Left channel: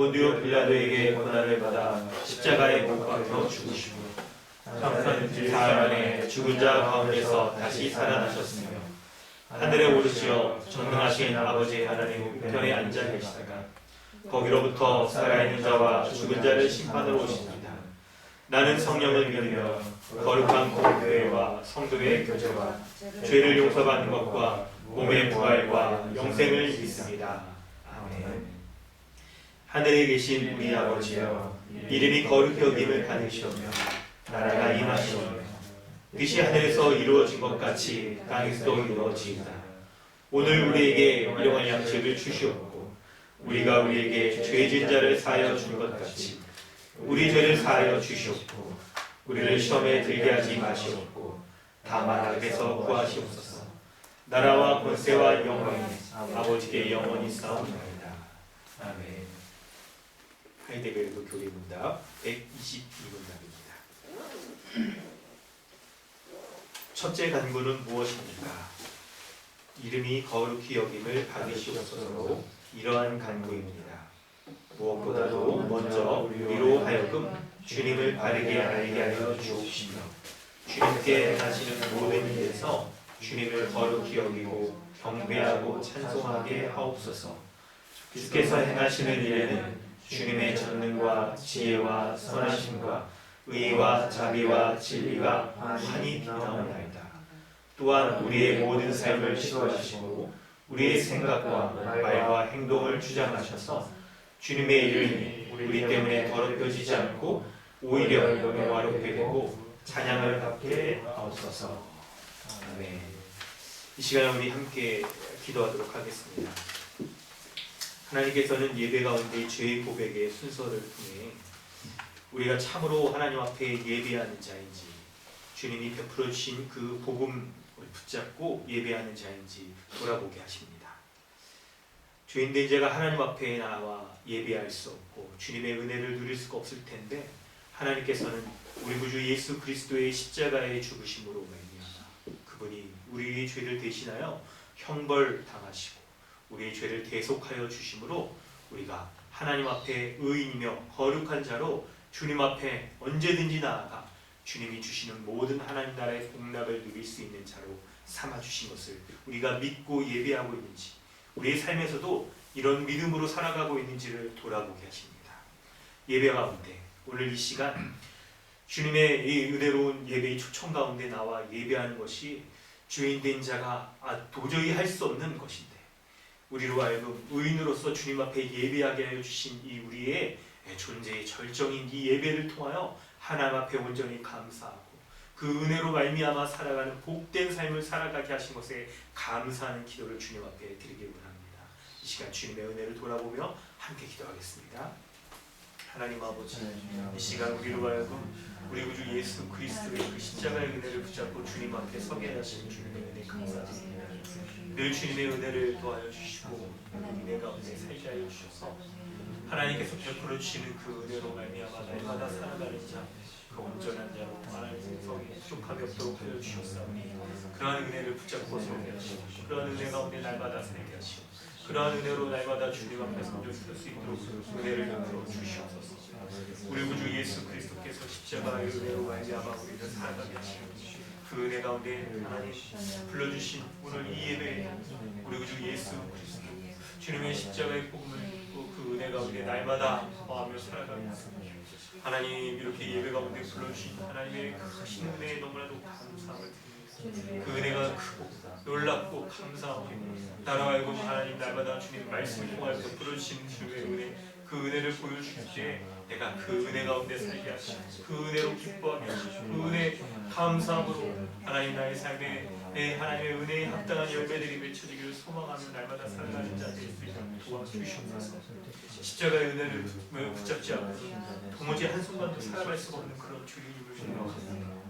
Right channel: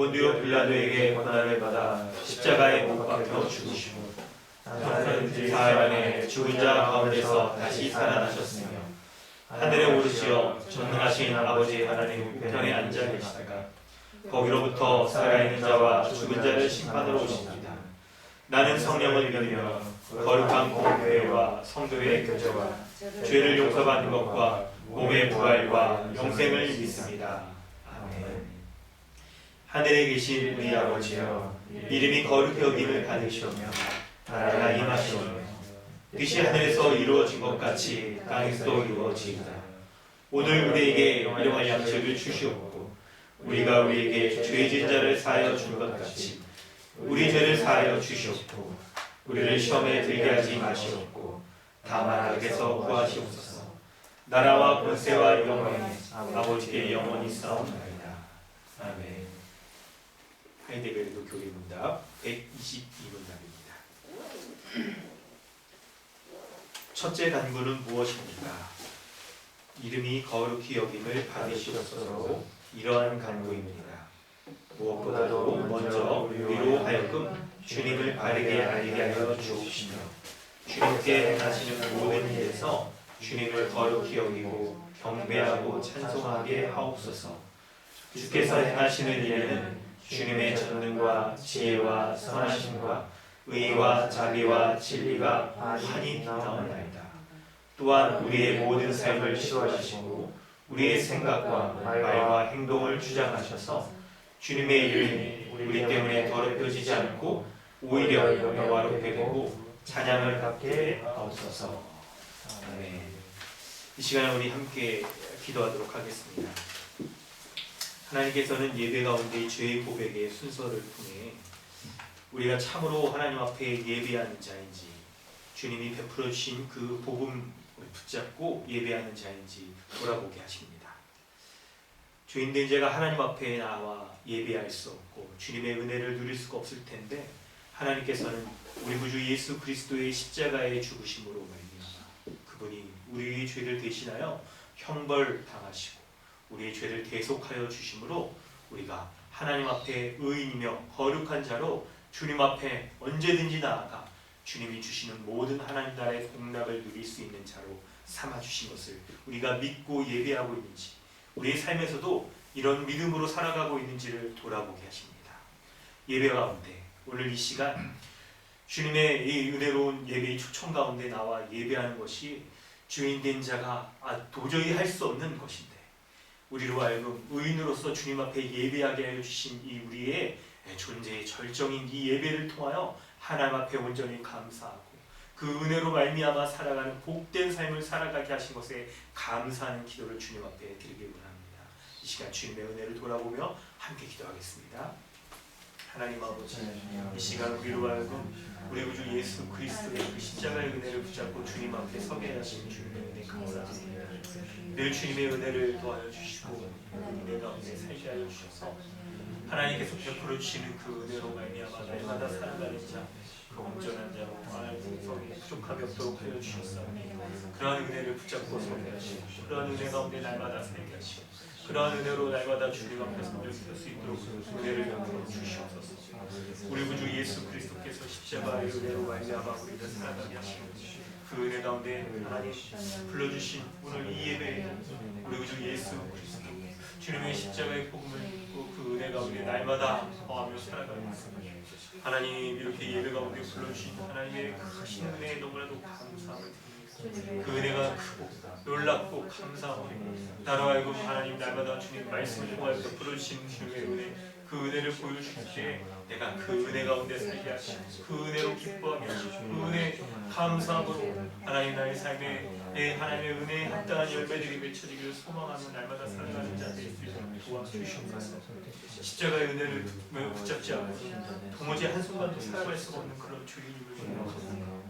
본디오 빌라도에게 고난을 받아 십자가에 못 박혀 죽으시고 사흘 만에 죽은 자 가운데서 다시 살아나셨으며 하늘에 오르시어 전능하신 아버지 하나님 우편에 앉아 계시다가 거기로부터 살아있는 자와 죽은 자를 심판하러 오십니다. 나는 성령을 믿으며 거룩한 공교회와 성도의 교제와 죄를 용서받는 것과 몸의 부활과 영생을 믿습니다. 아멘. 하늘에 계신 우리 아버지여, 이름이 거룩히 여김을 받으시오며 나라가 임하시오며 뜻이 하늘에서 이루어진 것 같이 땅에서도 이루어지이다. 오늘 우리에게 일용할 양식을 주시옵고 우리가 우리에게 죄진 자를 사하여 준 것 같이 우리 죄를 사하여 주시옵고 우리를 시험에 들게 하지 마시옵고 다만 악에서 구하시옵소서. 나라와 권세와 영광이 아버지께 영원히 싸움나이다. 아멘. 하이데베르도 교리문답 122문답입니다. 첫째 간구는 무엇입니까? 이름이 거룩히 여김을 받으시옵소서로 이러한 간구입니다. 무엇보다도 먼저 우리로 하여금 주님을 바르게 알게 하여 주옵시며 주님께 행하시는 모든 일에서 주님을 거룩히 여기고 경배하고 찬송하게 하옵소서. 주께서 행하시는 일에는 주님의 전능과 지혜와 선하심과 의와 자비와 진리가 환히 빛나옵나이다. 또한 우리의 모든 삶을 시도하시고 우리의 생각과 말과 행동을 주장하셔서 주님의 이름이 우리 때문에 더럽혀지지 않고 오히려 영화롭게 되고 찬양을 받게 하옵소서. 아멘. 이 시간에 우리 함께 기도하도록 하겠습니다. 하나님께서는 예배 가운데 죄의 고백의 순서를 통해 우리가 참으로 하나님 앞에 예배하는 자인지 주님이 베풀어 주신 그 복음을 붙잡고 예배하는 자인지 돌아보게 하십니다. 죄인된 자가 하나님 앞에 나와 예배할 수 없고 주님의 은혜를 누릴 수가 없을 텐데 하나님께서는 우리 구주 예수 그리스도의 십자가의 죽으심으로 말미암아 그분이 우리의 죄를 대신하여 형벌 당하시고 우리의 죄를 대속하여 주심으로 우리가 하나님 앞에 의인이며 거룩한 자로 주님 앞에 언제든지 나아가 주님이 주시는 모든 하나님 나라의 공락을 누릴 수 있는 자로 삼아주신 것을 우리가 믿고 예배하고 있는지 우리의 삶에서도 이런 믿음으로 살아가고 있는지를 돌아보게 하십니다. 예배 가운데 오늘 이 시간 주님의 이 은혜로운 예배의 초청 가운데 나와 예배하는 것이 죄인된 자가 도저히 할 수 없는 것인데 우리로 하여금 의인으로서 주님 앞에 예배하게 하여 주신 이 우리의 존재의 절정인 이 예배를 통하여 하나님 앞에 온전히 감사하고 그 은혜로 말미암아 살아가는 복된 삶을 살아가게 하신 것에 감사하는 기도를 주님 앞에 드리길 원합니다. 이 시간 주님의 은혜를 돌아보며 함께 기도하겠습니다. 하나님 아버지, 이 시간 우리로 하여금 우리 구주 예수 그리스도의 그 십자가의 은혜를 붙잡고 주님 앞에 서게 하신 주님의 은혜 감사드립니다. 늘 주님의 은혜를 도와여 주시고 은혜 가운데 살게 하여 주셔서 하나님께서 베풀어 주시는 그 은혜로 말미암아 날마다 살아가는 자, 그 온전한 자로 성에 부족함이 없도록 하여 주셨사오니 그러한 은혜를 붙잡고 서게 하시고 그러한 은혜 가운데 날마다 살게 하시고 그러한 은혜로 날마다 주님 앞에 선전할 수 있도록 은혜를 베풀어 주시옵소서. 우리 구주 예수 그리스도께서 십자가의 은혜로 말미암아 우리를 살아가게 하시고 그 은혜 가운데 하나님 불러주신 오늘 이 예배에 우리 구주 예수 그리스도 주님의 십자가의 복음을 믿고 그 은혜 가운데 날마다 거하며 살아가게 하소서. 하나님 이렇게 예배 가운데 불러주신 하나님의 크신 은혜에 너무나도 감사함을 드립니다. 그 은혜가 크고 놀랍고 감사하고 나로 하여금 하나님 날마다 주님 말씀을 통하여서 불러주신 주님의 은혜 그 은혜를 보여주실 때 내가 그 은혜 가운데 살게 하시고 그 은혜로 기뻐하게 하시고 그 은혜 감사함으로 하나님 나의 삶에 내 하나님의 은혜에 합당한 열매들이 맺혀지기를 소망하며 날마다 살아가는 자 될 수 있도록 도와주시옵소서. 십자가의 은혜를 붙잡지 않고 도무지 한순간도 살아갈 수가 없는 그런 주님을 생각합니다.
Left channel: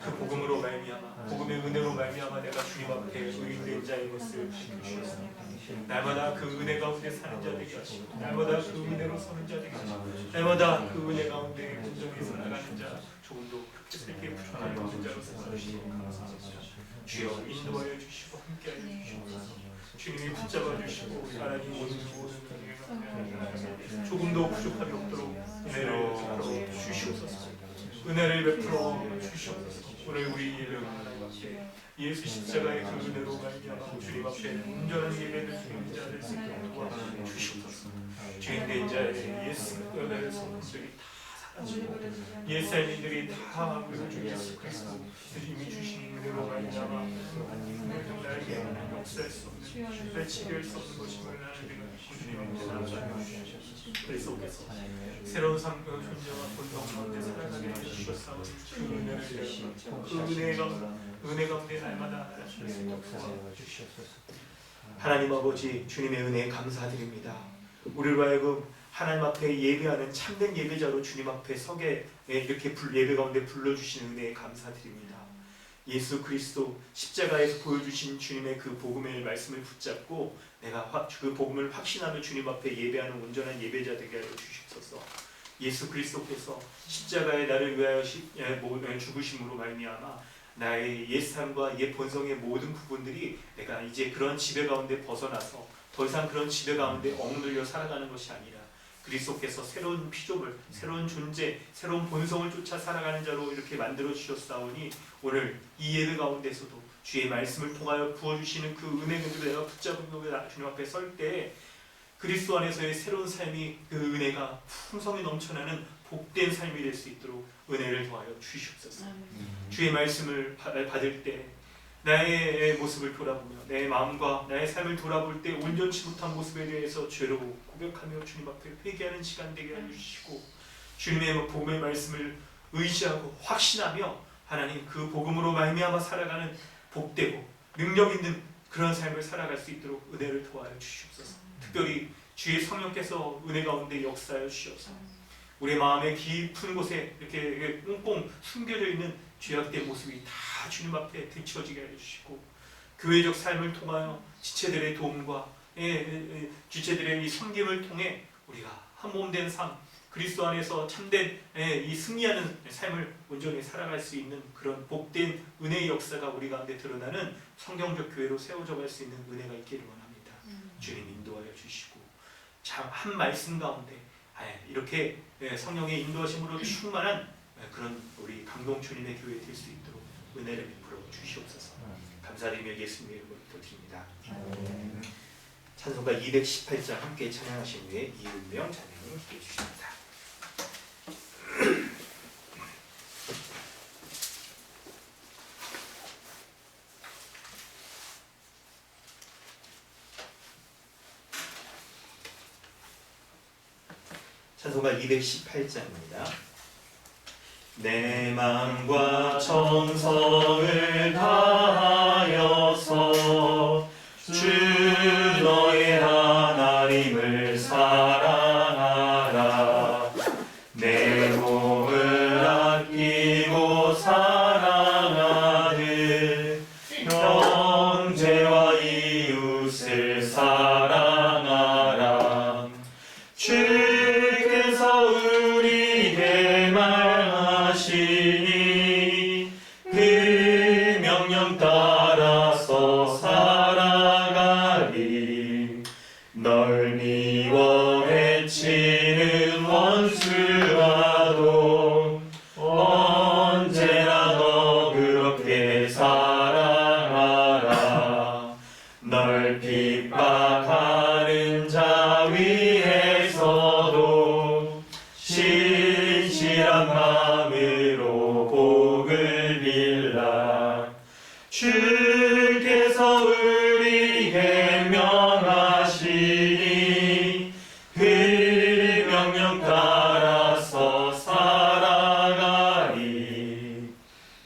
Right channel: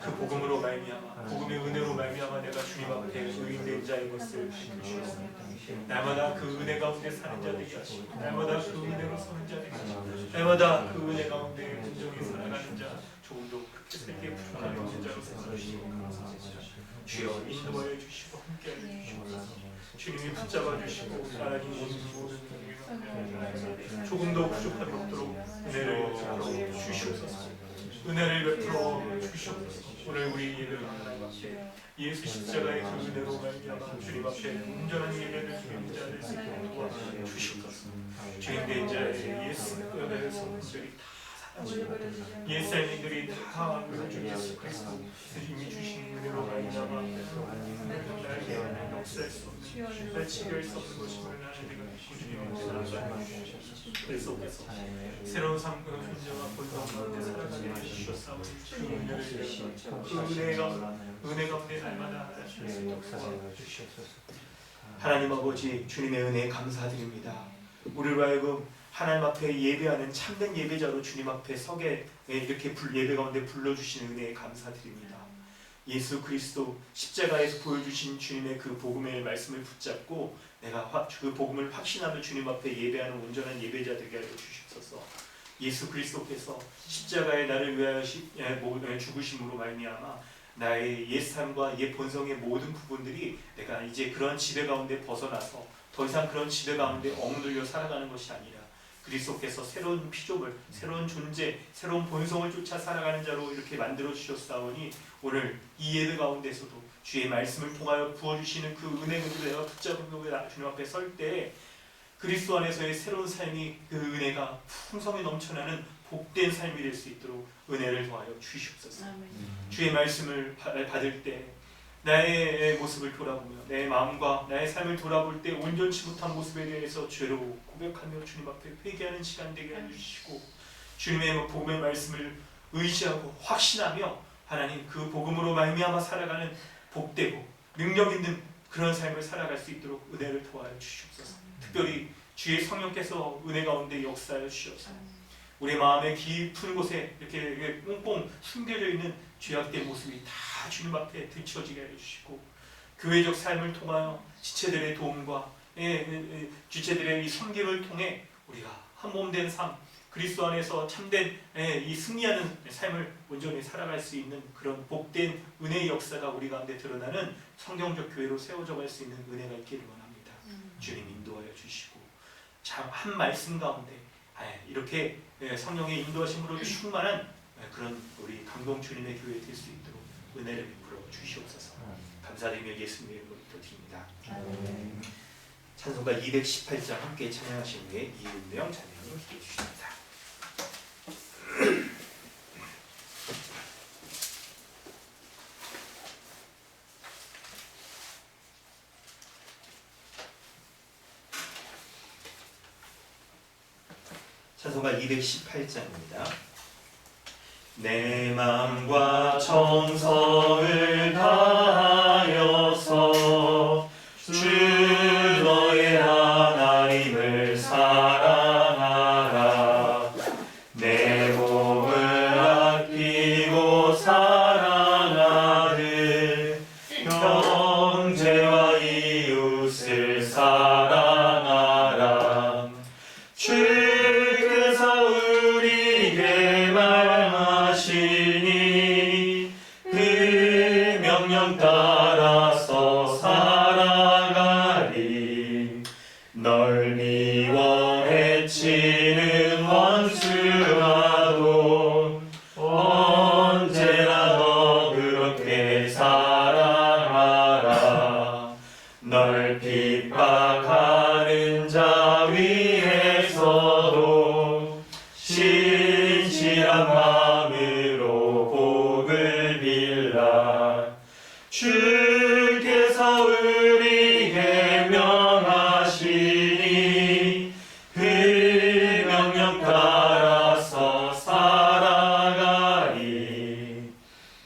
그 복음으로 말미암아 복음의 은혜로 말미암아 내가 주님 앞에 의인된 자인 것을 밝혀주셨습니다. 날마다 그 은혜 가운데 사는 자 되게 하시고 날마다 그 은혜로 서는 자 되게 하시고 날마다 그 은혜 가운데 온전히 살아가는 자 조금도 그렇게 살게 부족함이 없는 자로 삼아주시고 감사합니다. 주여 인도하여 주시고 함께하여 주시옵소서. 주님이 붙잡아 주시고 하나님 모든 은혜가 조금도 부족함이 없도록 은혜를 베풀어 주시옵소서. 은혜를 베풀어 주시옵소서. 오늘 우리 예배가 하나님 앞에 예수 십자가의 그 은혜로 말미암아 주님 앞에 온전한 예배를 드리는 자들 수 있도록 도와주시옵소서. 주인된 자의 예수의 성품들이 다 사라지고 옛 삶들이 다 우리 주 예수 그리스도 이미 주신 은혜로 말미암아 나에게 역사할 수 없는 배치할 수 없는 것임을 나는 내가 주님의 그리스도께서 새로운 삶과 존재와 본성 가운데 살아가게 해주셨사오니 그 은혜를 그 은혜 가운데 날마다 하실 수 있도록 도와주시옵소서. 하나님 아버지 주님의 은혜에 감사드립니다. 우리로 하여금 하나님 앞에 예배하는 참된 예배자로 주님 앞에 서게 이렇게 예배 가운데 불러주시는 은혜에 감사드립니다. 예수 그리스도 십자가에서 보여주신 주님의 그 복음의 말씀을 붙잡고 내가 그 복음을 확신하며 주님 앞에 예배하는 온전한 예배자 되게 하여 주시옵소서. 예수 그리스도께서 십자가에 나를 위하여 죽으심으로 말미암아 나의 옛 삶과 옛 본성의 모든 부분들이 내가 이제 그런 지배 가운데 벗어나서 더 이상 그런 지배 가운데 억눌려 살아가는 것이 아니라 그리스도께서 새로운 피조물, 새로운 존재, 새로운 본성을 쫓아 살아가는 자로 이렇게 만들어 주셨사오니 오늘 이 예배 가운데서도 주의 말씀을 통하여 부어주시는 그 은혜 그대로 내가 붙잡고 주님 앞에 설 때 그리스도 안에서의 새로운 삶이 그 은혜가 풍성히 넘쳐나는 복된 삶이 될 수 있도록 은혜를 더하여 주시옵소서. 주의 말씀을 받을 때 나의 모습을 돌아보며 내 마음과 나의 삶을 돌아볼 때 온전치 못한 모습에 대해서 죄로 고백하며 주님 앞에 회개하는 시간 되게 해주시고 주님의 복음의 말씀을 의지하고 확신하며 하나님 그 복음으로 말미암아 살아가는 복되고 능력 있는 그런 삶을 살아갈 수 있도록 은혜를 도와여 주시옵소서. 특별히 주의 성령께서 은혜 가운데 역사하여 주시옵소서. 우리 마음의 깊은 곳에 이렇게 꽁꽁 숨겨져 있는 죄악된 모습이 다 주님 앞에 들춰지게 해주시고 교회적 삶을 통하여 지체들의 도움과 지체들의 이 섬김을 통해 우리가 한 몸 된 삶, 그리스도 안에서 참된 이 승리하는 삶을 온전히 살아갈 수 있는 그런 복된 은혜의 역사가 우리 가운데 드러나는 성경적 교회로 세워져 갈 수 있는 은혜가 있기를 원합니다. 주님 인도하여 주시고 참 한 말씀 가운데 이렇게 성령의 인도하심으로 충만한 그런 우리 감동 주님의 교회 될 수 있도록 은혜를 베풀어 주시옵소서. 감사드리며 예수님의 이름으로 기도드립니다. 찬송가 218장 함께 찬양하신 후에 이은명 찬양을 기해 주십니다. 찬송가 218장입니다. 내 맘과 정성을 다하여서 주 너의 하나님을 사랑하라. 내 몸을 아끼고 사랑하듯 형제와 이웃을 사랑하라. 주께서 우리에게 말하시니 그 명령 따라서 살아가리. 널 미워 해치는 원수와도 언제나 너 그렇게 사랑하라. 널 핍박하는 자 위에서도 신실한 마음으로 복을 빌라. 주께서 우리에게 명하시니 그 명령 따라서 살아가리.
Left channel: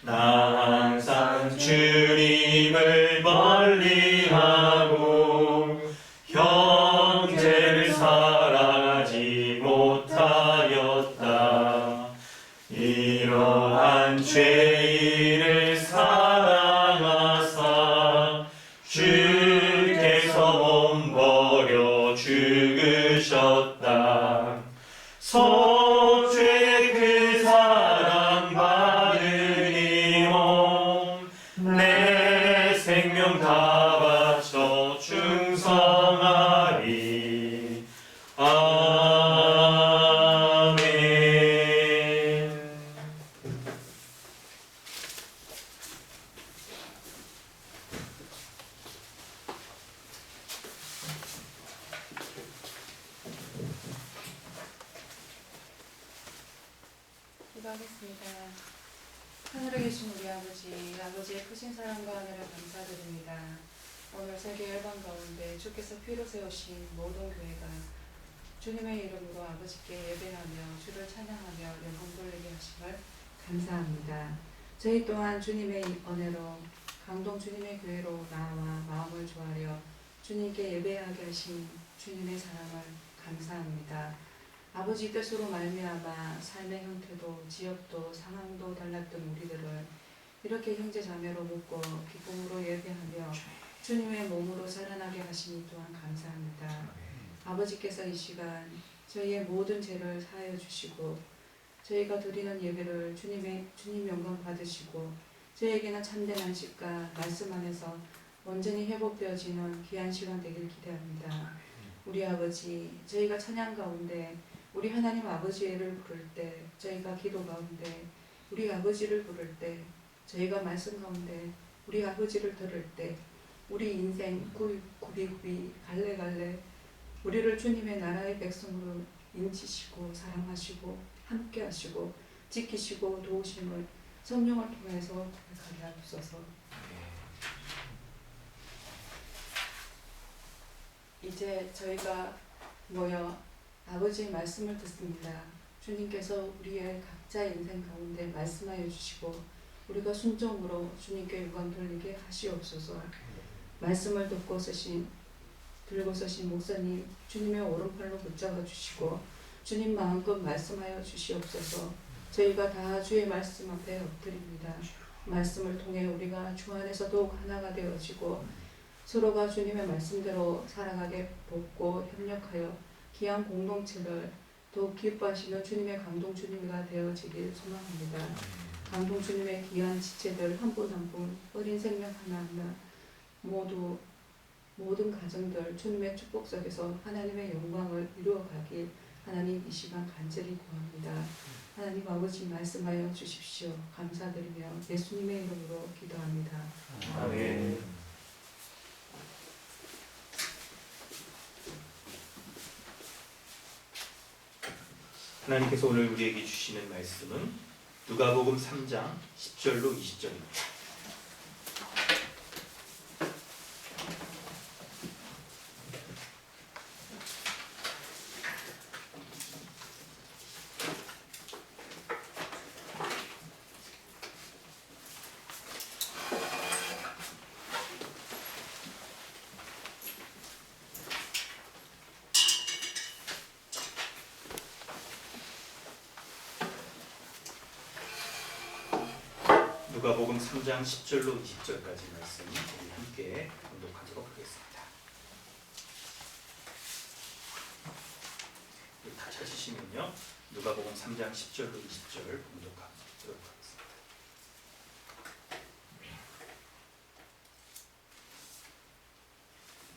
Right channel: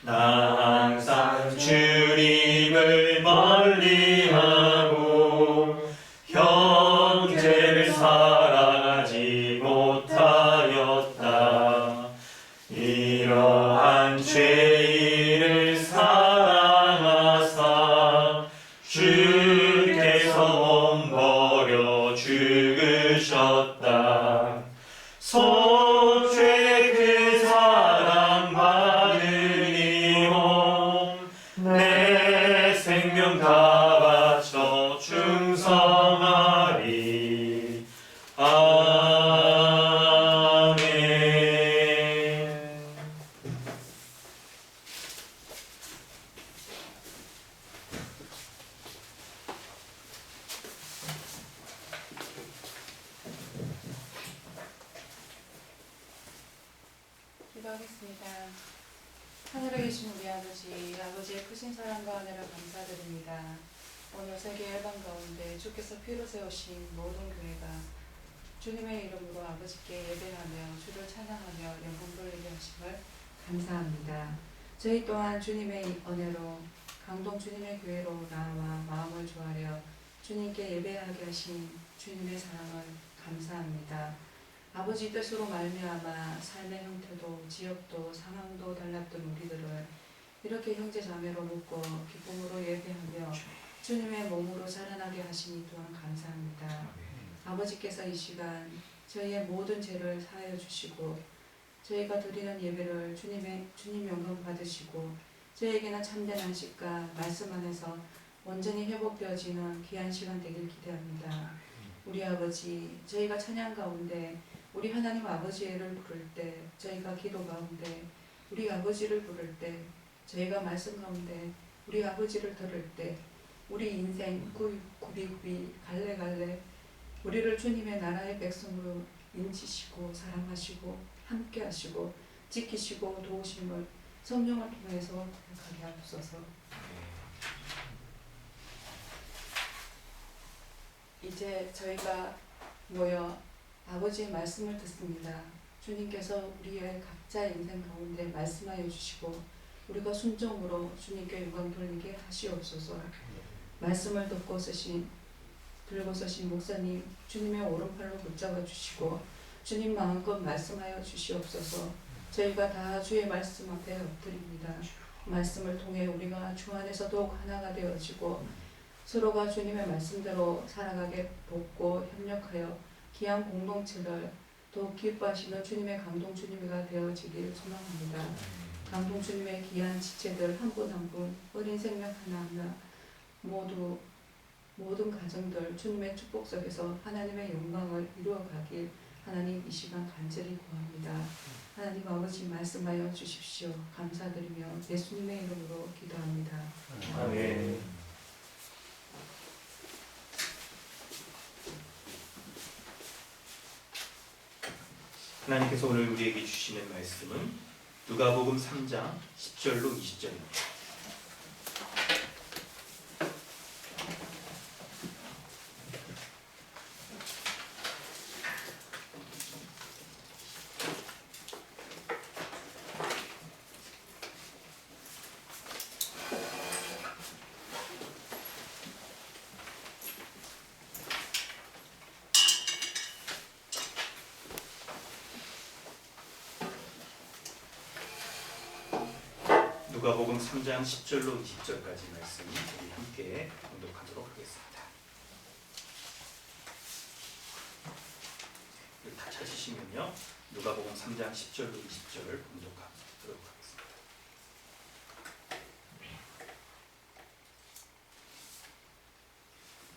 나 항상 주님을 멀리하고 형제를 사랑하지 못하였다. 이러한 죄인을 사랑하사 주께서 몸 버려 죽으셨다. 소죄 그 사랑 받으니 내 생명 다 바쳐 충성하리. 기도하겠습니다. 하늘에 계신 우리 아버지, 아버지의 크신 사랑과 은혜를 감사드립니다. 오늘 세계 열방 가운데 주께서 피로 세우신 모든 교회가 주님의 이름으로 아버지께 예배하며 주를 찬양하며 영광 돌리게 하심을 감사합니다. 저희 또한 주님의 은혜로 강동 주님의 교회로 나와 마음을 조아려 주님께 예배하게 하신 주님의 사랑을 감사합니다. 아버지 뜻으로 말미암아 삶의 형태도 지역도 상황도 달랐던 우리들을 이렇게 형제 자매로 묶고 기쁨으로 예배하며 주님의 몸으로 자라나게 하시니 또한 감사합니다. 아버지께서 이 시간 저희의 모든 죄를 사하여 주시고 저희가 드리는 예배를 주님 영광 받으시고 저희에게는 참된 안식과 말씀 안에서 온전히 회복되어지는 귀한 시간 되길 기대합니다. 우리 아버지, 저희가 찬양 가운데 우리 하나님 아버지를 부를 때, 저희가 기도 가운데 우리 아버지를 부를 때, 저희가 말씀 가운데 우리 아버지를 들을 때 우리 인생 구비구비 갈래갈래 우리를 주님의 나라의 백성으로 인치시고 사랑하시고 함께하시고 지키시고 도우심을 성령을 통해서 고백하게 하옵소서. 이제 저희가 모여 아버지의 말씀을 듣습니다. 주님께서 우리의 각자의 인생 가운데 말씀하여 주시고 우리가 순종으로 주님께 영광 돌리게 하시옵소서. 말씀을 듣고 들고 서신 목사님 주님의 오른팔로 붙잡아 주시고 주님 마음껏 말씀하여 주시옵소서. 저희가 다 주의 말씀 앞에 엎드립니다. 말씀을 통해 우리가 주 안에서 더욱 하나가 되어지고 서로가 주님의 말씀대로 살아가게 돕고 협력하여 귀한 공동체를 더욱 기뻐하시는 주님의 강동 주님이가 되어지길 소망합니다. 강동 주님의 귀한 지체들 한 분 한 분 어린 생명 하나하나 모든 가정들 주님의 축복 속에서 하나님의 영광을 이루어가길 하나님 이 시간 간절히 구합니다. 하나님 아버지 말씀하여 주십시오. 감사드리며 예수님의 이름으로 기도합니다. 아멘. 하나님께서 오늘 우리에게 주시는 말씀은 누가복음 3장 10절로 20절입니다. 누가복음 3장 10절로 20절까지 말씀 우리 함께 봉독하도록 하겠습니다. 다 찾으시면요. 누가복음 3장 10절로 20절 봉독하도록 하겠습니다.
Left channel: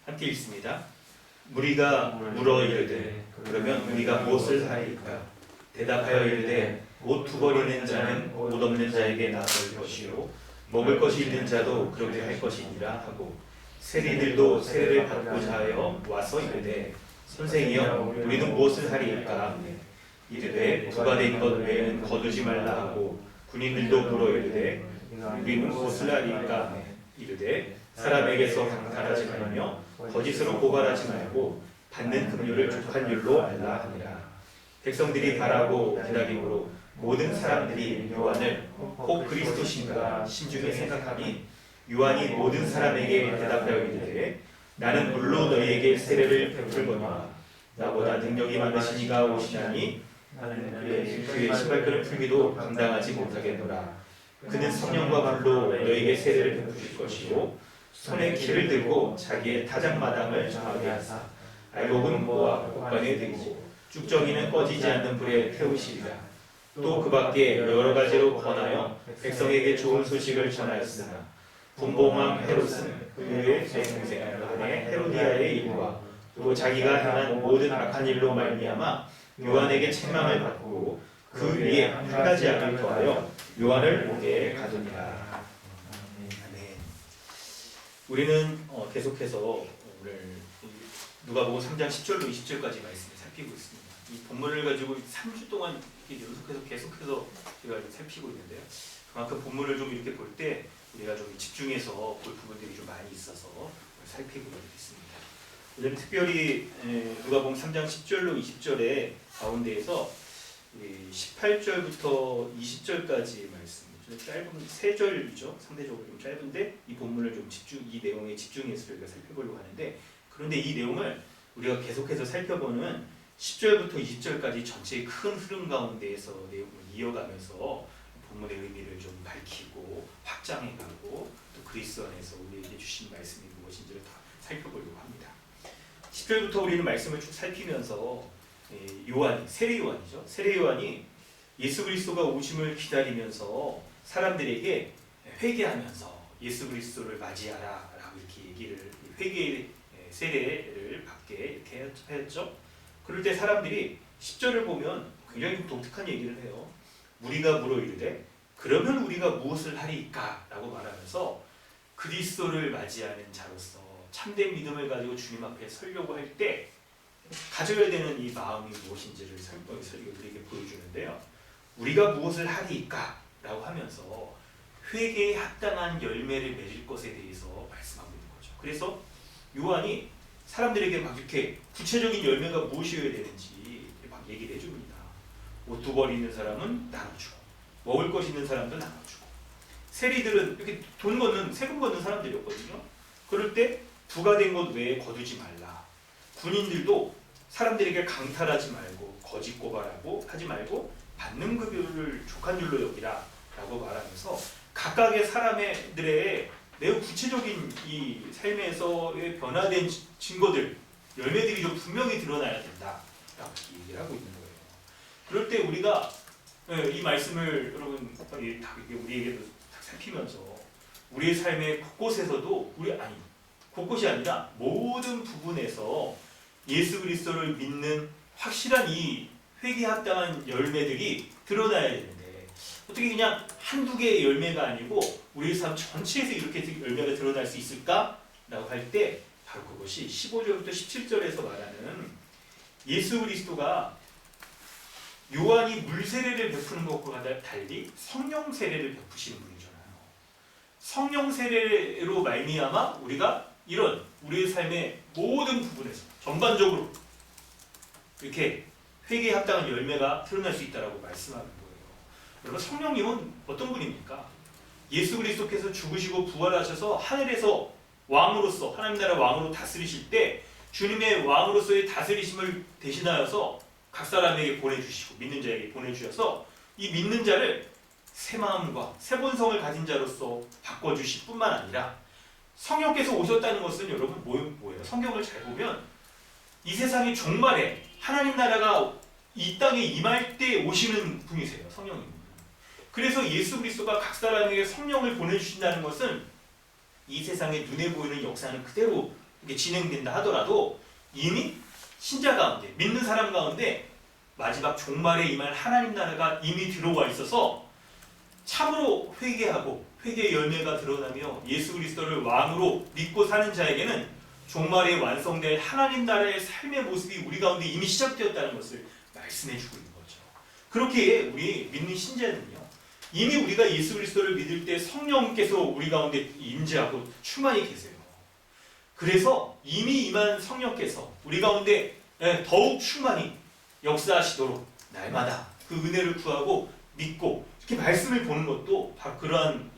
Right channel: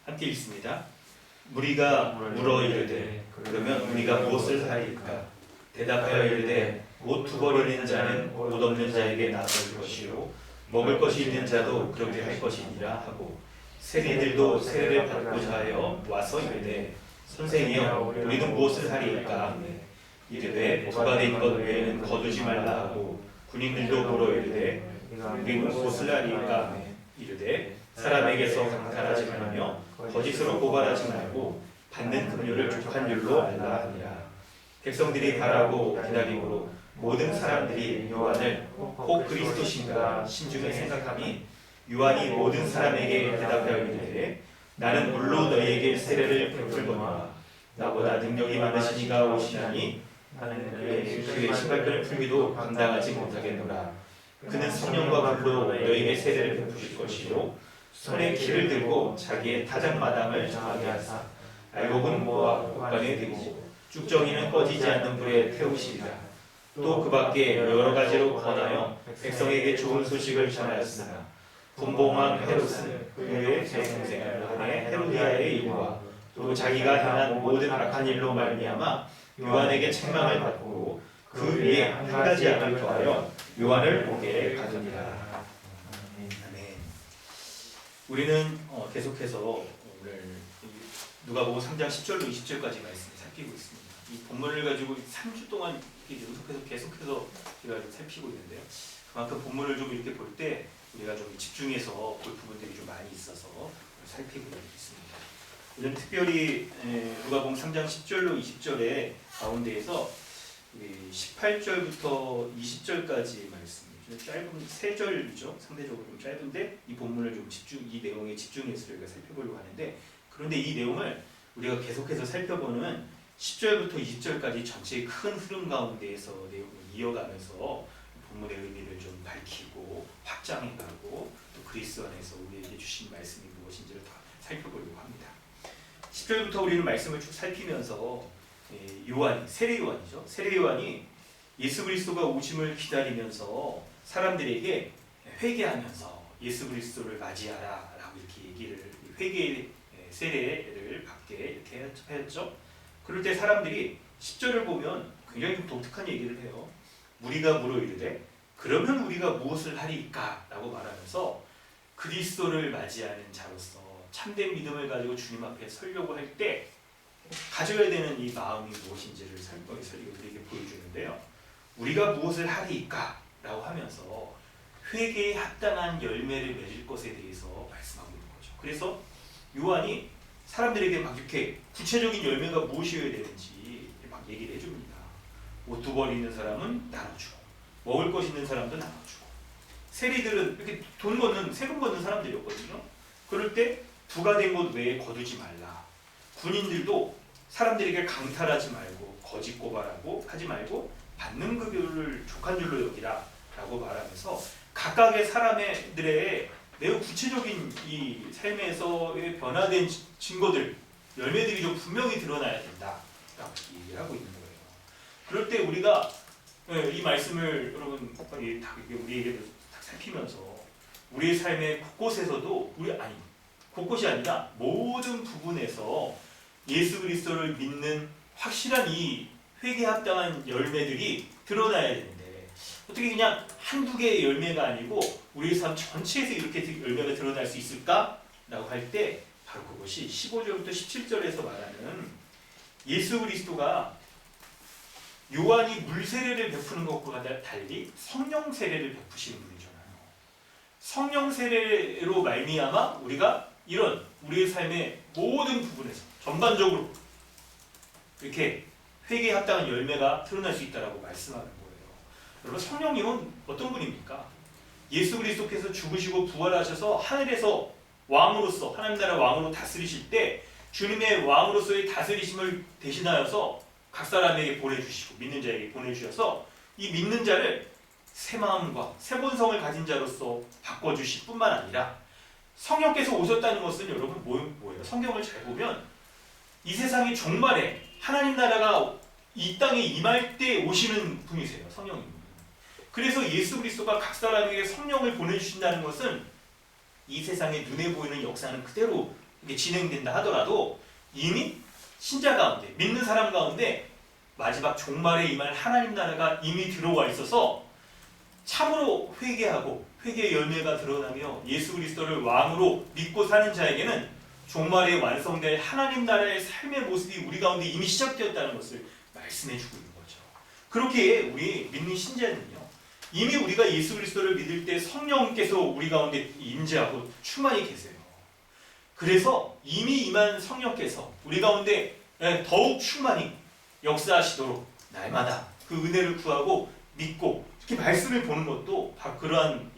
함께 읽습니다. 무리가 물어 이르되 그러면 우리가 무엇을 하리까? 대답하여 이르되 옷 투거리는 자는 옷 없는 자에게 나설 것이요 먹을 것이 있는 자도 그렇게 할 것이니라 하고 세리들도 세례를 받고자 하여 와서 이르되 선생이여 우리는 무엇을 하리이까? 이르되 부과된 것 외에는 거두지 말라 하고 군인들도 물어 이르되 우리는 무엇을 하리이까? 이르되 사람에게서 강탈하지 말며 거짓으로 고발하지 말고 받는 금료를 족한 율로 알라 하니라. 백성들이 바라고 기다림으로 모든 사람들이 요한을 혹 그리스도신가 심중에 생각하니 요한이 모든 사람에게 대답하여 이르되 나는 물로 너희에게 세례를 베풀거니와 나보다 능력이 많으신 이가 오시나니 나는 그의 신발끈을 풀기도 감당하지 못하겠노라. 그는 성령과 불로 너희에게 세례를 베푸실 것이요 손에 키를 들고 자기의 타작마당을 정하게 하사 알곡은 모아 옷간에 대고 쭉정이는 꺼지지 않는 불에 태우시리라. 또 그 밖에 여러 가지로 권하여 백성에게 좋은 소식을 전하였으나 분봉왕 헤롯은 그의 동생 헤로디아의 일과 또 자기가 행한 모든 악한 일로 말미암아 요한에게 책망을 받고 그 위에 한 가지 악을 더하여 요한을 목에 가두니라. 아멘. 우리는 계속해서 오늘 누가복음 3장 10절로 20절까지 말씀을 살피고 있습니다. 이 본문을 가지고 3주 동안 이렇게 연속해서 계속해서 제가 좀 살피고 있는데요. 그만큼 본문을 좀 이렇게 볼 때 우리가 좀 집중해서 볼 부분들이 좀 많이 있어서 살피고 있습니다. 오늘 특별히 누가복음 3장 10절로 20절의 가운데에서 18절부터 20절까지 말씀, 짧은 3절이죠. 상대적으로 좀 짧은데 이 본문을 좀 이 내용에 집중해서 저희가 살펴보려고 하는데, 그런데 이 내용을 우리가 계속해서 살펴보는 10절부터 20절까지 전체의 큰 흐름 가운데에서 내용을 이어가면서 본문의 의미를 좀 밝히고 확장해가고 또 그리스도 안에서 우리에게 주신 말씀이 무엇인지를 다 살펴보려고 합니다. 10절부터 우리는 말씀을 쭉 살피면서 세례 요한이죠. 세례 요한이 예수 그리스도가 오심을 기다리면서 사람들에게 회개하면서 예수 그리스도를 맞이하라 라고 이렇게 얘기를, 회개 세례를 받게 이렇게 하였죠. 그럴 때 사람들이 10절을 보면 굉장히 좀 독특한 얘기를 해요. 무리가 물어 이르되 그러면 우리가 무엇을 하리까? 라고 말하면서 그리스도를 맞이하는 자로서 참된 믿음을 가지고 주님 앞에 서려고 할 때 가져야 되는 이 마음이 무엇인지를 우리에게 보여주는데요. 우리가 무엇을 하리까? 라고 하면서 회개에 합당한 열매를 맺을 것에 대해서 말씀하고 있는 거죠. 그래서 요한이 사람들에게 막 이렇게 구체적인 열매가 무엇이어야 되는지 막 얘기를 해줍니다. 옷 2벌 있는 사람은 나눠주고, 먹을 것 있는 사람도 나눠주고, 세리들은 이렇게 세금 걷는 사람들이었거든요. 그럴 때 부가 된 것 외에 거두지 말라. 군인들도 사람들에게 강탈하지 말고 거짓 고발하고 하지 말고 받는 급여를 족한 줄로 여기라 라고 말하면서 각각의 사람들의 매우 구체적인 이 삶에서의 변화된 증거들, 열매들이 좀 분명히 드러나야 된다 라고 얘기를 하고 있는 거예요. 그럴 때 우리가 이 말씀을 여러분 우리에게도 살피면서 우리의 삶의 곳곳에서도 곳곳이 아니라 모든 부분에서 예수 그리스도를 믿는 확실한 이 회개에 합당한 열매들이 드러나야 되는데, 어떻게 그냥 한두 개의 열매가 아니고 우리의 삶 전체에서 이렇게 열매가 드러날 수 있을까? 라고 할 때 바로 그것이 15절부터 17절에서 말하는 예수 그리스도가 요한이 물 세례를 베푸는 것과 달리 성령 세례를 베푸시는 분이잖아요. 성령 세례로 말미암아 우리가 이런 우리의 삶의 모든 부분에서 전반적으로 이렇게 회개에 합당한 열매가 드러날 수 있다라고 말씀하는 거예요. 여러분, 성령님은 어떤 분입니까? 예수 그리스도께서 죽으시고 부활하셔서 하늘에서 왕으로서, 하나님 나라 왕으로 다스리실 때 주님의 왕으로서의 다스리심을 대신하여서 각 사람에게 보내주시고 믿는 자에게 보내주셔서 이 믿는 자를 새 마음과 새 본성을 가진 자로서 바꿔주실 뿐만 아니라, 성령께서 오셨다는 것은 여러분 뭐예요? 성경을 잘 보면 이 세상의 종말에 하나님 나라가 이 땅에 임할 때 오시는 분이세요. 성령님은. 그래서 예수 그리스도가 각 사람에게 성령을 보내주신다는 것은 이 세상에 눈에 보이는 역사는 그대로 이게 진행된다 하더라도 이미 신자 가운데, 믿는 사람 가운데 마지막 종말에 임할 하나님 나라가 이미 들어와 있어서 참으로 회개하고 회개의 열매가 드러나며 예수 그리스도를 왕으로 믿고 사는 자에게는 종말에 완성될 하나님 나라의 삶의 모습이 우리 가운데 이미 시작되었다는 것을 말씀해 주고 있는 거죠. 그렇게 우리 믿는 신자는요, 이미 우리가 예수 그리스도를 믿을 때 성령께서 우리 가운데 임재하고 충만히 계세요. 그래서 이미 임한 성령께서 우리 가운데 더욱 충만히 역사하시도록 날마다 그 은혜를 구하고 믿고 이렇게 말씀을 보는 것도 바로 그러한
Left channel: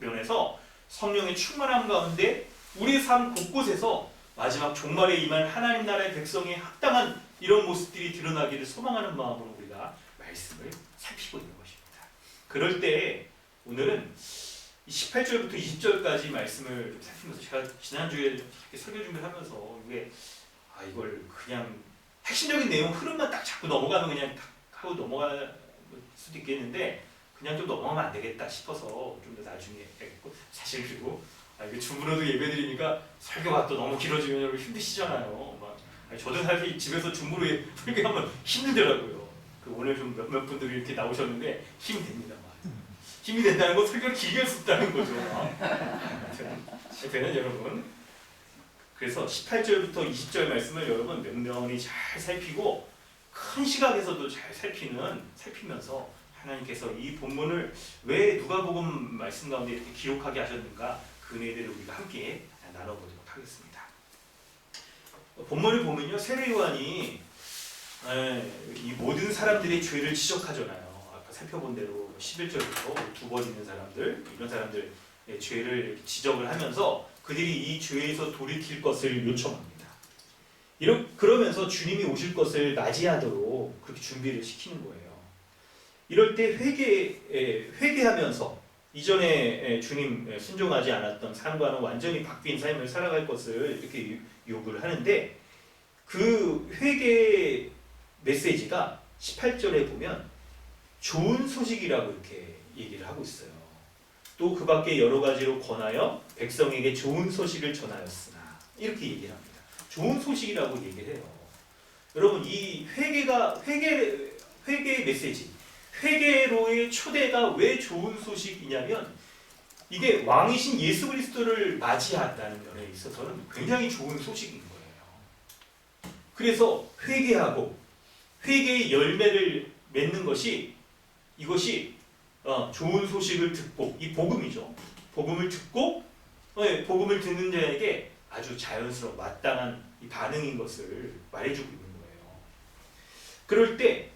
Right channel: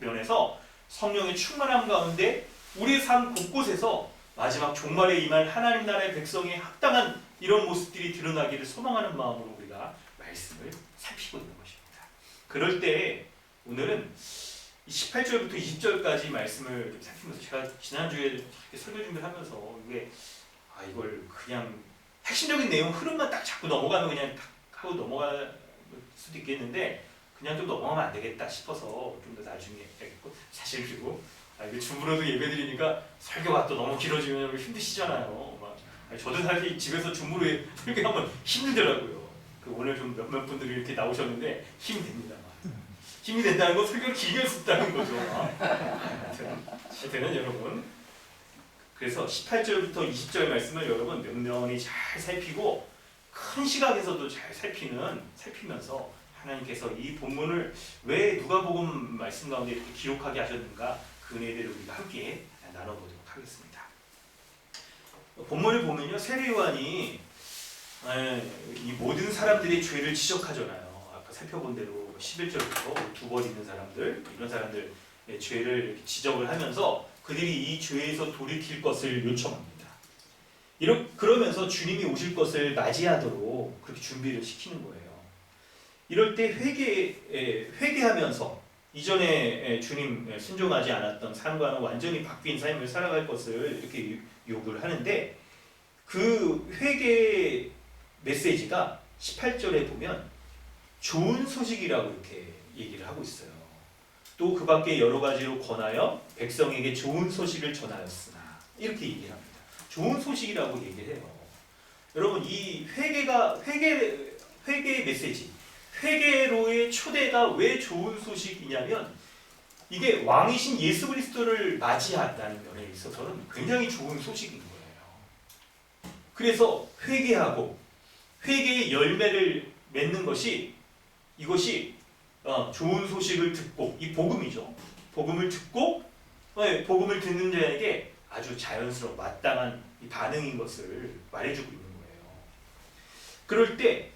면에서 성령의 충만함 가운데 우리의 삶 곳곳에서 마지막 종말에 임할 하나님 나라의 백성에 합당한 이런 모습들이 드러나기를 소망하는 마음으로 우리가 말씀을 살피고 있는 것입니다. 그럴 때 오늘은 18절부터 20절까지 말씀을 좀 살피면서, 제가 지난주에 이렇게 설교 준비를 하면서 이걸 그냥 핵심적인 내용 흐름만 딱 잡고 넘어가면 그냥 하고 넘어갈 수도 있겠는데 그냥 좀 넘어가면 안 되겠다 싶어서 좀 더 나중에 했고, 사실 그리고 이게 줌으로도 예배드리니까 설교가 또 너무 길어지면 힘드시잖아요. 저도 사실 집에서 줌으로 설교하면 힘들더라고요. 오늘 좀 몇몇 분들이 이렇게 나오셨는데 힘이 됩니다. 힘이 된다는 건 설교를 길게 할 수 있다는 거죠. 하여튼 여러분, 그래서 18절부터 20절 말씀을 여러분 면면히 잘 살피고 큰 시각에서도 잘 살피면서 하나님께서 이 본문을 왜 누가복음 말씀 가운데 이렇게 기록하게 하셨는가, 그 은혜를 우리가 함께 나눠보도록 하겠습니다. 본문을 보면요, 세례 요한이 이 모든 사람들의 죄를 지적하잖아요. 아까 살펴본 대로 11절부터 두 번 있는 사람들, 이런 사람들의 죄를 지적을 하면서 그들이 이 죄에서 돌이킬 것을 요청합니다. 그러면서 주님이 오실 것을 맞이하도록 그렇게 준비를 시키는 거예요. 이럴 때 회개하면서 이전에 주님 순종하지 않았던 삶과는 완전히 바뀐 삶을 살아갈 것을 이렇게 요구를 하는데, 그 회개 메시지가 18절에 보면 좋은 소식이라고 이렇게 얘기를 하고 있어요. 또 그 밖에 여러 가지로 권하여 백성에게 좋은 소식을 전하였으나, 이렇게 얘기를 합니다. 좋은 소식이라고 얘기를 해요. 여러분, 이 회개 메시지, 회개로의 초대가 왜 좋은 소식이냐면, 이게 왕이신 예수 그리스도를 맞이한다는 면에 있어서는 굉장히 좋은 소식인 거예요. 그래서 회개하고 회개의 열매를 맺는 것이, 이것이 좋은 소식을 듣고, 이 복음이죠. 복음을 듣고 복음을 듣는 자에게 아주 자연스러운 마땅한 이 반응인 것을 말해주고 있는 거예요. 그럴 때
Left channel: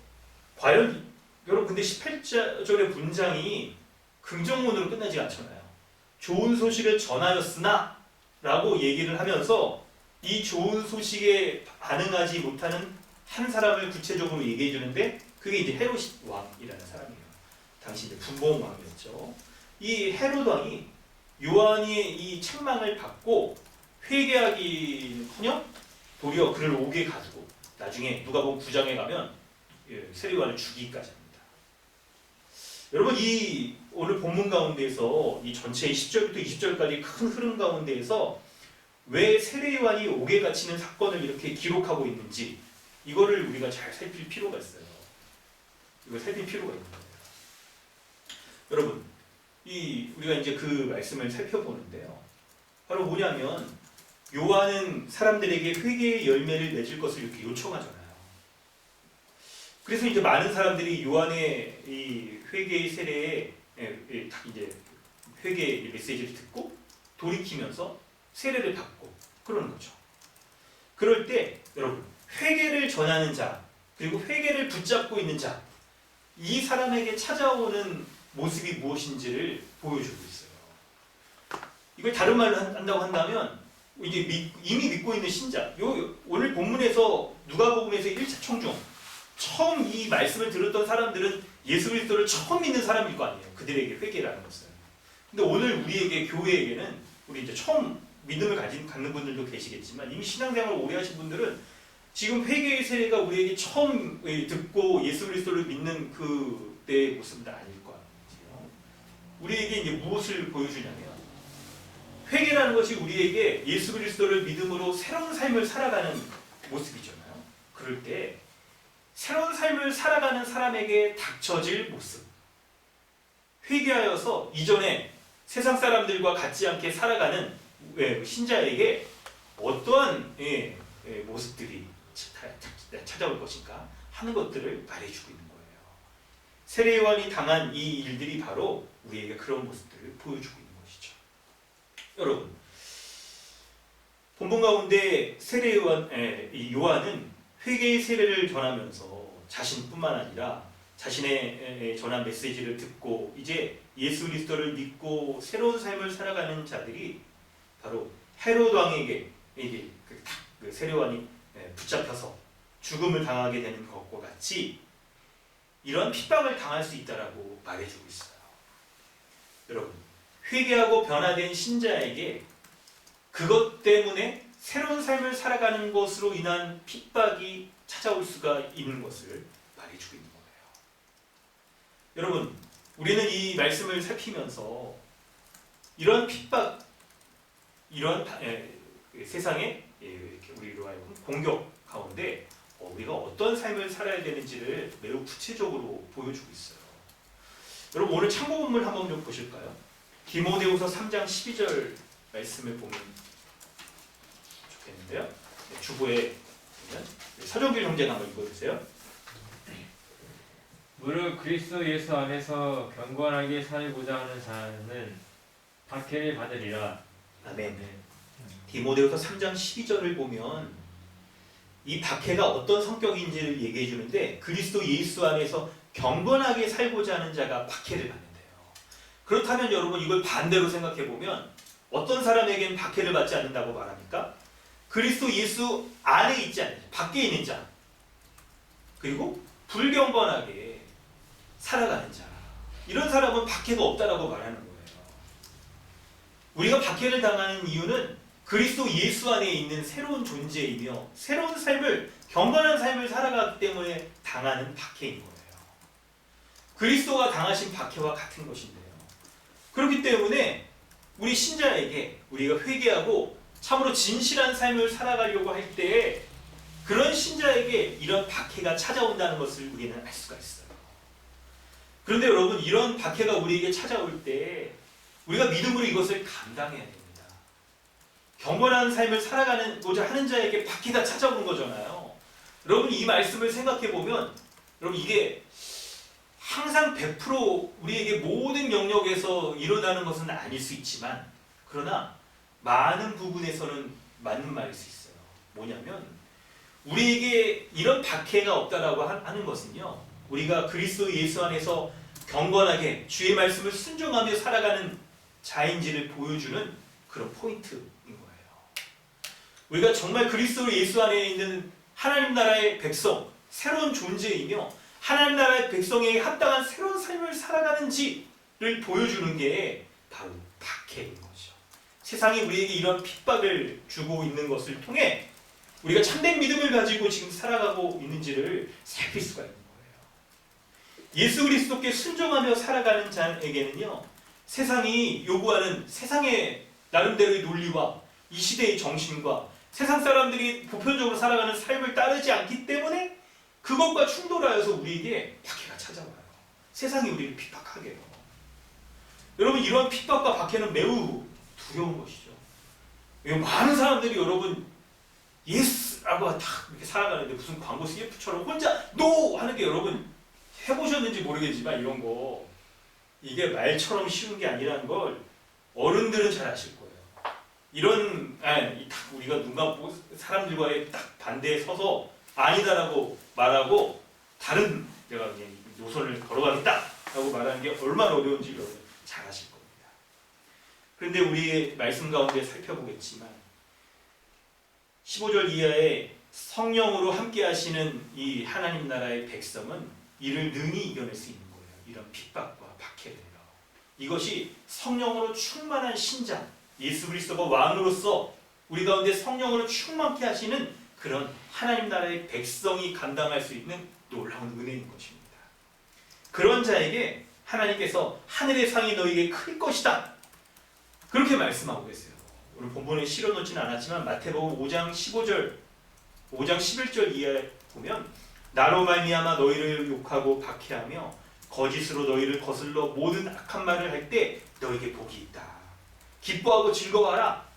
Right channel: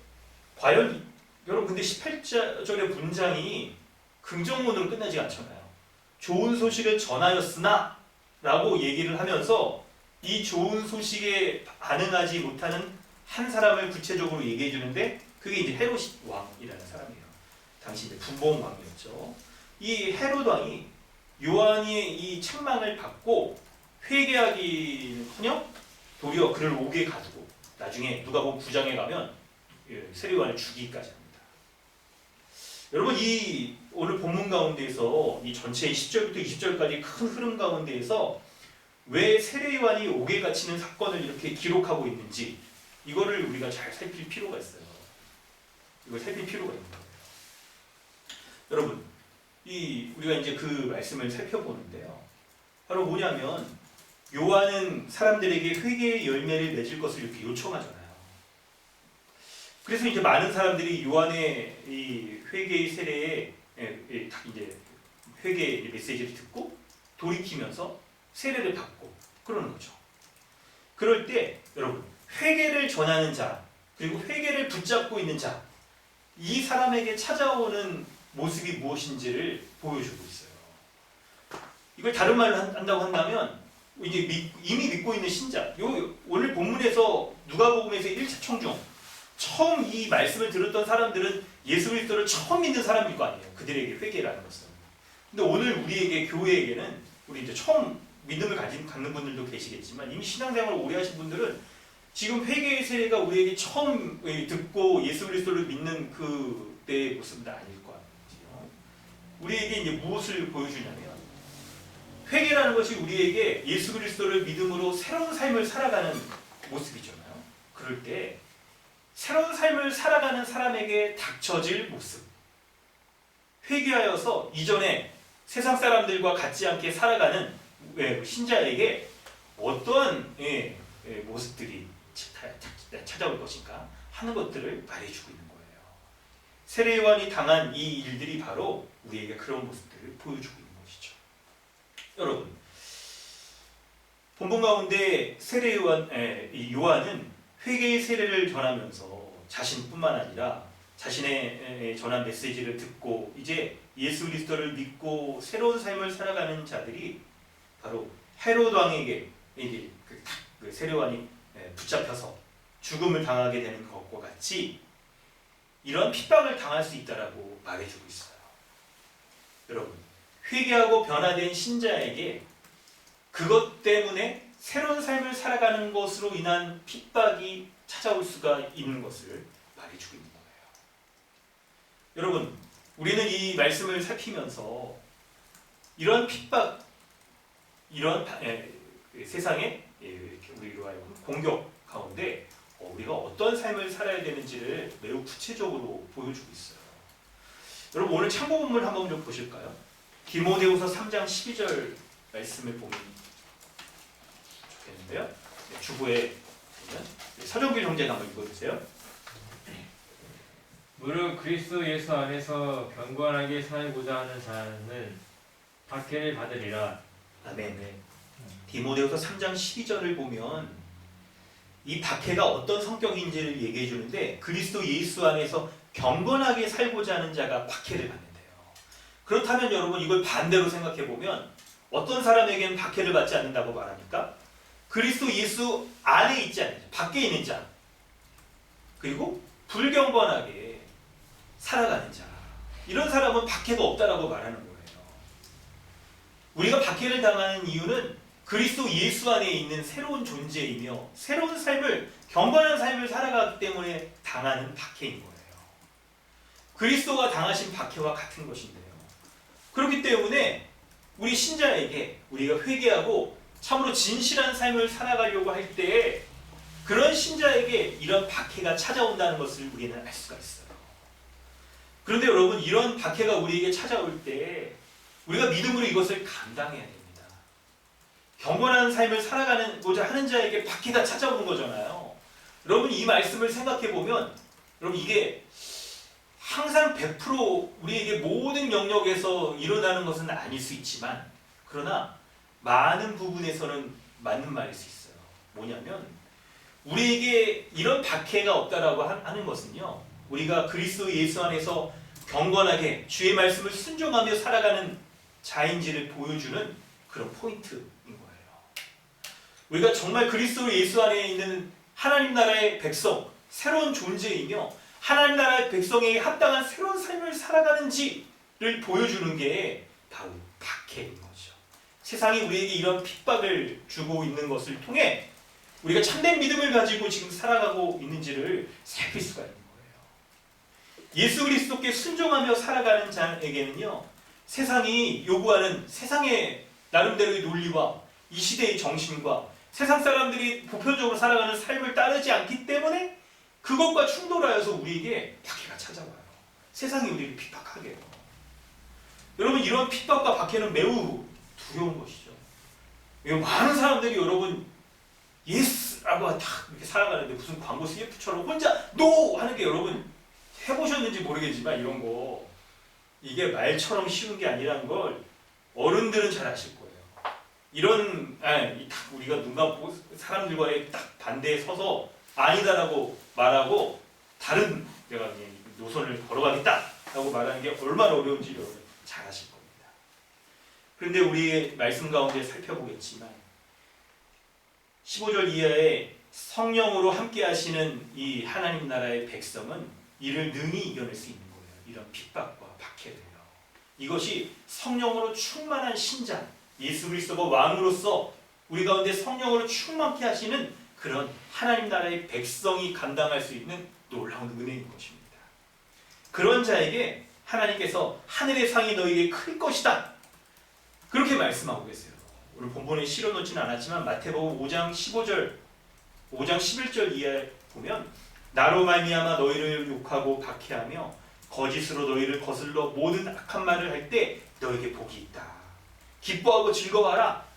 과연 여러분, 근데 18절의 문장이 긍정문으로 끝나지 않잖아요. 좋은 소식을 전하였으나 라고 얘기를 하면서 이 좋은 소식에 반응하지 못하는 한 사람을 구체적으로 얘기해 주는데, 그게 이제 헤롯 왕이라는 사람이에요. 당시 이제 분봉 왕이었죠. 이 헤롯 왕이 요한의 이 책망을 받고 회개하기는커녕 도리어 그를 옥에 가두고, 나중에 누가복음 9장에 가면 세례 요한을 죽이기까지 합니다. 여러분, 이 오늘 본문 가운데에서 이 전체 10절부터 20절까지 큰 흐름 가운데에서 왜 세례 요한이 옥에 갇히는 사건을 이렇게 기록하고 있는지, 이거를 우리가 잘 살필 필요가 있어요. 이걸 살필 필요가 있는 거예요. 여러분, 우리가 이제 그 말씀을 살펴보는데요. 바로 뭐냐면, 요한은 사람들에게 회개의 열매를 맺을 것을 이렇게 요청하잖아요. 그래서 이제 많은 사람들이 요한의 이 회개의 세례에 이제 회개의 메시지를 듣고 돌이키면서 세례를 받고 그러는 거죠. 그럴 때 여러분, 회개를 전하는 자, 그리고 회개를 붙잡고 있는 자, 이 사람에게 찾아오는 모습이 무엇인지를 보여주고 있어요. 이걸 다른 말로 한다고 한다면, 이제 이미 믿고 있는 신자, 오늘 본문에서 누가복음에서 1차 청중, 처음 이 말씀을 들었던 사람들은 예수 그리스도를 처음 믿는 사람일 거 아니에요. 그들에게 회개라는 것은. 근데 오늘 우리에게, 교회에게는, 우리 이제 처음 믿음을 갖는 분들도 계시겠지만, 이미 신앙생활을 오래 하신 분들은 지금 회개의 세례가 우리에게 처음 듣고 예수 그리스도를 믿는 그때의 모습은 아닐 거 아니에요. 우리에게 이제 무엇을 보여주냐면, 회개라는 것이 우리에게 예수 그리스도를 믿음으로 새로운 삶을 살아가는 모습이잖아요. 그럴 때 새로운 삶을 살아가는 사람에게 닥쳐질 모습, 회개하여서 이전에 세상 사람들과 같지 않게 살아가는 신자에게 어떠한 모습들이 찾아올 것인가 하는 것들을 말해주고 있는 거예요. 세례 요한이 당한 이 일들이 바로 우리에게 그런 모습들을 보여주고 있는 것이죠. 여러분, 본문 가운데 세례 요한은 회개의 세례를 전하면서 자신뿐만 아니라 자신의 전한 메시지를 듣고 이제 예수 그리스도를 믿고 새로운 삶을 살아가는 자들이 바로 헤롯 왕에게 그 세례 요한이 붙잡혀서 죽음을 당하게 되는 것과 같이 이런 핍박을 당할 수 있다라고 말해주고 있어요. 여러분, 회개하고 변화된 신자에게 그것 때문에 새로운 삶을 살아가는 것으로 인한 핍박이 찾아올 수가 있는 것을 말해주고 있는 거예요. 여러분, 우리는 이 말씀을 살피면서 이런 핍박, 이런 세상에 이렇게 우리로 하여금 공격 가운데 우리가 어떤 삶을 살아야 되는지를 매우 구체적으로 보여주고 있어요. 여러분, 오늘 참고 본문 한번 좀 보실까요? 디모데후서 3장 12절 말씀을 보면 좋겠는데요. 주보에 보면 서정길 형제가 한번 읽어주세요. 무릇 그리스도 예수 안에서 경건하게 살고자 하는 자는 박해를 받으리라. 아멘. 네. 디모데후서 3장 12절을 보면 이 박해가 어떤 성격인지를 얘기해 주는데 그리스도 예수 안에서 경건하게 살고자 하는 자가 박해를 받는데요. 그렇다면 여러분 이걸 반대로 생각해 보면 어떤 사람에게는 박해를 받지 않는다고 말합니까? 그리스도 예수 안에 있지 않는 자, 밖에 있는 자, 그리고 불경건하게 살아가는 자, 이런 사람은 박해가 없다라고 말하는 거예요. 우리가 박해를 당하는 이유는 그리스도 예수 안에 있는 새로운 존재이며 새로운 삶을, 경건한 삶을 살아가기 때문에 당하는 박해인 거예요. 그리스도가 당하신 박해와 같은 것인데요. 그렇기 때문에 우리 신자에게 우리가 회개하고 참으로 진실한 삶을 살아가려고 할 때에 그런 신자에게 이런 박해가 찾아온다는 것을 우리는 알 수가 있어요. 그런데 여러분, 이런 박해가 우리에게 찾아올 때 우리가 믿음으로 이것을 감당해야 됩니다. 경건한 삶을 살아가고자 하는 자에게 박해가 찾아오는 거잖아요. 여러분, 이 말씀을 생각해 보면 여러분, 이게 항상 100% 우리에게 모든 영역에서 일어나는 것은 아닐 수 있지만, 그러나 많은 부분에서는 맞는 말일 수 있어요. 뭐냐면 우리에게 이런 박해가 없다라고 하는 것은요, 우리가 그리스도 예수 안에서 경건하게 주의 말씀을 순종하며 살아가는 자인지를 보여주는 그런 포인트인 거예요. 우리가 정말 그리스도 예수 안에 있는 하나님 나라의 백성, 새로운 존재이며 하나님 나라의 백성에게 합당한 새로운 삶을 살아가는지를 보여주는 게 바로 박해인 거죠. 세상이 우리에게 이런 핍박을 주고 있는 것을 통해 우리가 참된 믿음을 가지고 지금 살아가고 있는지를 살필 수가 있는 거예요. 예수 그리스도께 순종하며 살아가는 자에게는요, 세상이 요구하는 세상의 나름대로의 논리와 이 시대의 정신과 세상 사람들이 보편적으로 살아가는 삶을 따르지 않기 때문에 그것과 충돌하여서 우리에게 박해가 찾아와요. 세상이 우리를 핍박하게 해요. 여러분, 이런 핍박과 박해는 매우 두려운 것이죠. 많은 사람들이 여러분 예스라고 딱 이렇게 살아가는데 무슨 광고 CF처럼 혼자 노 하는 게, 여러분 해보셨는지 모르겠지만 이런 거 이게 말처럼 쉬운 게 아니라는 걸 어른들은 잘 아실 거예요. 이런 딱 우리가 눈 감고 사람들과의 딱 반대에 서서 아니다라고 말하고 다른 내가 그냥 노선을 걸어가겠다라고 말하는 게 얼마나 어려운지 여러분 잘 아실 겁니다. 그런데 우리의 말씀 가운데 살펴보겠지만 15절 이하에 성령으로 함께 하시는 이 하나님 나라의 백성은 이를 능히 이겨낼 수 있는 거예요. 이런 핍박과 박해를요. 이것이 성령으로 충만한 신자, 예수 그리스도가 왕으로서 우리 가운데 성령으로 충만케 하시는 그런 하나님 나라의 백성이 감당할 수 있는 놀라운 은혜인 것입니다. 그런 자에게 하나님께서 하늘의 상이 너에게 클 것이다, 그렇게 말씀하고 계세요. 오늘 본문에 실어놓지는 않았지만 마태복음 5장 15절, 5장 11절 이하에 보면 나로 말미암아 너희를 욕하고 박해하며 거짓으로 너희를 거슬러 모든 악한 말을 할 때 너에게 복이 있다. 기뻐하고 즐거워하라.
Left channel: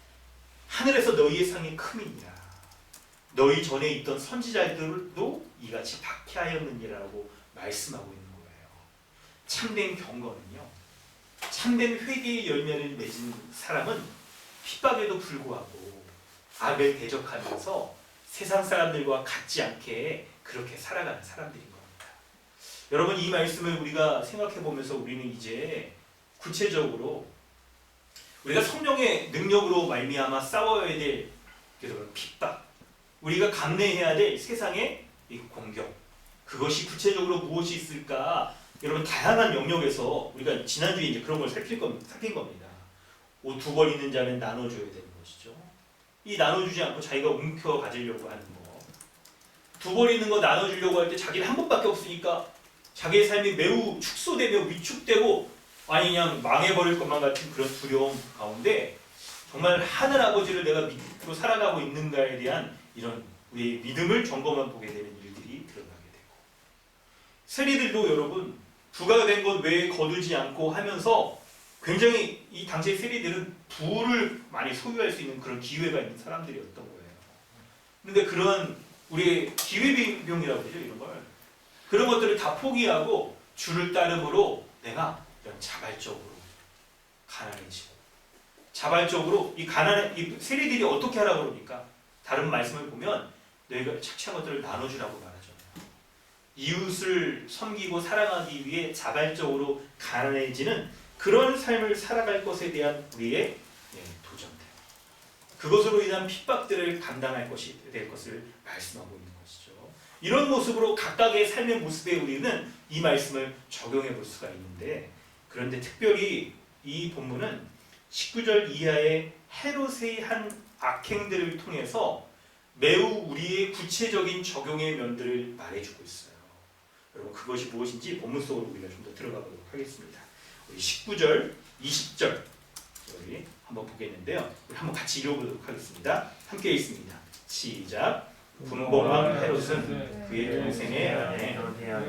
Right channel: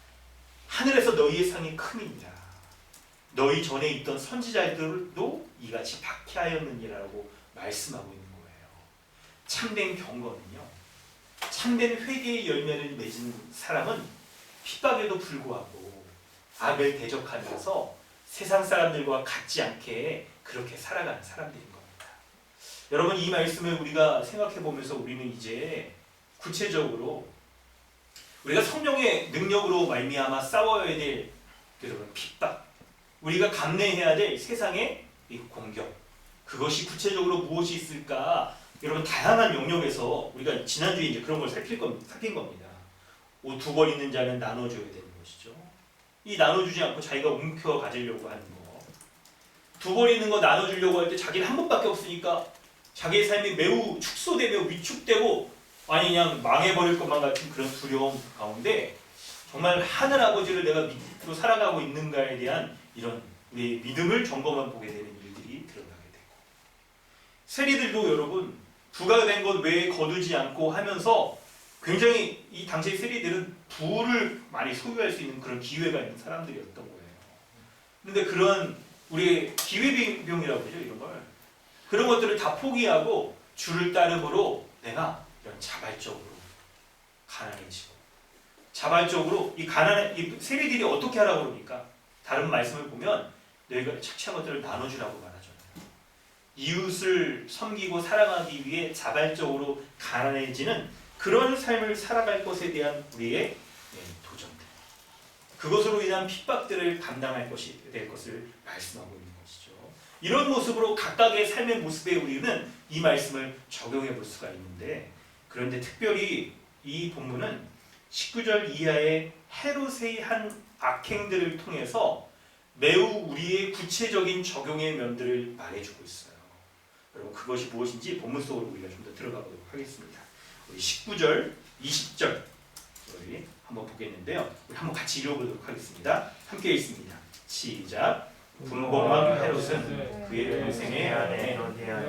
하늘에서 너희의 상이 큼이니라. 너희 전에 있던 선지자들도 이같이 박해하였느니라고 말씀하고 있는 거예요. 참된 경건은요, 참된 회개의 열매를 맺은 사람은 핍박에도 불구하고 악을 대적하면서 세상 사람들과 같지 않게 그렇게 살아가는 사람들인 겁니다. 여러분, 이 말씀을 우리가 생각해 보면서 우리는 이제 구체적으로 우리가 성령의 능력으로 말미암아 싸워야 될 핍박, 우리가 감내해야 될 세상의 공격, 그것이 구체적으로 무엇이 있을까? 여러분, 다양한 영역에서 우리가 지난주에 이제 그런 걸 살핀 겁니다. 옷 두 벌 있는 자는 나눠줘야 되는 것이죠. 이 나눠주지 않고 자기가 움켜 가지려고 하는 거, 두 벌 있는 거 나눠주려고 할 때 자기는 한 번밖에 없으니까 자기의 삶이 매우 축소되며 위축되고 아니 그냥 망해버릴 것만 같은 그런 두려움 가운데 정말 하늘 아버지를 내가 믿고 살아가고 있는가에 대한 이런 우리의 믿음을 점검해 보게 되는 일들이 드러나게 되고, 세리들도 여러분 부가된 것 외에 거두지 않고 하면서 굉장히 이 당시의 세리들은 부를 많이 소유할 수 있는 그런 기회가 있는 사람들이었던 거예요. 그런데 그런 우리의 기회비용이라고 그러죠, 이런 걸. 그런 것들을 다 포기하고 주를 따름으로 내가 이런 자발적으로 가난해지고, 자발적으로 이 세리들이 어떻게 하라고 그러니까 다른 말씀을 보면 너희가 착취한 것들을 나눠주라고 말하잖아요. 이웃을 섬기고 사랑하기 위해 자발적으로 가난해지는 그런 삶을 살아갈 것에 대한 우리의 도전들, 그것으로 인한 핍박들을 감당할 것이 될 것을 말씀하고 있는 것이죠. 이런 모습으로 각각의 삶의 모습에 우리는 이 말씀을 적용해 볼 수가 있는데, 그런데 특별히 이 본문은 19절 이하의 헤롯의 한 악행들을 통해서 매우 우리의 구체적인 적용의 면들을 말해주고 있어요. 여러분, 그것이 무엇인지 본문 속으로 우리가 좀 더 들어가 보도록 하겠습니다. 우리 19절, 20절 우리 한번 보겠는데요. 우리 한번 같이 읽어보도록 하겠습니다. 함께 읽습니다. 시작. 분봉왕 헤롯은 그의 동생의 아내 자기가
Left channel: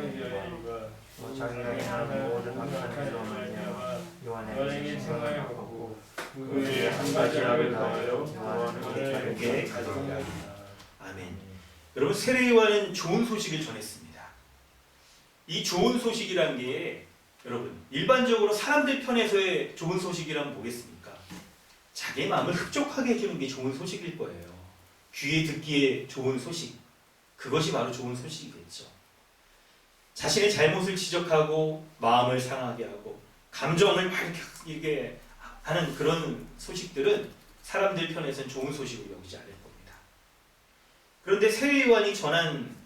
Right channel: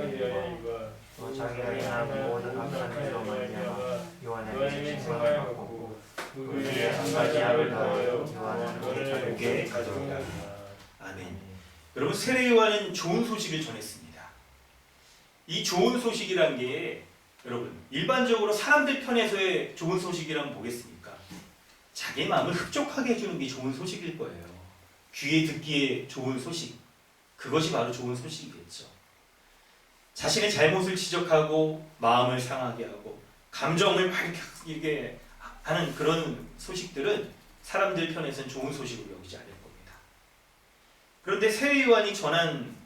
모든 악한 일을 요한에게 생각하고 그의 한 가지 악을 더하여 요한을 자기에게 가져오라. 아멘. 여러분, 세례 요한은 좋은 소식을 전했습니다. 이 좋은 소식이란 게 여러분 일반적으로 사람들 편에서의 좋은 소식이란 뭐겠습니까? 자기 마음을 흡족하게 해주는 게 좋은 소식일 거예요. 귀에 듣기에 좋은 소식, 그것이 바로 좋은 소식이겠죠. 자신의 잘못을 지적하고 마음을 상하게 하고 감정을 밝히게 하는 그런 소식들은 사람들 편에서는 좋은 소식으로 여기지 않을 겁니다. 그런데 세례 요한이 전한,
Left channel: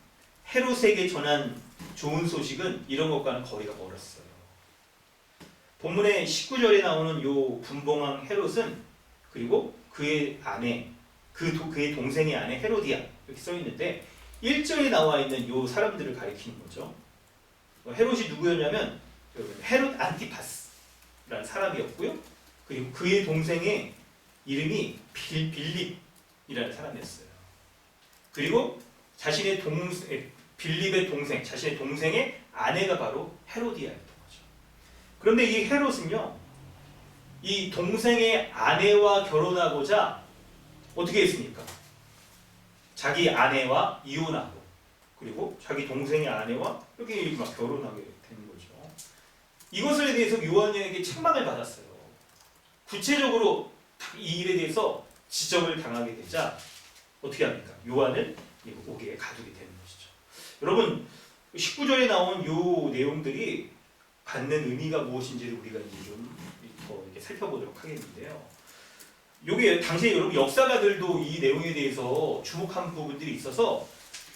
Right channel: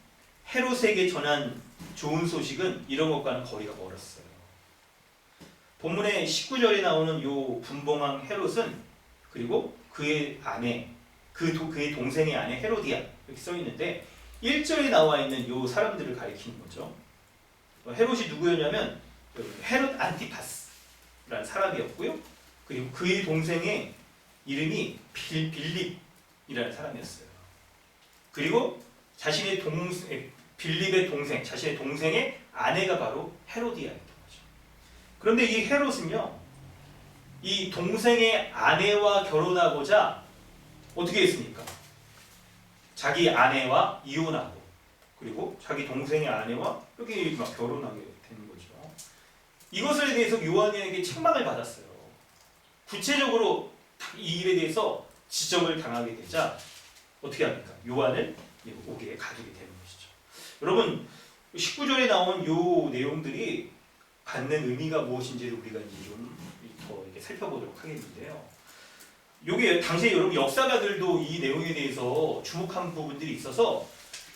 헤롯에게 전한 좋은 소식은 이런 것과는 거리가 멀었어요. 본문의 19절에 나오는 요 분봉왕 헤롯은, 그리고 그의 아내, 그의 동생의 아내 헤로디아 이렇게 써 있는데 1절에 나와 있는 요 사람들을 가리키는 거죠. 헤롯이 누구였냐면 헤롯 안티파스라는 사람이었고요. 그리고 그의 동생의 이름이 빌립이라는 사람이었어요. 그리고 자신의 빌립의 동생, 자신의 동생의 아내가 바로 헤로디아였던 거죠. 그런데 이 헤롯은요, 이 동생의 아내와 결혼하고자 어떻게 했습니까? 자기 아내와 이혼하고, 그리고 자기 동생의 아내와 이렇게 막 결혼하게 된 거죠. 이것에 대해서 요한에게 책망을 받았어요. 구체적으로 이 일에 대해서 지적을 당하게 되자 어떻게 합니까? 요한을 옥에 가두게 되는 것이죠. 여러분, 19절에 나온 요 내용들이 갖는 의미가 무엇인지를 우리가 이제 좀 더 이렇게 살펴보도록 하겠는데요. 요게 당시에 여러분 역사가들도 이 내용에 대해서 주목한 부분들이 있어서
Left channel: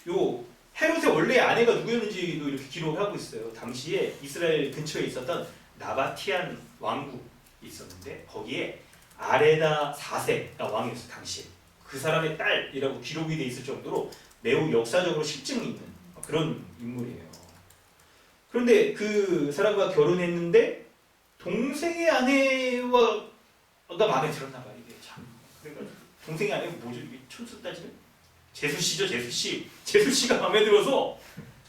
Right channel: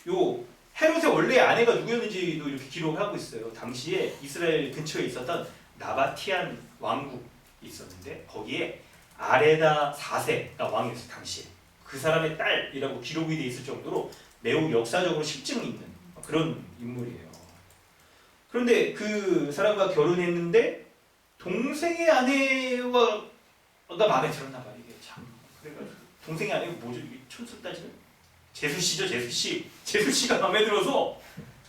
요 헤롯의 원래 아내가 누구였는지도 이렇게 기록을 하고 있어요. 당시에 이스라엘 근처에 있었던 나바티안 왕국이 있었는데 거기에 아레다 4세가 왕이었어요. 당시에 그 사람의 딸이라고 기록이 돼 있을 정도로 매우 역사적으로 실증이 있는 그런 인물이에요. 그런데 그 사람과 결혼했는데 동생의 아내가 마음에 들었나 봐요. 이게 참 그래가지고 동생의 아내가 뭐죠? 이게 촌수 따지면 제수씨죠. 제수씨가 마음에 들어서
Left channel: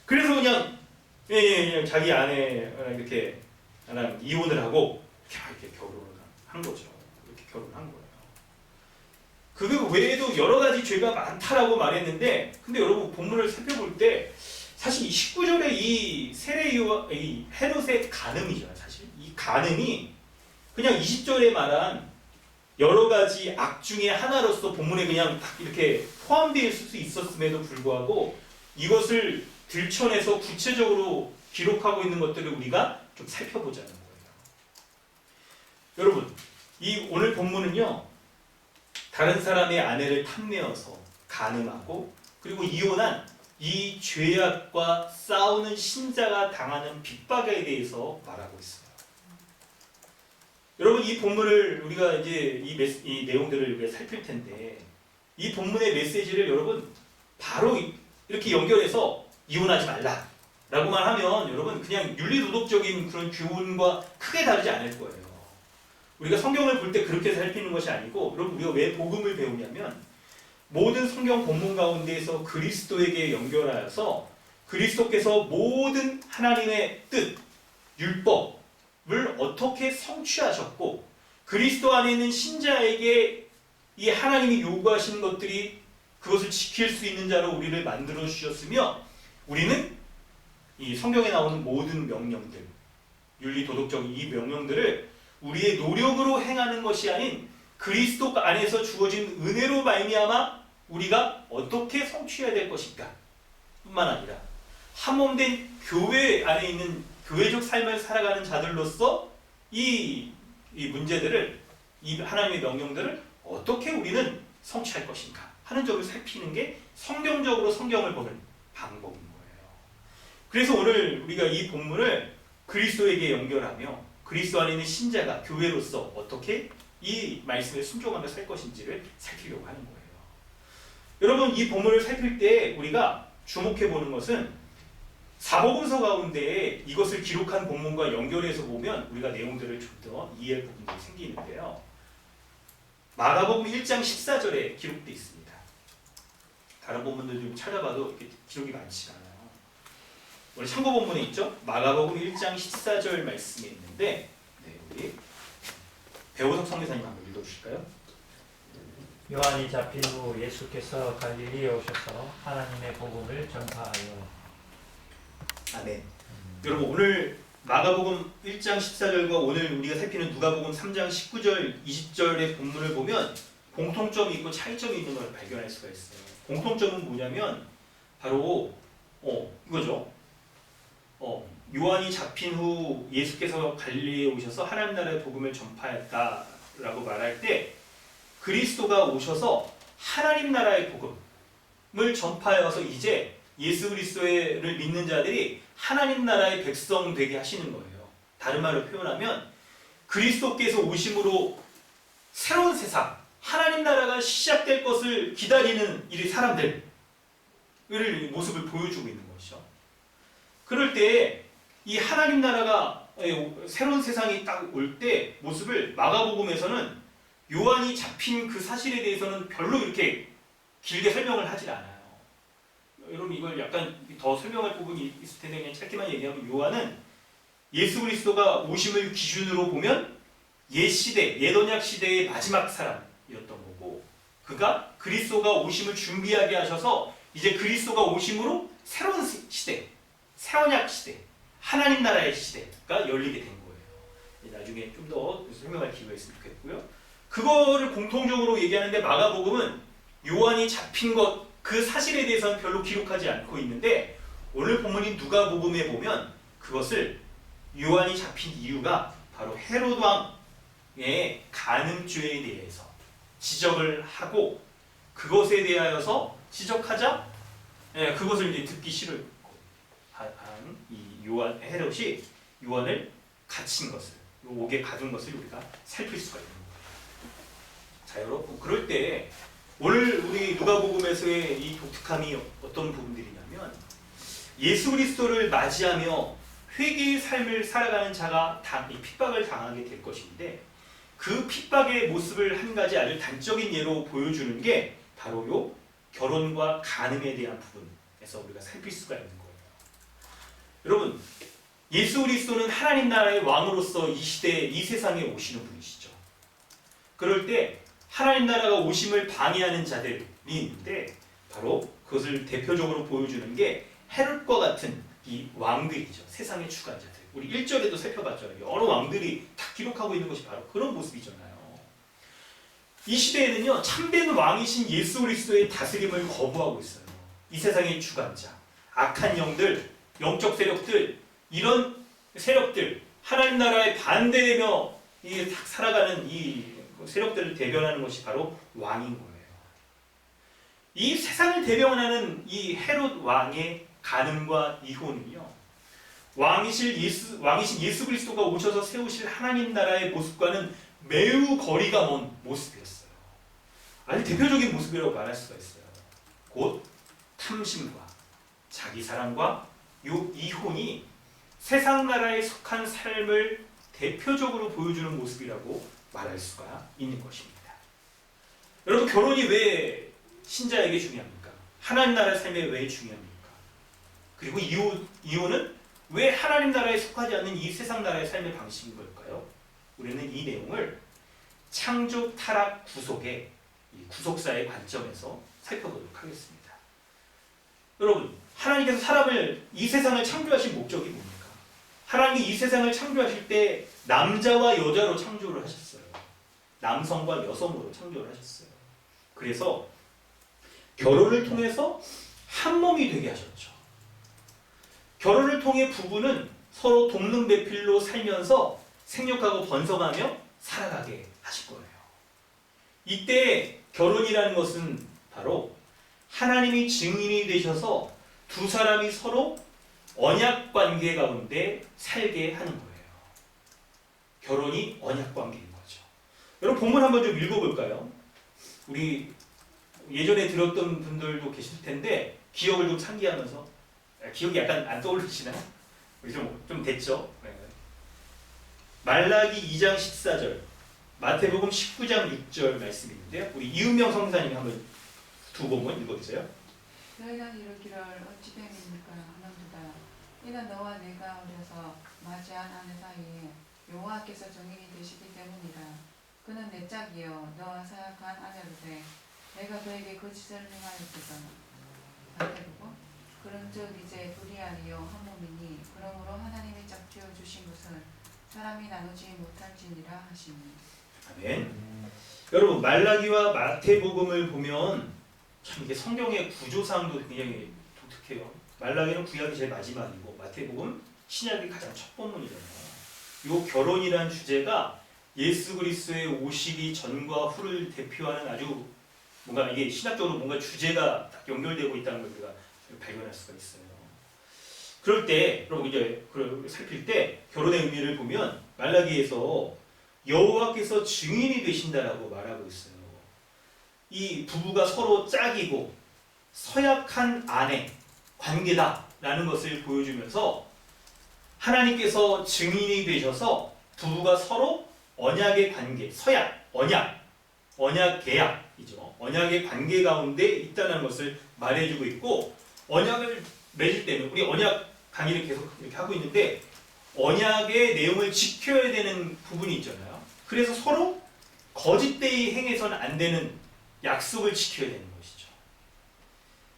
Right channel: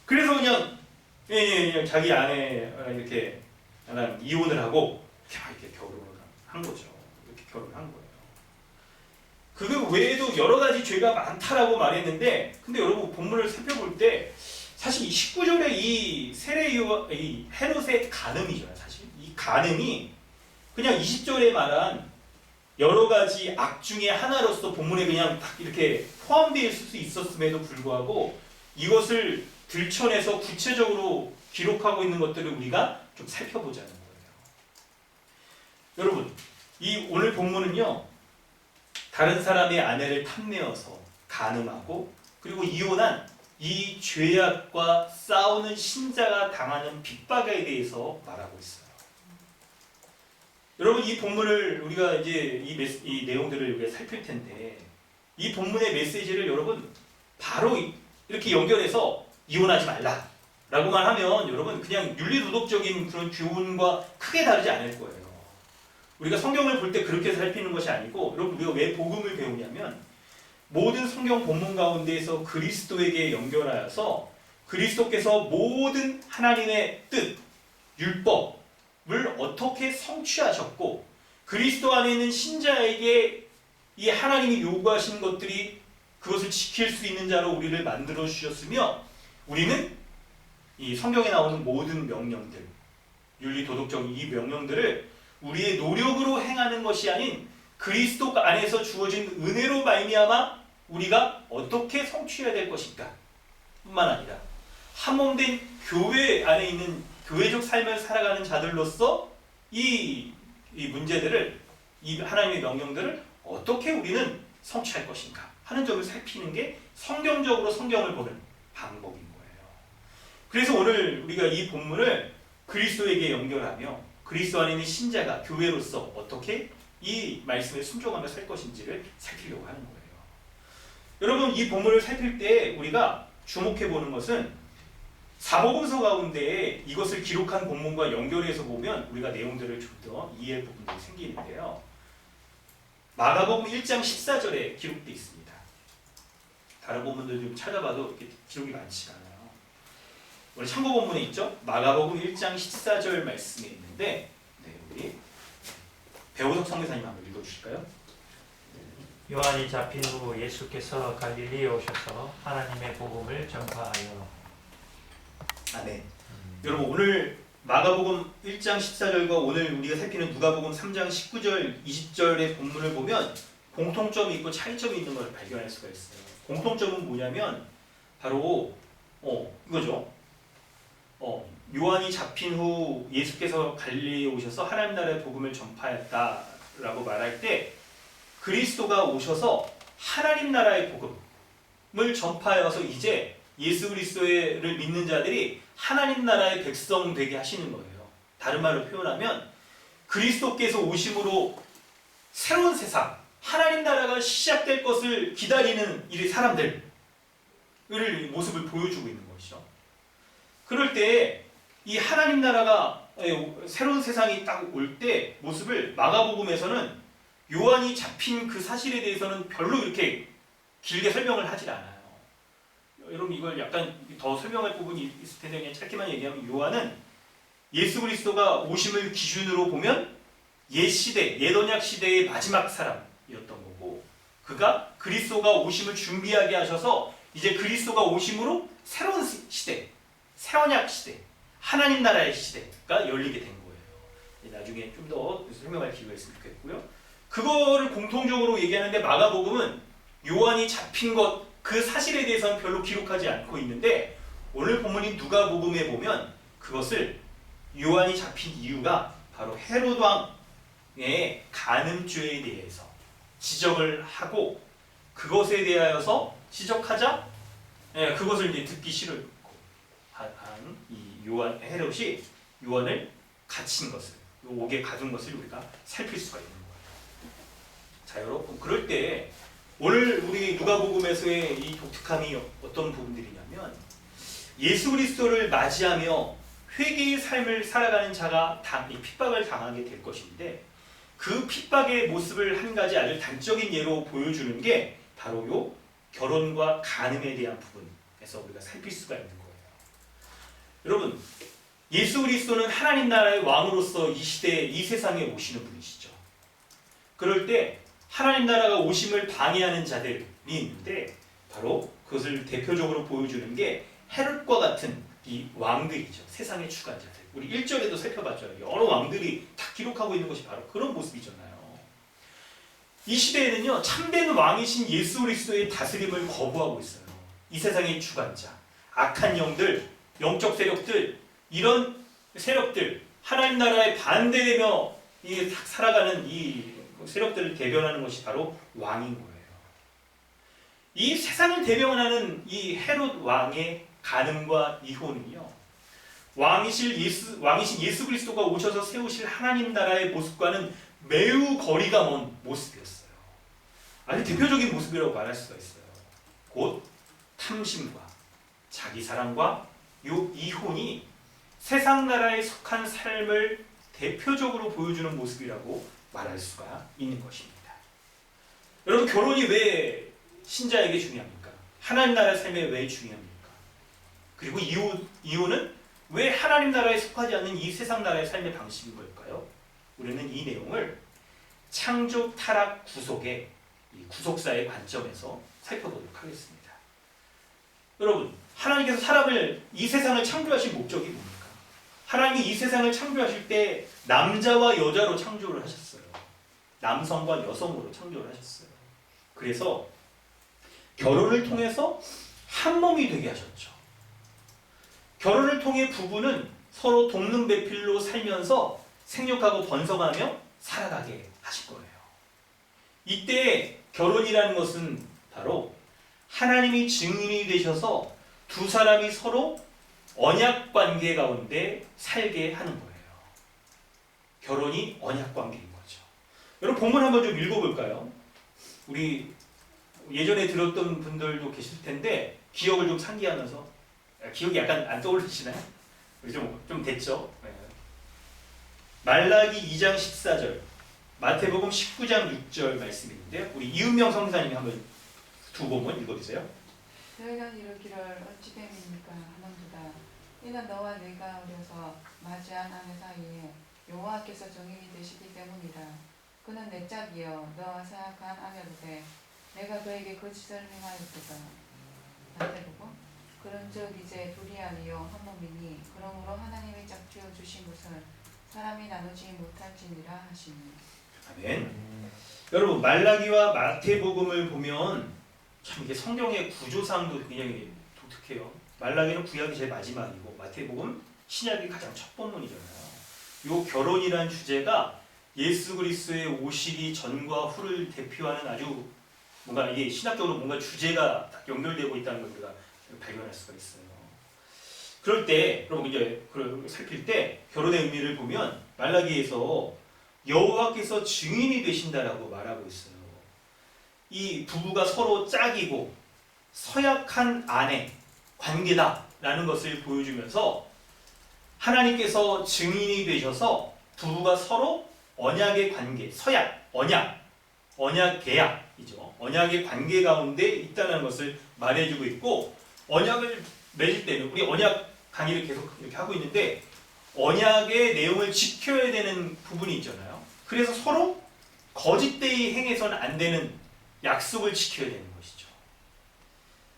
그래서 그냥 그냥 자기 아내랑 이렇게 나랑 이혼을 하고 이렇게 결혼을 한 거죠. 이렇게 결혼을 한 거예요. 그 외에도 여러 가지 죄가 많다라고 말했는데, 근데 여러분 본문을 살펴볼 때 사실 이 19절의 이 이 헤롯의 간음이죠. 사실 이 간음이 그냥 20절에 말한 여러 가지 악 중에 하나로서 본문에 그냥 딱 이렇게 포함되어 있을 수 있었음에도 불구하고 이것을 들춰내서 구체적으로 기록하고 있는 것들을 우리가 좀 살펴보자는 거예요. 여러분, 이 오늘 본문은요, 다른 사람의 아내를 탐내어서 간음하고 그리고 이혼한 이 죄악과 싸우는 신자가 당하는 핍박에 대해서 말하고 있어요. 여러분, 이 본문을 우리가 이제 이 내용들을 우리가 살필 텐데 이 본문의 메시지를 여러분 바로 이렇게 연결해서 이혼하지 말라라고만 하면 여러분 그냥 윤리도덕적인 그런 교훈과 크게 다르지 않을 거예요. 우리가 성경을 볼 때 그렇게 살피는 것이 아니고, 여러분 우리가 왜 복음을 배우냐면 모든 성경 본문 가운데에서 그리스도에게 연결하여서 그리스도께서 모든 하나님의 뜻, 율법을 어떻게 성취하셨고 그리스도 안에 있는 신자에게 이 하나님이 요구하시는 것들이 그것을 지킬 수 있는 자로 우리를 만들어 주셨으며 우리는 이 성경에 나오는 모든 명령들, 윤리 도덕적인 이 명령들을 우리의 노력으로 행하는 것이 아닌 그리스도 안에서 주어진 은혜로 말미암아 우리가 어떻게 성취해야 될 것인가 뿐만 아니라 한몸된 교회 안에 있는 교회적 삶을 살아가는 자들로서 이 문제들을, 이 하나님의 명령들을 어떻게 우리는 성취할 것인가 하는 점을 살피는 게 성경적으로 성경을 보는 방법인 거예요. 그래서 오늘 우리가 이 본문을 그리스도에게 연결하며 그리스도 안에 있는 신자가 교회로서 어떻게 이 말씀에 순종하며 살 것인지를 살피려고 하는 거예요. 여러분, 이 본문을 살필 때 우리가 주목해 보는 것은 사복음서 가운데 이것을 기록한 본문과 연결해서 보면 우리가 내용들을 좀 더 이해할 부분들이 생기는데요. 마가복음 1장 14절에 기록되어 있습니다. 다른 본문들 좀 찾아봐도 이렇게 기록이 많지가 않아요. 우리 참고 본문에 있죠? 마가복음 1장 14절 말씀에 있는데, 우리 배우석 성교사님 한번 읽어주실까요? 요한이 잡힌 후 예수께서 갈릴리에 오셔서 하나님의 복음을 전파하여. 아멘. 여러분, 오늘 마가복음 1장 14절과 오늘 우리가 살피는 누가복음 3장 19절 20절의 본문을 보면 공통점이 있고 차이점이 있는 걸 발견할 수가 있어요. 공통점은 뭐냐면 바로 이거죠. 요한이 잡힌 후 예수께서 갈릴리에 오셔서 하나님 나라의 복음을 전파했다라고 말할 때 그리스도가 오셔서 하나님 나라의 복음을 전파해서 이제 예수 그리스도를 믿는 자들이 하나님 나라의 백성 되게 하시는 거예요. 다른 말로 표현하면 그리스도께서 오심으로 새로운 세상, 하나님 나라가 시작될 것을 기다리는 이 사람들의 모습을 보여주고 있는 것이죠. 그럴 때 이 하나님 나라가 새로운 세상이 딱 올 때 모습을 마가복음에서는 요한이 잡힌 그 사실에 대해서는 별로 이렇게 길게 설명을 하질 않아요. 여러분, 이걸 약간 더 설명할 부분이 있을 텐데 그냥 짧게만 얘기하면 요한은 예수 그리스도가 오심을 기준으로 보면 옛 시대, 옛 언약 시대의 마지막 사람이었던 거고, 그가 그리스도가 오심을 준비하게 하셔서 이제 그리스도가 오심으로 새로운 시대, 새 언약 시대, 하나님 나라의 시대가 열리게 된 거예요. 나중에 좀 더 설명할 기회가 있으면 좋겠고요. 그거를 공통적으로 얘기하는데 마가복음은 요한이 잡힌 것, 그 사실에 대해서는 별로 기록하지 않고 있는데 오늘 본문인 누가복음에 보면 그것을 요한이 잡힌 이유가 바로 헤롯 왕의 간음죄에 대해서 지적을 하고, 그것에 대하여서 지적하자 그것을 이제 듣기 싫은 이 헤롯이 요한을 갇힌 것을, 옥에 가둔 것을 우리가 살필 수가 있는 거예요. 자, 여러분, 그럴 때 오늘 우리 누가복음에서의 이 독특함이 어떤 부분들이냐면 예수 그리스도를 맞이하며 회개의 삶을 살아가는 자가 핍박을 당하게 될 것인데, 그 핍박의 모습을 한 가지 아주 단적인 예로 보여주는 게 바로 요 결혼과 간음에 대한 부분에서 우리가 살필 수가 있는 거예요. 여러분, 예수 그리스도는 하나님 나라의 왕으로서 이 시대에, 이 세상에 오시는 분이시죠. 그럴 때 하나님 나라가 오심을 방해하는 자들이 있는데 바로 그것을 대표적으로 보여주는 게 헤롯과 같은 이 왕들이죠. 세상의 주관자들. 우리 1절에도 살펴봤잖아요. 여러 왕들이 다 기록하고 있는 것이 바로 그런 모습이잖아요. 이 시대에는요, 참된 왕이신 예수 그리스도의 다스림을 거부하고 있어요. 이 세상의 주관자, 악한 영들, 영적 세력들, 이런 세력들, 하나님 나라에 반대되며 살아가는 이 세력들을 대변하는 것이 바로 왕인 거예요. 이 세상을 대변하는 이 헤롯 왕의 간음과 이혼은요, 왕이신 예수 그리스도가 오셔서 세우실 하나님 나라의 모습과는 매우 거리가 먼 모습이었어요. 아주 대표적인 모습이라고 말할 수가 있어요. 곧 탐심과 자기 사랑과 요 이혼이 세상 나라에 속한 삶을 대표적으로 보여주는 모습이라고 말할 수가 있는 것입니다. 여러분, 결혼이 왜 신자에게 중요합니까? 하나님 나라의 삶에 왜 중요합니까? 그리고 이혼은 왜 하나님 나라에 속하지 않는 이 세상 나라의 삶의 방식인 걸까요? 우리는 이 내용을 창조, 타락, 구속의 이 구속사의 관점에서 살펴보도록 하겠습니다. 여러분, 하나님께서 사람을 이 세상을 창조하신 목적이 뭡니까? 하나님이 이 세상을 창조하실 때 남자와 여자로 창조를 하셨어요. 남성과 여성으로 창조를 하셨어요. 그래서 결혼을 통해서 한 몸이 되게 하셨죠. 결혼을 통해 부부는 서로 돕는 배필로 살면서 생육하고 번성하며 살아가게 하실 거예요. 이때 결혼이라는 것은 바로 하나님이 증인이 되셔서 두 사람이 서로 언약 관계 가운데 살게 하는 거예요. 결혼이 언약 관계인 거죠. 여러분 본문 한번 좀 읽어볼까요? 우리 예전에 들었던 분들도 계실 텐데 기억을 좀 상기하면서 기억이 약간 안 떠오르시나요? 우리 좀 됐죠? 네. 말라기 2장 14절, 마태복음 19장 6절 말씀인데 우리 이은명 성사님이 한번 두 본문 읽어주세요. 너희가 이르기를 어찌 됨입니까 하는도다. 이는 너와 내가 어려서 맞이한 아내 사이에 여호와께서 정인이 되시기 때문이라. 그는 내 짝이여 너와 사약한 아내로되 내가 그에게 거짓을 행하였거든. 마태복음. 그런즉 이제 둘이 아니요 한 몸이니 그러므로 하나님이 짝지어 주신 것은 사람이 나누지 못할지니라 하시니. 아멘. 여러분 말라기와 마태복음을 보면 참 이게 성경의 구조상도 굉장히 독특해요. 말라기는 구약이 제일 마지막이고 마태복음 신약이 가장 첫 본문이잖아요. 이 결혼이라는 주제가 예수 그리스도의 오시기 전과 후를 대표하는 아주 뭔가 이게 신학적으로 뭔가 주제가 딱 연결되고 있다는 걸 우리가 발견할 수가 있어요. 그럴 때 여러분 이제 살필 때 결혼의 의미를 보면 말라기에서 여호와께서 증인이 되신다라고 말하고 있어요. 이 부부가 서로 짝이고 서약한 아내 관계다라는 것을 보여주면서 하나님께서 증인이 되셔서 부부가 서로 언약의 관계, 서약, 언약 계약이죠. 언약의 관계 가운데 있다는 것을 말해주고 있고 언약을 맺을 때는 우리 언약 강의를 계속 이렇게 하고 있는데 언약의 내용을 지켜야 되는 부분이 있잖아요. 그래서 서로 거짓되이 행해서는 안 되는 약속을 지켜야 되는 것이죠.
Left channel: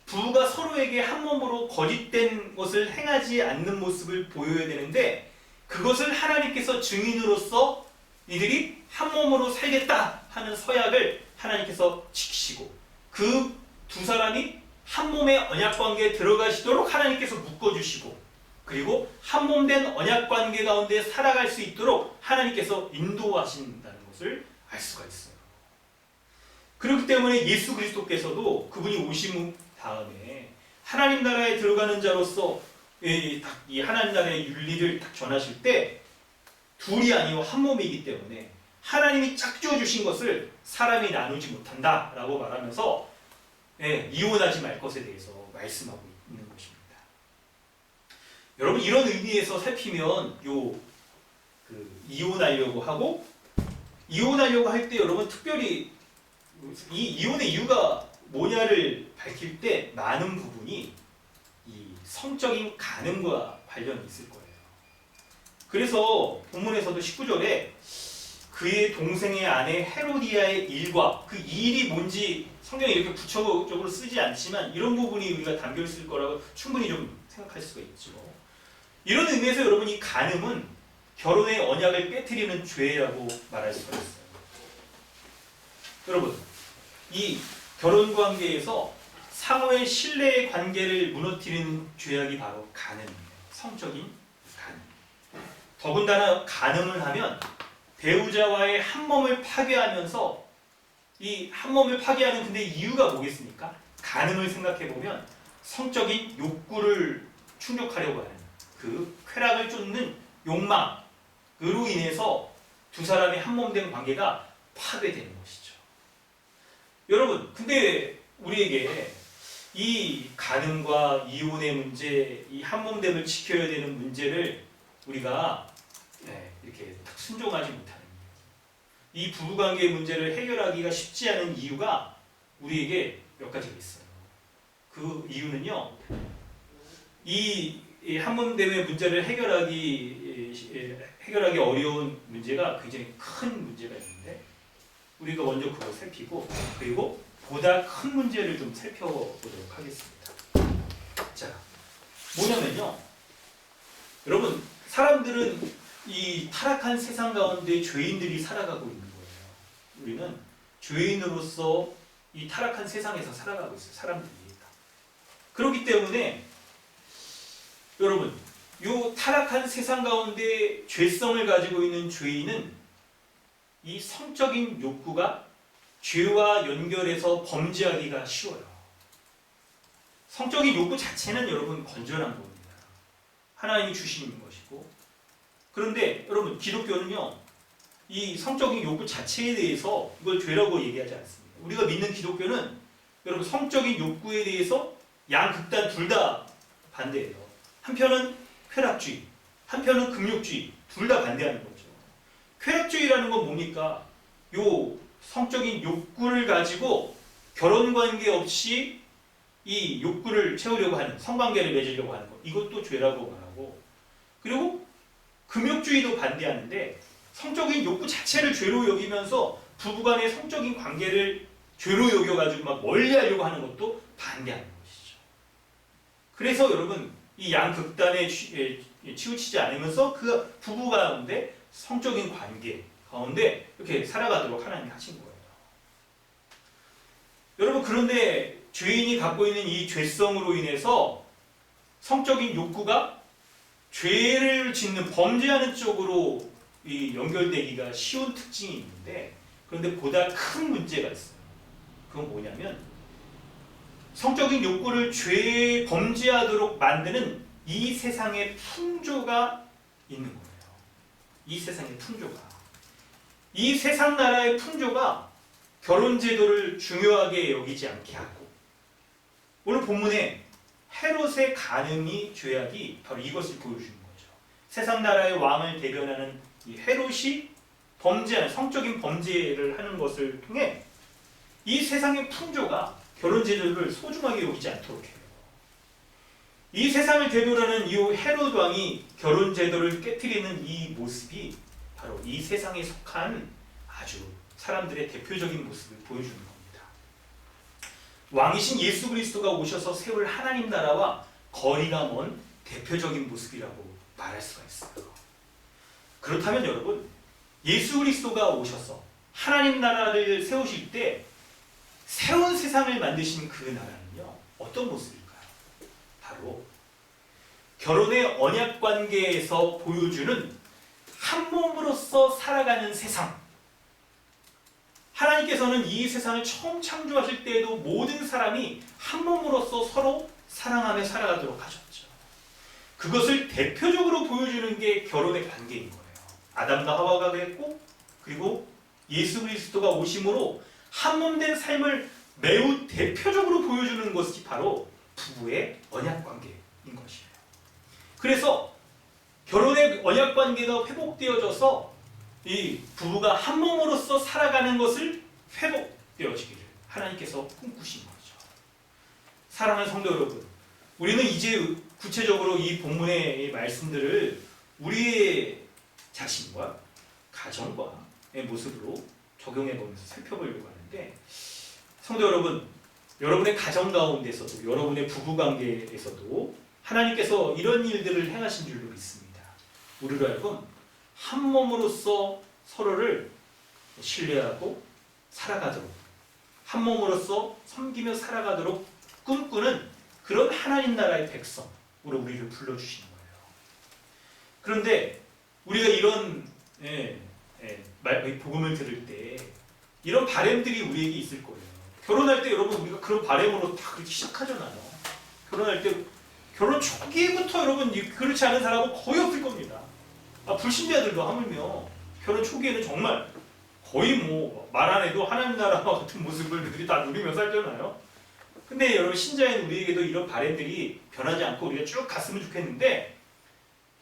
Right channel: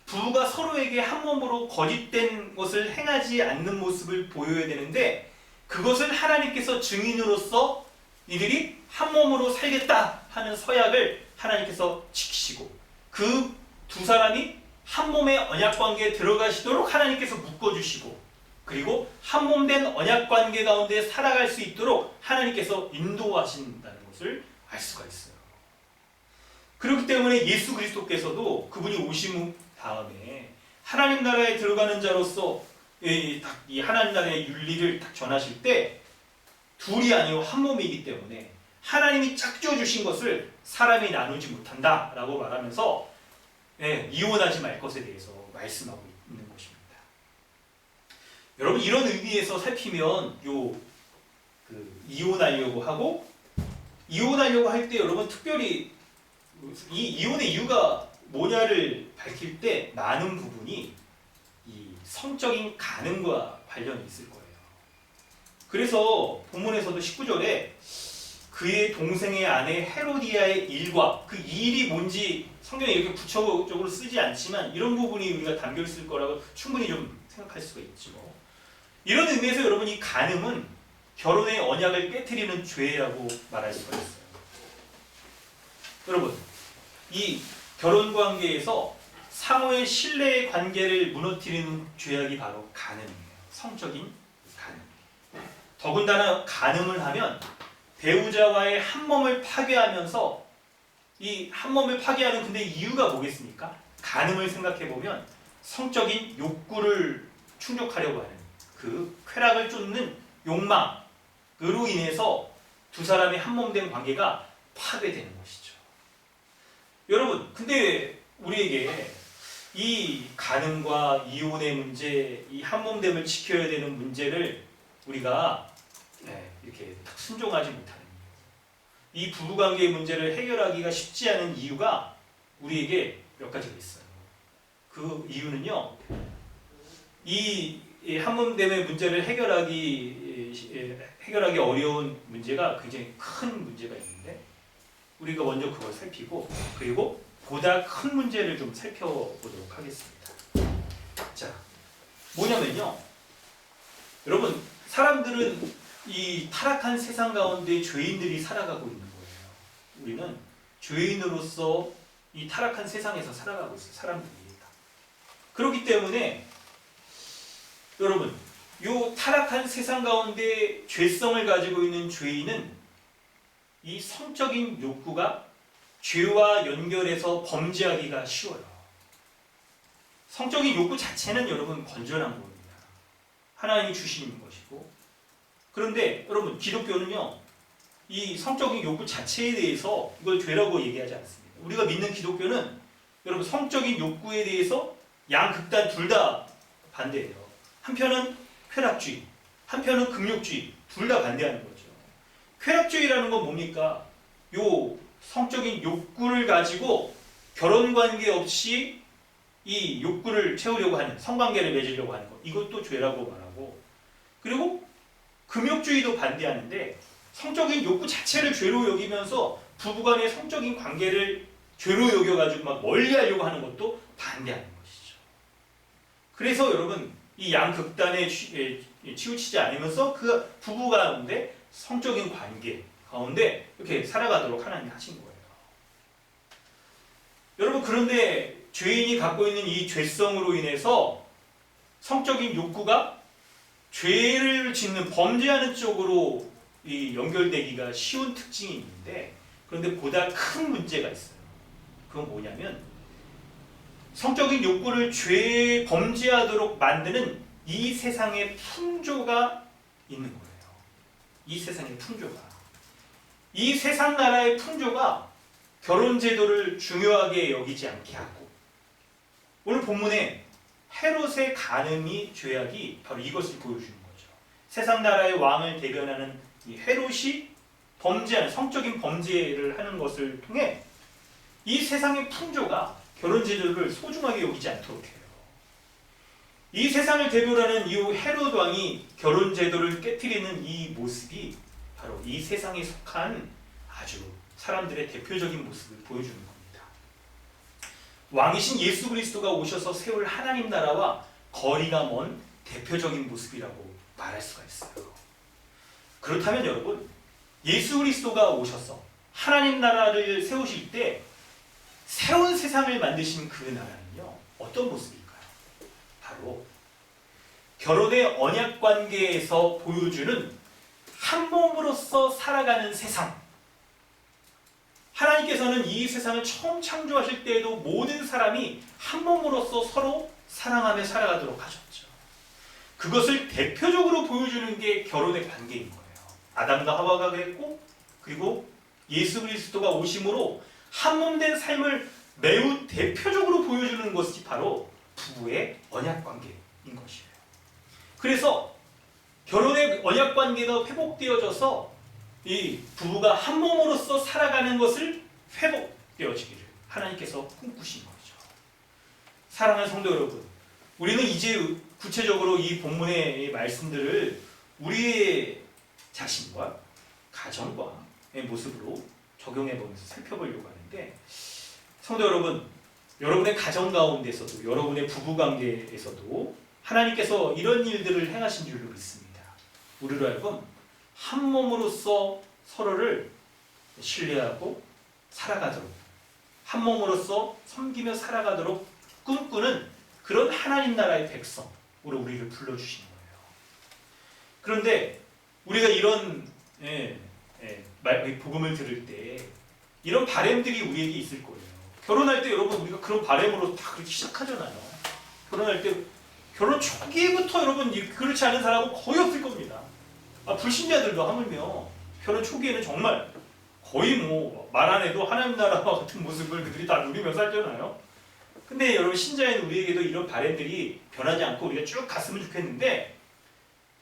부부가 서로에게 한 몸으로 거짓된 것을 행하지 않는 모습을 보여야 되는데 그것을 하나님께서 증인으로서 이들이 한 몸으로 살겠다 하는 서약을 하나님께서 지키시고 그 두 사람이 한 몸의 언약 관계에 들어가시도록 하나님께서 묶어주시고 그리고 한 몸 된 언약 관계 가운데 살아갈 수 있도록 하나님께서 인도하신다는 것을 알 수가 있어요. 그렇기 때문에 예수 그리스도께서도 그분이 오신 다음에 하나님 나라에 들어가는 자로서 이 하나님 나라의 윤리를 딱 전하실 때 둘이 아니고 한 몸이기 때문에 하나님이 짝지어 주신 것을 사람이 나누지 못한다라고 말하면서 이혼하지 말 것에 대해서 말씀하고 있는 것입니다. 여러분 이런 의미에서 살피면 이혼하려고 할 때 여러분 특별히 이 이혼의 이유가 뭐냐를 밝힐 때 많은 부분이 이 성적인 간음과 관련이 있을 거예요. 그래서 본문에서도 19절에 그의 동생의 아내 헤로디아의 일과 그 일이 뭔지 성경에 이렇게 구체적으로 쓰지 않지만 이런 부분이 우리가 담겨 있을 거라고 충분히 좀 생각할 수가 있죠. 이런 의미에서 여러분 이 간음은 결혼의 언약을 깨트리는 죄라고 말할 수가 있어요. 여러분 이 결혼 관계에서 상호의 신뢰의 관계를 무너뜨리는 죄악이 바로 간음이에요. 성적인 간음. 더군다나 간음을 하면 배우자와의 한 몸을 파괴하면서 이 한 몸을 파괴하는 근데 이유가 뭐겠습니까? 간음을 생각해 보면 성적인 욕구를 충족하려고 하는 그 쾌락을 쫓는 욕망으로 인해서 두 사람의 한 몸 된 관계가 파괴되는 것이죠. 여러분, 근데 우리에게 이 간음과 이혼의 문제, 이 한 몸 됨을 지켜야 되는 문제를 우리가 이렇게 순종하지 못하는 이유, 이 부부관계의 문제를 해결하기가 쉽지 않은 이유가 우리에게 몇 가지가 있어요. 그 이유는요, 이 한 몸 됨의 문제를 해결하기 어려운 문제가 굉장히 큰 문제가 있는데 우리가 먼저 그걸 살피고 그리고 보다 큰 문제를 좀 살펴보도록 하겠습니다. 자, 뭐냐면요. 여러분, 사람들은 이 타락한 세상 가운데 죄인들이 살아가고 있는 거예요. 우리는 죄인으로서 이 타락한 세상에서 살아가고 있어요. 사람들이. 그렇기 때문에 여러분, 이 타락한 세상 가운데 죄성을 가지고 있는 죄인은 이 성적인 욕구가 죄와 연결해서 범죄하기가 쉬워요. 성적인 욕구 자체는 여러분 건전한 겁니다. 하나님이 주신 것이고. 그런데 여러분, 기독교는요, 이 성적인 욕구 자체에 대해서 이걸 죄라고 얘기하지 않습니다. 우리가 믿는 기독교는 여러분, 성적인 욕구에 대해서 양극단 둘 다 반대예요. 한편은 쾌락주의, 한편은 금욕주의, 둘 다 반대하는 거죠. 쾌락주의라는 건 뭡니까? 요 성적인 욕구를 가지고 결혼 관계 없이 이 욕구를 채우려고 하는, 성관계를 맺으려고 하는 것, 이것도 죄라고 말하고, 그리고 금욕주의도 반대하는데 성적인 욕구 자체를 죄로 여기면서 부부간의 성적인 관계를 죄로 여겨가지고 막 멀리하려고 하는 것도 반대하는 것이죠. 그래서 여러분, 이 양극단에 치우치지 않으면서 그 부부 가운데 성적인 관계 가운데 이렇게 살아가도록 하나님이 하신 거예요. 여러분, 그런데 죄인이 갖고 있는 이 죄성으로 인해서 성적인 욕구가 죄를 짓는, 범죄하는 쪽으로 이 연결되기가 쉬운 특징이 있는데, 그런데 보다 큰 문제가 있어요. 그건 뭐냐면 성적인 욕구를 죄 범죄하도록 만드는 이 세상의 풍조가 있는 거예요. 이 세상의 풍조가. 이 세상 나라의 풍조가 결혼제도를 중요하게 여기지 않게 하고, 오늘 본문에 헤롯의 간음이 죄악이 바로 이것을 보여주는 거죠. 세상 나라의 왕을 대변하는 이 헤롯이 범죄하는, 성적인 범죄를 하는 것을 통해 이 세상의 풍조가 결혼제도를 소중하게 여기지 않도록 해요. 이 세상을 대표하는 이 헤롯 왕이 결혼제도를 깨뜨리는 이 모습이 바로 이 세상에 속한 아주 사람들의 대표적인 모습을 보여주는 겁니다. 왕이신 예수 그리스도가 오셔서 세울 하나님 나라와 거리가 먼 대표적인 모습이라고 말할 수가 있어요. 그렇다면 여러분, 예수 그리스도가 오셔서 하나님 나라를 세우실 때 새로운 세상을 만드신 그 나라는요, 어떤 모습일까요? 바로 결혼의 언약 관계에서 보여주는 한 몸으로서 살아가는 세상. 하나님께서는 이 세상을 처음 창조하실 때에도 모든 사람이 한 몸으로서 서로 사랑하며 살아가도록 하셨죠. 그것을 대표적으로 보여주는 게 결혼의 관계인 거예요. 아담과 하와가 그랬고, 그리고 예수 그리스도가 오심으로 한 몸 된 삶을 매우 대표적으로 보여주는 것이 바로 부부의 언약 관계인 것이에요. 그래서 결혼의 언약 관계가 회복되어져서 이 부부가 한 몸으로서 살아가는 것을 회복되어지기를 하나님께서 꿈꾸신 거죠. 사랑하는 성도 여러분, 우리는 이제 구체적으로 이 본문의 말씀들을 우리의 자신과 가정과의 모습으로 적용해 보면서 살펴보려고 하는데, 성도 여러분, 여러분의 가정 가운데서도, 여러분의 부부 관계에서도 하나님께서 이런 일들을 행하신 줄로 믿습니다. 우리로 하여금 한 몸으로서 서로를 신뢰하고 살아가도록, 한 몸으로서 섬기며 살아가도록 꿈꾸는 그런 하나님 나라의 백성으로 우리를 불러주시는 거예요. 그런데 우리가 이런 복음을 들을 때 이런 바램들이 우리에게 있을 거예요. 결혼할 때 여러분, 우리가 그런 바램으로 다 그렇게 시작하잖아요. 결혼할 때, 결혼 초기부터 여러분 그렇지 않은 사람은 거의 없을 겁니다. 불신자들도 하물며 결혼 초기에는 정말 거의 뭐 말 안 해도 하나님 나라와 같은 모습을 그들이 다 누리며 살잖아요. 근데 여러분, 신자인 우리에게도 이런 바램들이 변하지 않고 우리가 쭉 갔으면 좋겠는데,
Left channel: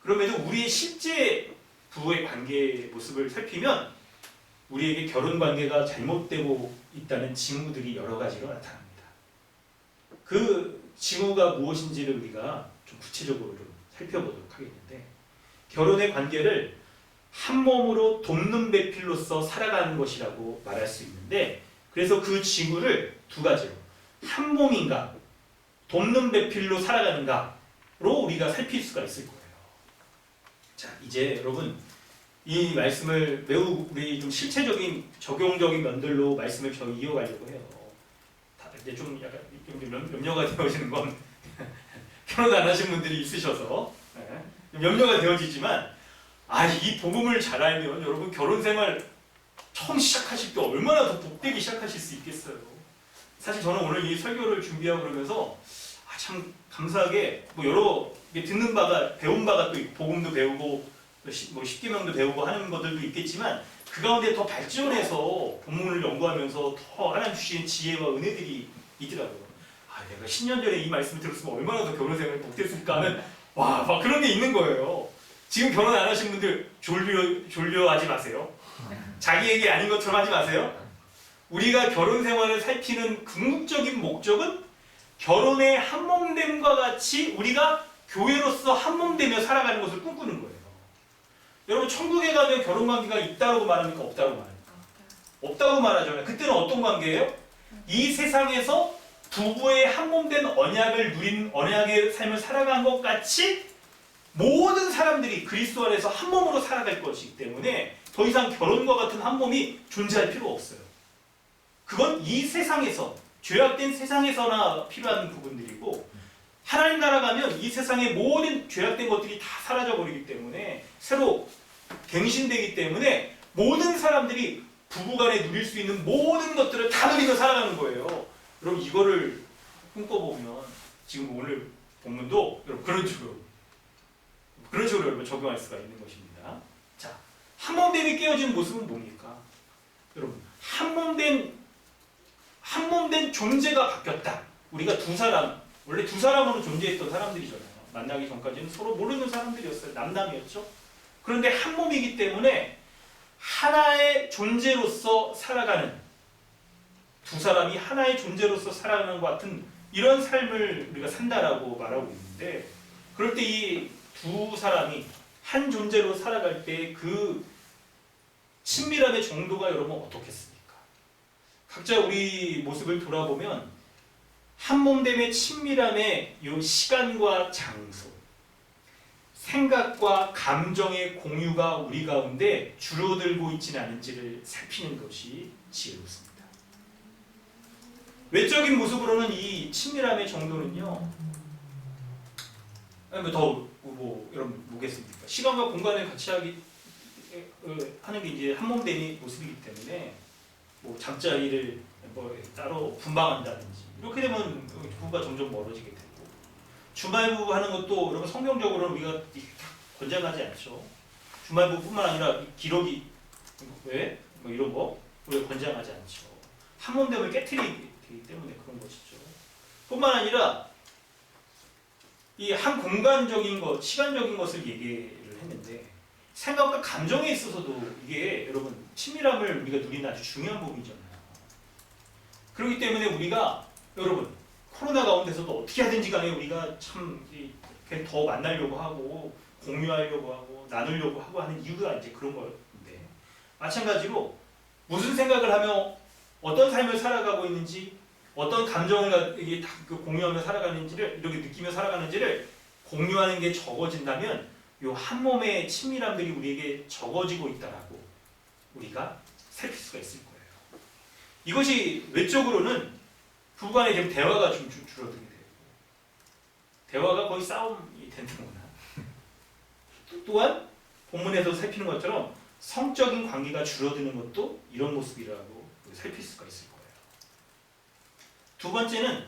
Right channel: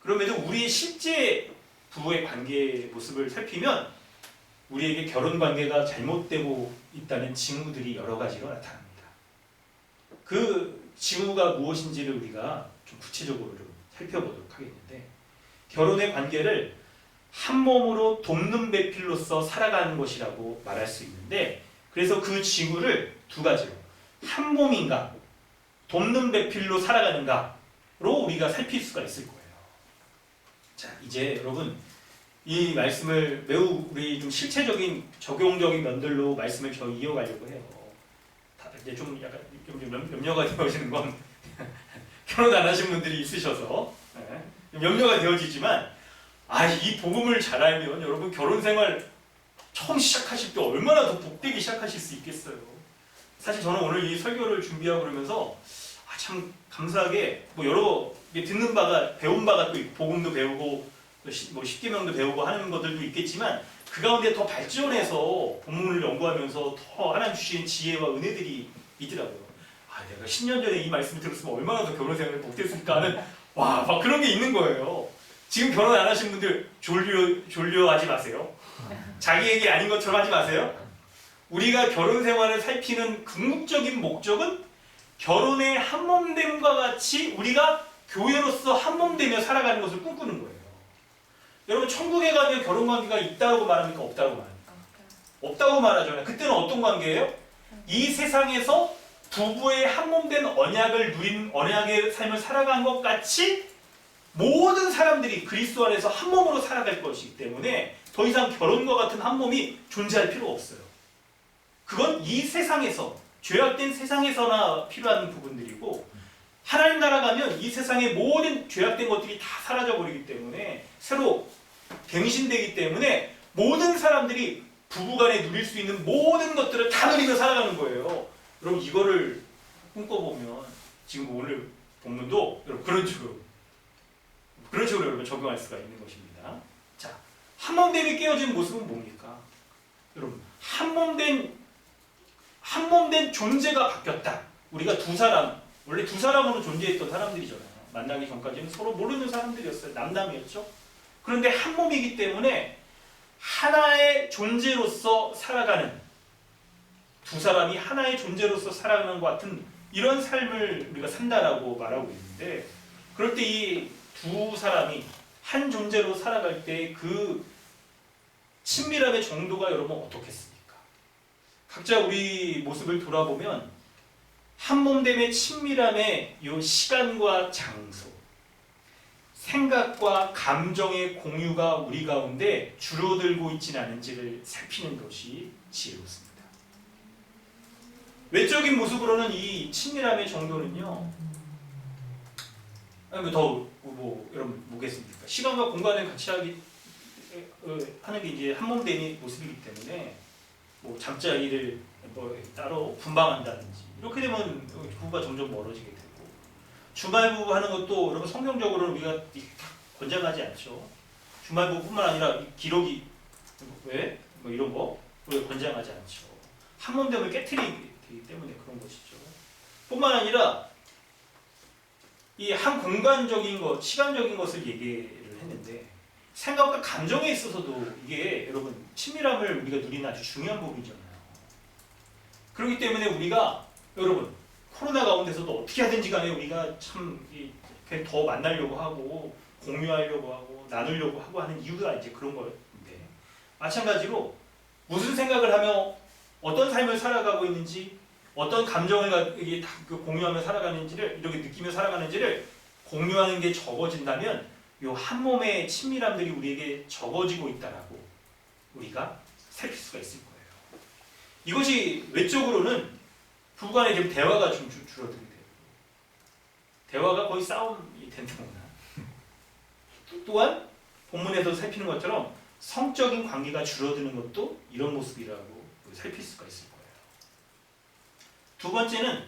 그럼에도 우리의 실제 부부의 관계 모습을 살피면 우리에게 결혼 관계가 잘못되고 있다는 징후들이 여러 가지로 나타납니다. 그 징후가 무엇인지를 우리가 좀 구체적으로 좀 살펴보도록 하겠는데, 결혼의 관계를 한 몸으로 돕는 배필로서 살아가는 것이라고 말할 수 있는데, 그래서 그 징후를 두 가지로, 한 몸인가 돕는 배필로 살아가는가로 우리가 살필 수가 있을 거예요. 자, 이제 여러분 이 말씀을 매우 우리 좀 실체적인 적용적인 면들로 말씀을 저 이어가려고 해요. 이제 좀 약간 좀 염려가 되어지는 건 결혼 안 하신 분들이 있으셔서 염려가 되어지지만 이 복음을 잘 알면 여러분 결혼 생활 처음 시작하실 때 얼마나 더 복되게 시작하실 수 있겠어요. 사실 저는 오늘 이 설교를 준비하고 그러면서 참 감사하게 뭐 여러 듣는 바가 배운 바가 또 있고 복음도 배우고 뭐 십계명도 배우고 하는 것들도 있겠지만 그 가운데 더 발전해서 본문을 연구하면서 더 하나님 주신 지혜와 은혜들이 있더라고요. 내가 10년 전에 이 말씀을 들었으면 얼마나 더 결혼 생활이 복됐을까 하는 막 그런 게 있는 거예요. 지금 결혼 안 하신 분들 졸려하지 마세요. 자기에게 아닌 것처럼 하지 마세요. 우리가 결혼 생활을 살피는 궁극적인 목적은 결혼의 한몸됨과 같이 우리가 교회로서 한몸되며 살아가는 것을 꿈꾸는 거예요. 여러분 천국에 가면 결혼관계가 있다고 말합니까? 없다고 말합니까? 없다고 말하잖아요. 그때는 어떤 관계예요? 이 세상에서 부부의 한몸된 언약을 누린 언약의 삶을 살아간 것 같이 모든 사람들이 그리스도 안에서 한 몸으로 살아갈 것이기 때문에 더 이상 결혼과 같은 한 몸이 존재할 필요가 없어요. 그건 이 세상에서 죄악된 세상에서나 필요한 부분들이고 하나님 나라 가면 이 세상의 모든 죄악된 것들이 다 사라져버리기 때문에 새로 갱신되기 때문에 모든 사람들이 부부간에 누릴 수 있는 모든 것들을 다 누리며 살아가는 거예요. 여러분 이거를 꿈꿔보면 지금 오늘 본문도 여러분 그런 식으로 여러분 적용할 수가 있는 것입니다. 자, 한몸됨이 깨어진 모습은 뭡니까? 여러분 한몸된 존재가 바뀌었다. 우리가 두 사람 원래 두 사람으로 존재했던 사람들이잖아요. 만나기 전까지는 서로 모르는 사람들이었어요. 남남이었죠. 그런데 한 몸이기 때문에 하나의 존재로서 살아가는 두 사람이 하나의 존재로서 살아가는 것 같은 이런 삶을 우리가 산다라고 말하고 있는데 그럴 때 이 두 사람이 한 존재로 살아갈 때 그 친밀함의 정도가 여러분 어떻겠습니까? 각자 우리 모습을 돌아보면 한몸됨의 친밀함의 이 시간과 장소, 생각과 감정의 공유가 우리 가운데 줄어들고 있지는 않은지를 살피는 것이 지혜롭습니다. 외적인 모습으로는 이 친밀함의 정도는요, 여러분 뭐겠습니까? 시간과 공간을 같이 하는 게 이제 한몸됨의 모습이기 때문에 뭐 잠자리를 따로 분방한다든지 이렇게 되면 부부가 점점 멀어지게 되고 주말 부부 하는 것도 여러분 성경적으로는 우리가 권장하지 않죠. 주말 부부뿐만 아니라 기록이 이런 거 우리가 권장하지 않죠. 한몸됨을 깨트리기 때문에 그런 것이죠. 뿐만 아니라 이 한 공간적인 것, 시간적인 것을 얘기를 했는데 생각과 감정에 있어서도 이게 여러분 친밀함을 우리가 누리는 아주 중요한 부분이잖아요. 그렇기 때문에 우리가 여러분 코로나 가운데서도 어떻게 하든지 간에 우리가 참 더 만나려고 하고 공유하려고 하고 나누려고 하고 하는 이유가 이제 그런 건데 마찬가지로 무슨 생각을 하며 어떤 삶을 살아가고 있는지 어떤 감정을 공유하며 살아가는지를 이렇게 느끼며 살아가는지를 공유하는 게 적어진다면 이 한 몸의 친밀함들이 우리에게 적어지고 있다라고 우리가 살필 수가 있을 거예요. 이것이 외적으로는 부부간에 지금 대화가 좀 줄어들게 되고 대화가 거의 싸움이 된다거나 또한 본문에서 살피는 것처럼 성적인 관계가 줄어드는 것도 이런 모습이라고 살필 수가 있을 거예요. 두 번째는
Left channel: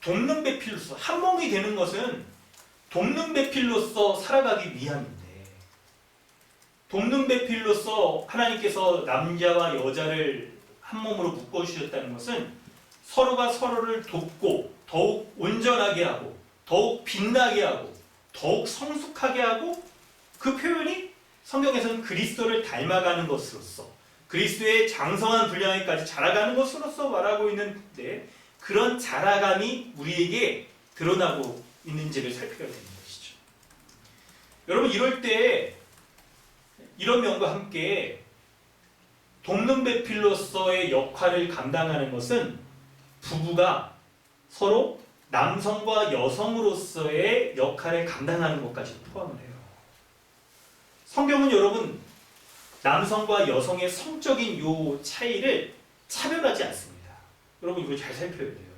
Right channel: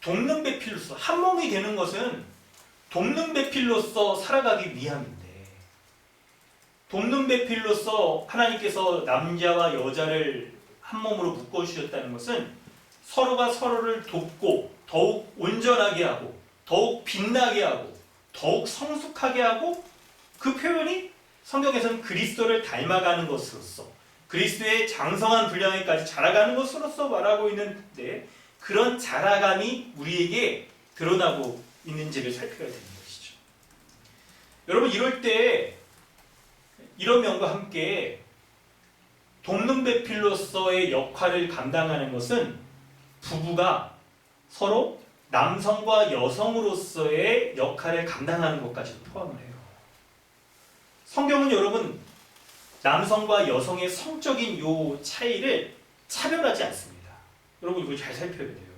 돕는 배필로서 한 몸이 되는 것은 돕는 배필로서 살아가기 위함인데 돕는 배필로서 하나님께서 남자와 여자를 한 몸으로 묶어주셨다는 것은 서로가 서로를 돕고 더욱 온전하게 하고 더욱 빛나게 하고 더욱 성숙하게 하고 그 표현이 성경에서는 그리스도를 닮아가는 것으로서 그리스도의 장성한 분량에까지 자라가는 것으로서 말하고 있는데 그런 자라감이 우리에게 드러나고 있는지를 살펴야 되는 것이죠. 여러분 이럴 때 이런 면과 함께 돕는 배필로서의 역할을 감당하는 것은 부부가 서로 남성과 여성으로서의 역할을 감당하는 것까지 포함을 해요. 성경은 여러분 남성과 여성의 성적인 요 차이를 차별하지 않습니다. 여러분 이거 잘 살펴야 돼요.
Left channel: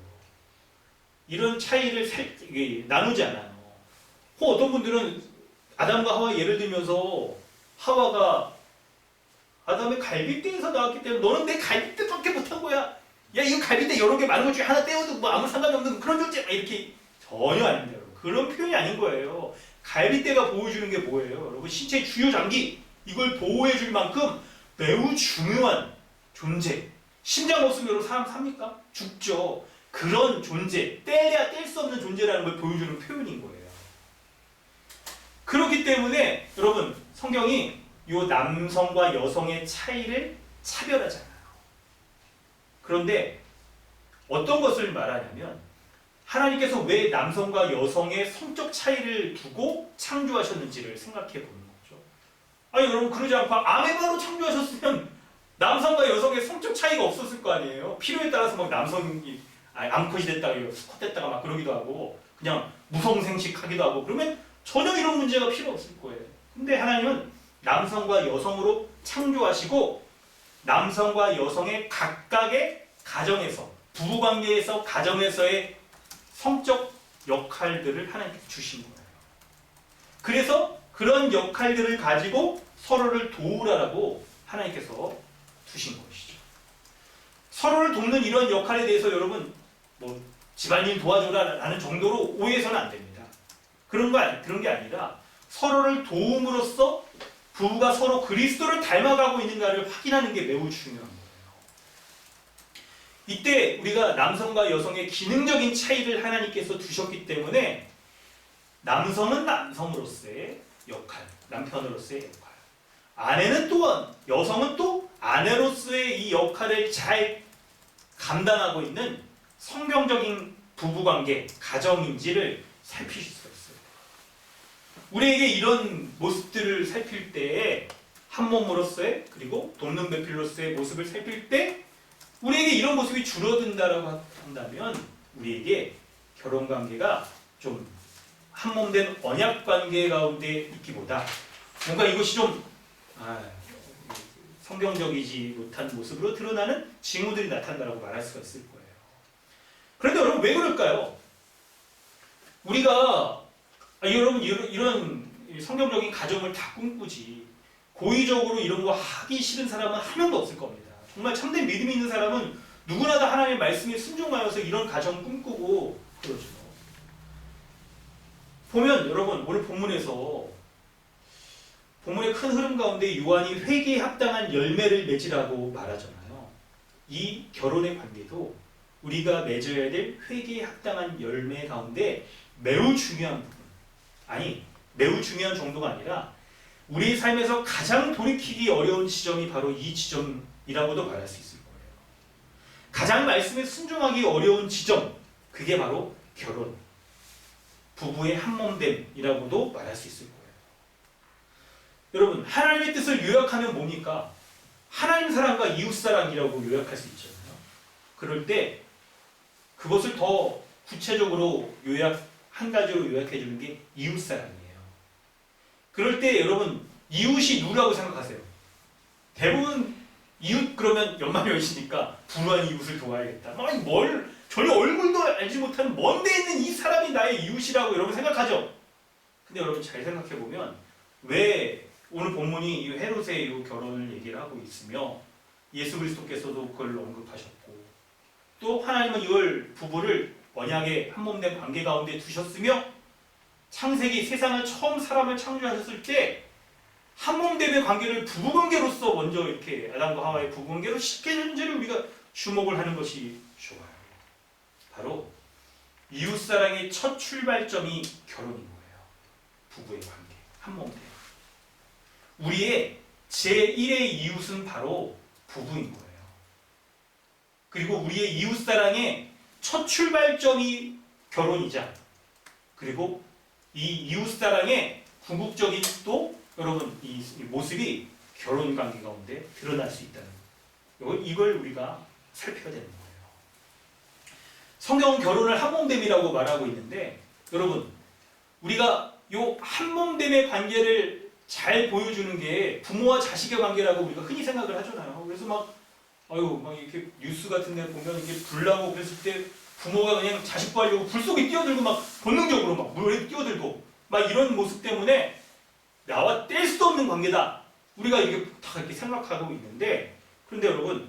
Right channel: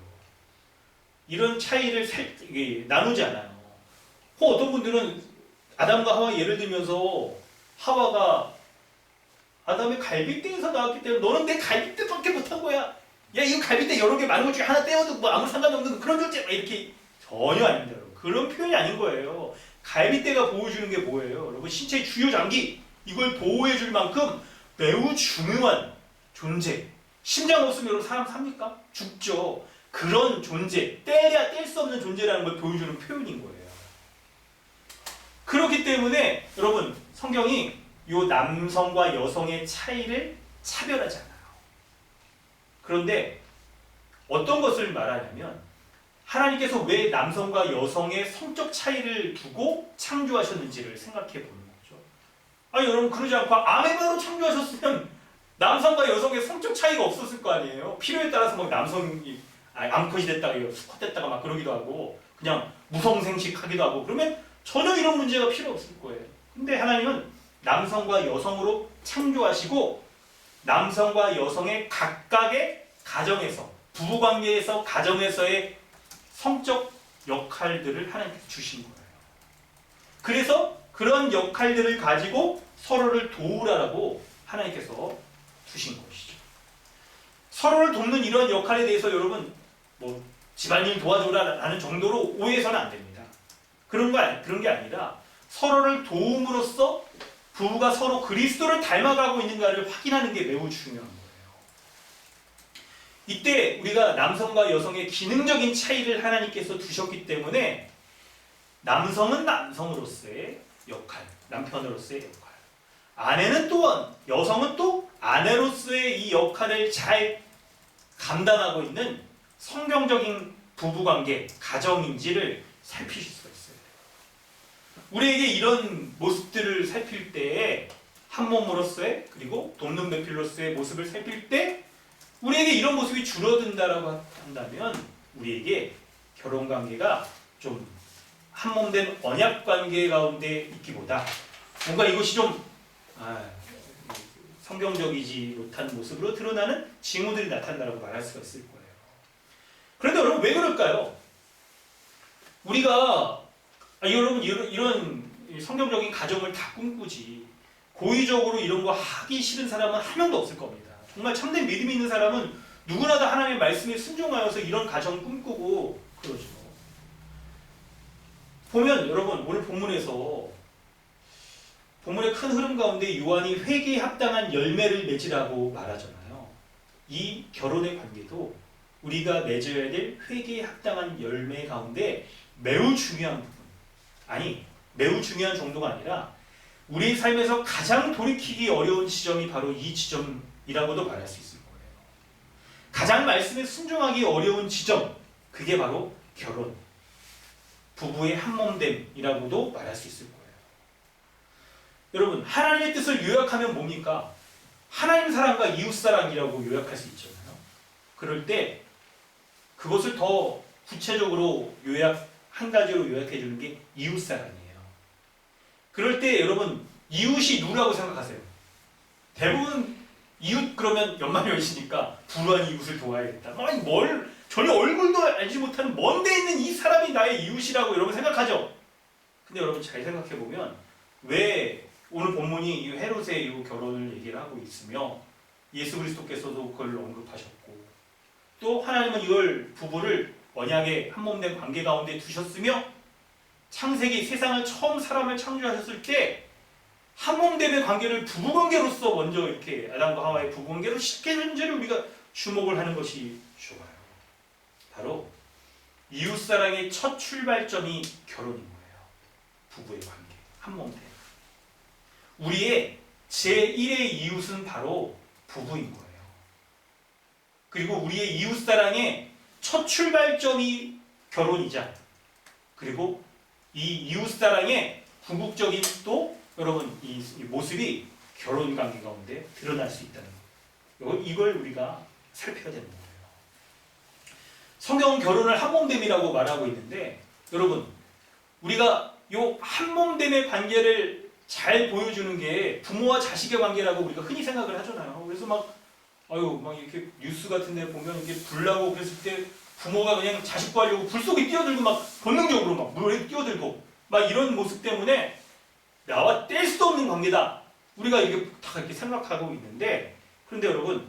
이런 차이를 나누지 않아요. 어떤 분들은 아담과 하와 예를 들면서 하와가 아담의 갈빗대에서 나왔기 때문에 너는 내 갈빗대밖에 못한 거야. 야 이거 갈빗대 여러 개 많은 것 중에 하나 떼어도 뭐 아무 상관이 없는 그런 존재 이렇게 전혀 아닙니다. 여러분. 그런 표현이 아닌 거예요. 갈빗대가 보호해주는 게 뭐예요? 여러분 신체의 주요 장기 이걸 보호해줄 만큼 매우 중요한 존재. 심장 없으면 여러분 사람 삽니까? 죽죠. 그런 존재, 떼야 뗄 수 없는 존재라는 걸 보여주는 표현인 거예요. 그렇기 때문에 여러분 성경이 이 남성과 여성의 차이를 차별하지 않아요. 그런데 어떤 것을 말하냐면 하나님께서 왜 남성과 여성의 성적 차이를 두고 창조하셨는지를 생각해 보는 거죠. 아니 여러분 그러지 않고 아메바로 창조하셨으면 남성과 여성의 성적 차이가 없었을 거 아니에요. 필요에 따라서 막 남성이 암컷이 됐다가 수컷 됐다가 막 그러기도 하고 그냥 무성생식하기도 하고 그러면 전혀 이런 문제가 필요 없을 거예요. 근데 하나님은 남성과 여성으로 창조하시고 남성과 여성의 각각의 가정에서 부부관계에서 가정에서의 성적 역할들을 하나님께서 주신 거예요. 그래서 그런 역할들을 가지고 서로를 도우라고 하나님께서 두신 것이죠. 서로를 돕는 이런 역할에 대해서 여러분 뭐 집안일 도와줘라라는 정도로 오해해서는 안 됩니다. 그런 게 아니라 서로를 도움으로써 부부가 서로 그리스도를 닮아가고 있는가를 확인하는 게 매우 중요한 거예요. 이때 우리가 남성과 여성의 기능적인 차이를 하나님께서 두셨기 때문에 남성은 남성으로서의 역할, 남편으로서의 역할, 아내는 또한 여성은 또 아내로서의 이 역할을 잘 감당하고 있는 성경적인 부부관계, 가정인지를 살피실 수가 있어요. 우리에게 이런 모습들을 살필 때에 한 몸으로서의 그리고 돕는 배필로서의 모습을 살필 때 우리에게 이런 모습이 줄어든다라고 한다면 우리에게 결혼관계가 좀 한몸된 언약관계 가운데 있기보다 뭔가 이것이 좀 성경적이지 못한 모습으로 드러나는 징후들이 나타난다고 말할 수가 있을 거예요. 그런데 여러분 왜 그럴까요? 우리가 여러분 이런 성경적인 가정을 다 꿈꾸지 고의적으로 이런 거 하기 싫은 사람은 한 명도 없을 겁니다. 정말 참된 믿음이 있는 사람은 누구나 다 하나님의 말씀에 순종하여서 이런 가정 꿈꾸고 그러죠. 보면 여러분 오늘 본문에서 본문의 큰 흐름 가운데 요한이 회개에 합당한 열매를 맺으라고 말하잖아요. 이 결혼의 관계도 우리가 맺어야 될 회개에 합당한 열매 가운데 매우 중요한 부분, 매우 중요한 정도가 아니라 우리 삶에서 가장 돌이키기 어려운 지점이 바로 이 지점이라고도 말할 수 있을 거예요. 가장 말씀에 순종하기 어려운 지점, 그게 바로 결혼, 부부의 한몸됨이라고도 말할 수 있을 거예요. 여러분 하나님의 뜻을 요약하면 뭡니까? 하나님 사랑과 이웃 사랑이라고 요약할 수 있잖아요. 그럴 때 그것을 더 구체적으로 한 가지로 요약해 주는 게 이웃 사랑이에요. 그럴 때 여러분 이웃이 누구라고 생각하세요? 대부분 이웃 그러면 연말연시니까 불우한 이웃을 도와야겠다. 아니 전혀 얼굴도 알지 못하는 먼 데 있는 이 사람이 나의 이웃이라고 여러분 생각하죠? 근데 여러분 잘 생각해 보면 왜 오늘 본문이 이 헤롯의 이 결혼을 얘기를 하고 있으며 예수 그리스도께서도 그걸 언급하셨고 또 하나님은 이걸 부부를 언약의 한몸된 관계 가운데 두셨으며 창세기 세상을 처음 사람을 창조하셨을 때 한몸됨의 관계를 부부관계로서 먼저 이렇게 아담과 하와의 부부관계로 시켜준지를 우리가 주목을 하는 것이 좋아요. 바로 이웃사랑의 첫 출발점이 결혼인 거예요. 부부의 관계, 한몸됨. 우리의 제1의 이웃은 바로 부부인 거예요. 그리고 우리의 이웃사랑의 첫 출발점이 결혼이자 그리고 이 이웃사랑의 궁극적인 또 여러분 이 모습이 결혼관계 가운데 드러날 수 있다는 거예요. 이걸 우리가 살펴야 되는 거예요. 성경은 결혼을 한몸됨이라고 말하고 있는데 여러분 우리가 요 한몸됨의 관계를 잘 보여주는 게 부모와 자식의 관계라고 우리가 흔히 생각을 하잖아요. 그래서 막 이렇게 뉴스 같은 데 보면 이게 불나고 그랬을 때 부모가 그냥 자식 구하려고 불 속에 뛰어들고 막 본능적으로 막 물에 뛰어들고 막 이런 모습 때문에 나와 뗄 수 없는 관계다. 우리가 이렇게 다 이렇게 생각하고 있는데 그런데 여러분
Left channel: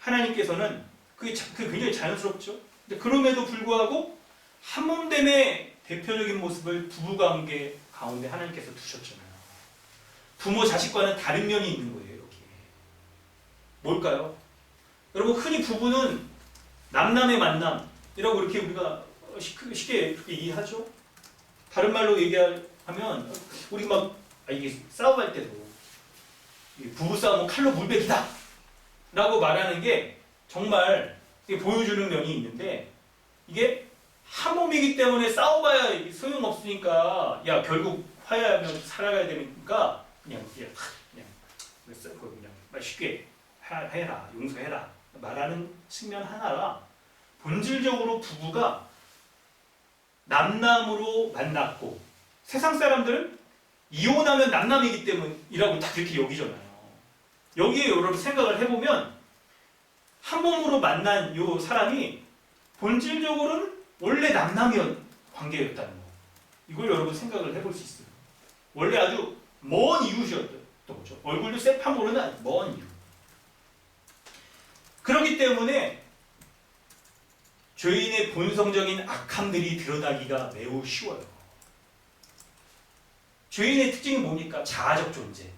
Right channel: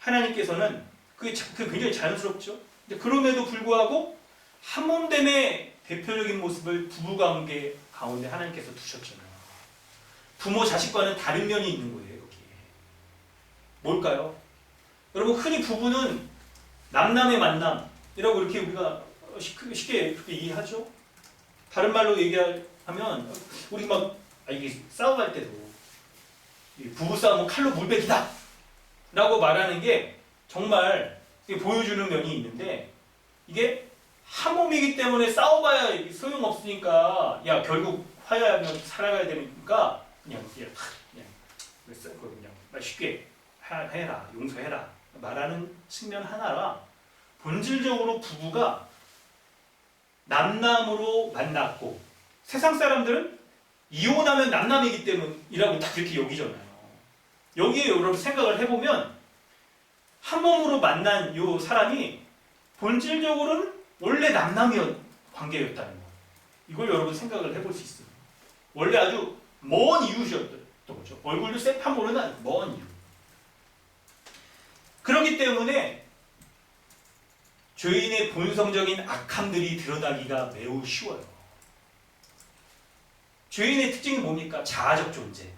하나님께서는 그게 굉장히 자연스럽죠. 근데 그럼에도 불구하고 한몸됨의 대표적인 모습을 부부관계 가운데 하나님께서 두셨잖아요. 부모 자식과는 다른 면이 있는 거예요. 여기에 뭘까요? 여러분 흔히 부부는 남남의 만남이라고 이렇게 우리가 쉽게 그렇게 이해하죠. 다른 말로 얘기하면 우리 막 이게 싸움할 때도 부부 싸움은 칼로 물베기다 라고 말하는 게 정말 보여주는 면이 있는데 이게 한 몸이기 때문에 싸워봐야 소용없으니까 야 결국 화해하면 살아가야 되니까 그냥 쉽게 해라 용서해라 말하는 측면 하나라 본질적으로 부부가 남남으로 만났고 세상 사람들은 이혼하면 남남이기 때문이라고 다 그렇게 여기잖아요. 여기에 여러분 생각을 해보면 한 몸으로 만난 이 사람이 본질적으로는 원래 남남이었 관계였다는 거. 이걸 여러분 생각을 해볼 수 있어요. 원래 아주 먼 이웃이었던 거죠. 얼굴도 새판 모르는 먼 이웃. 그렇기 때문에 죄인의 본성적인 악함들이 드러나기가 매우 쉬워요. 죄인의 특징이 뭡니까? 자아적 존재.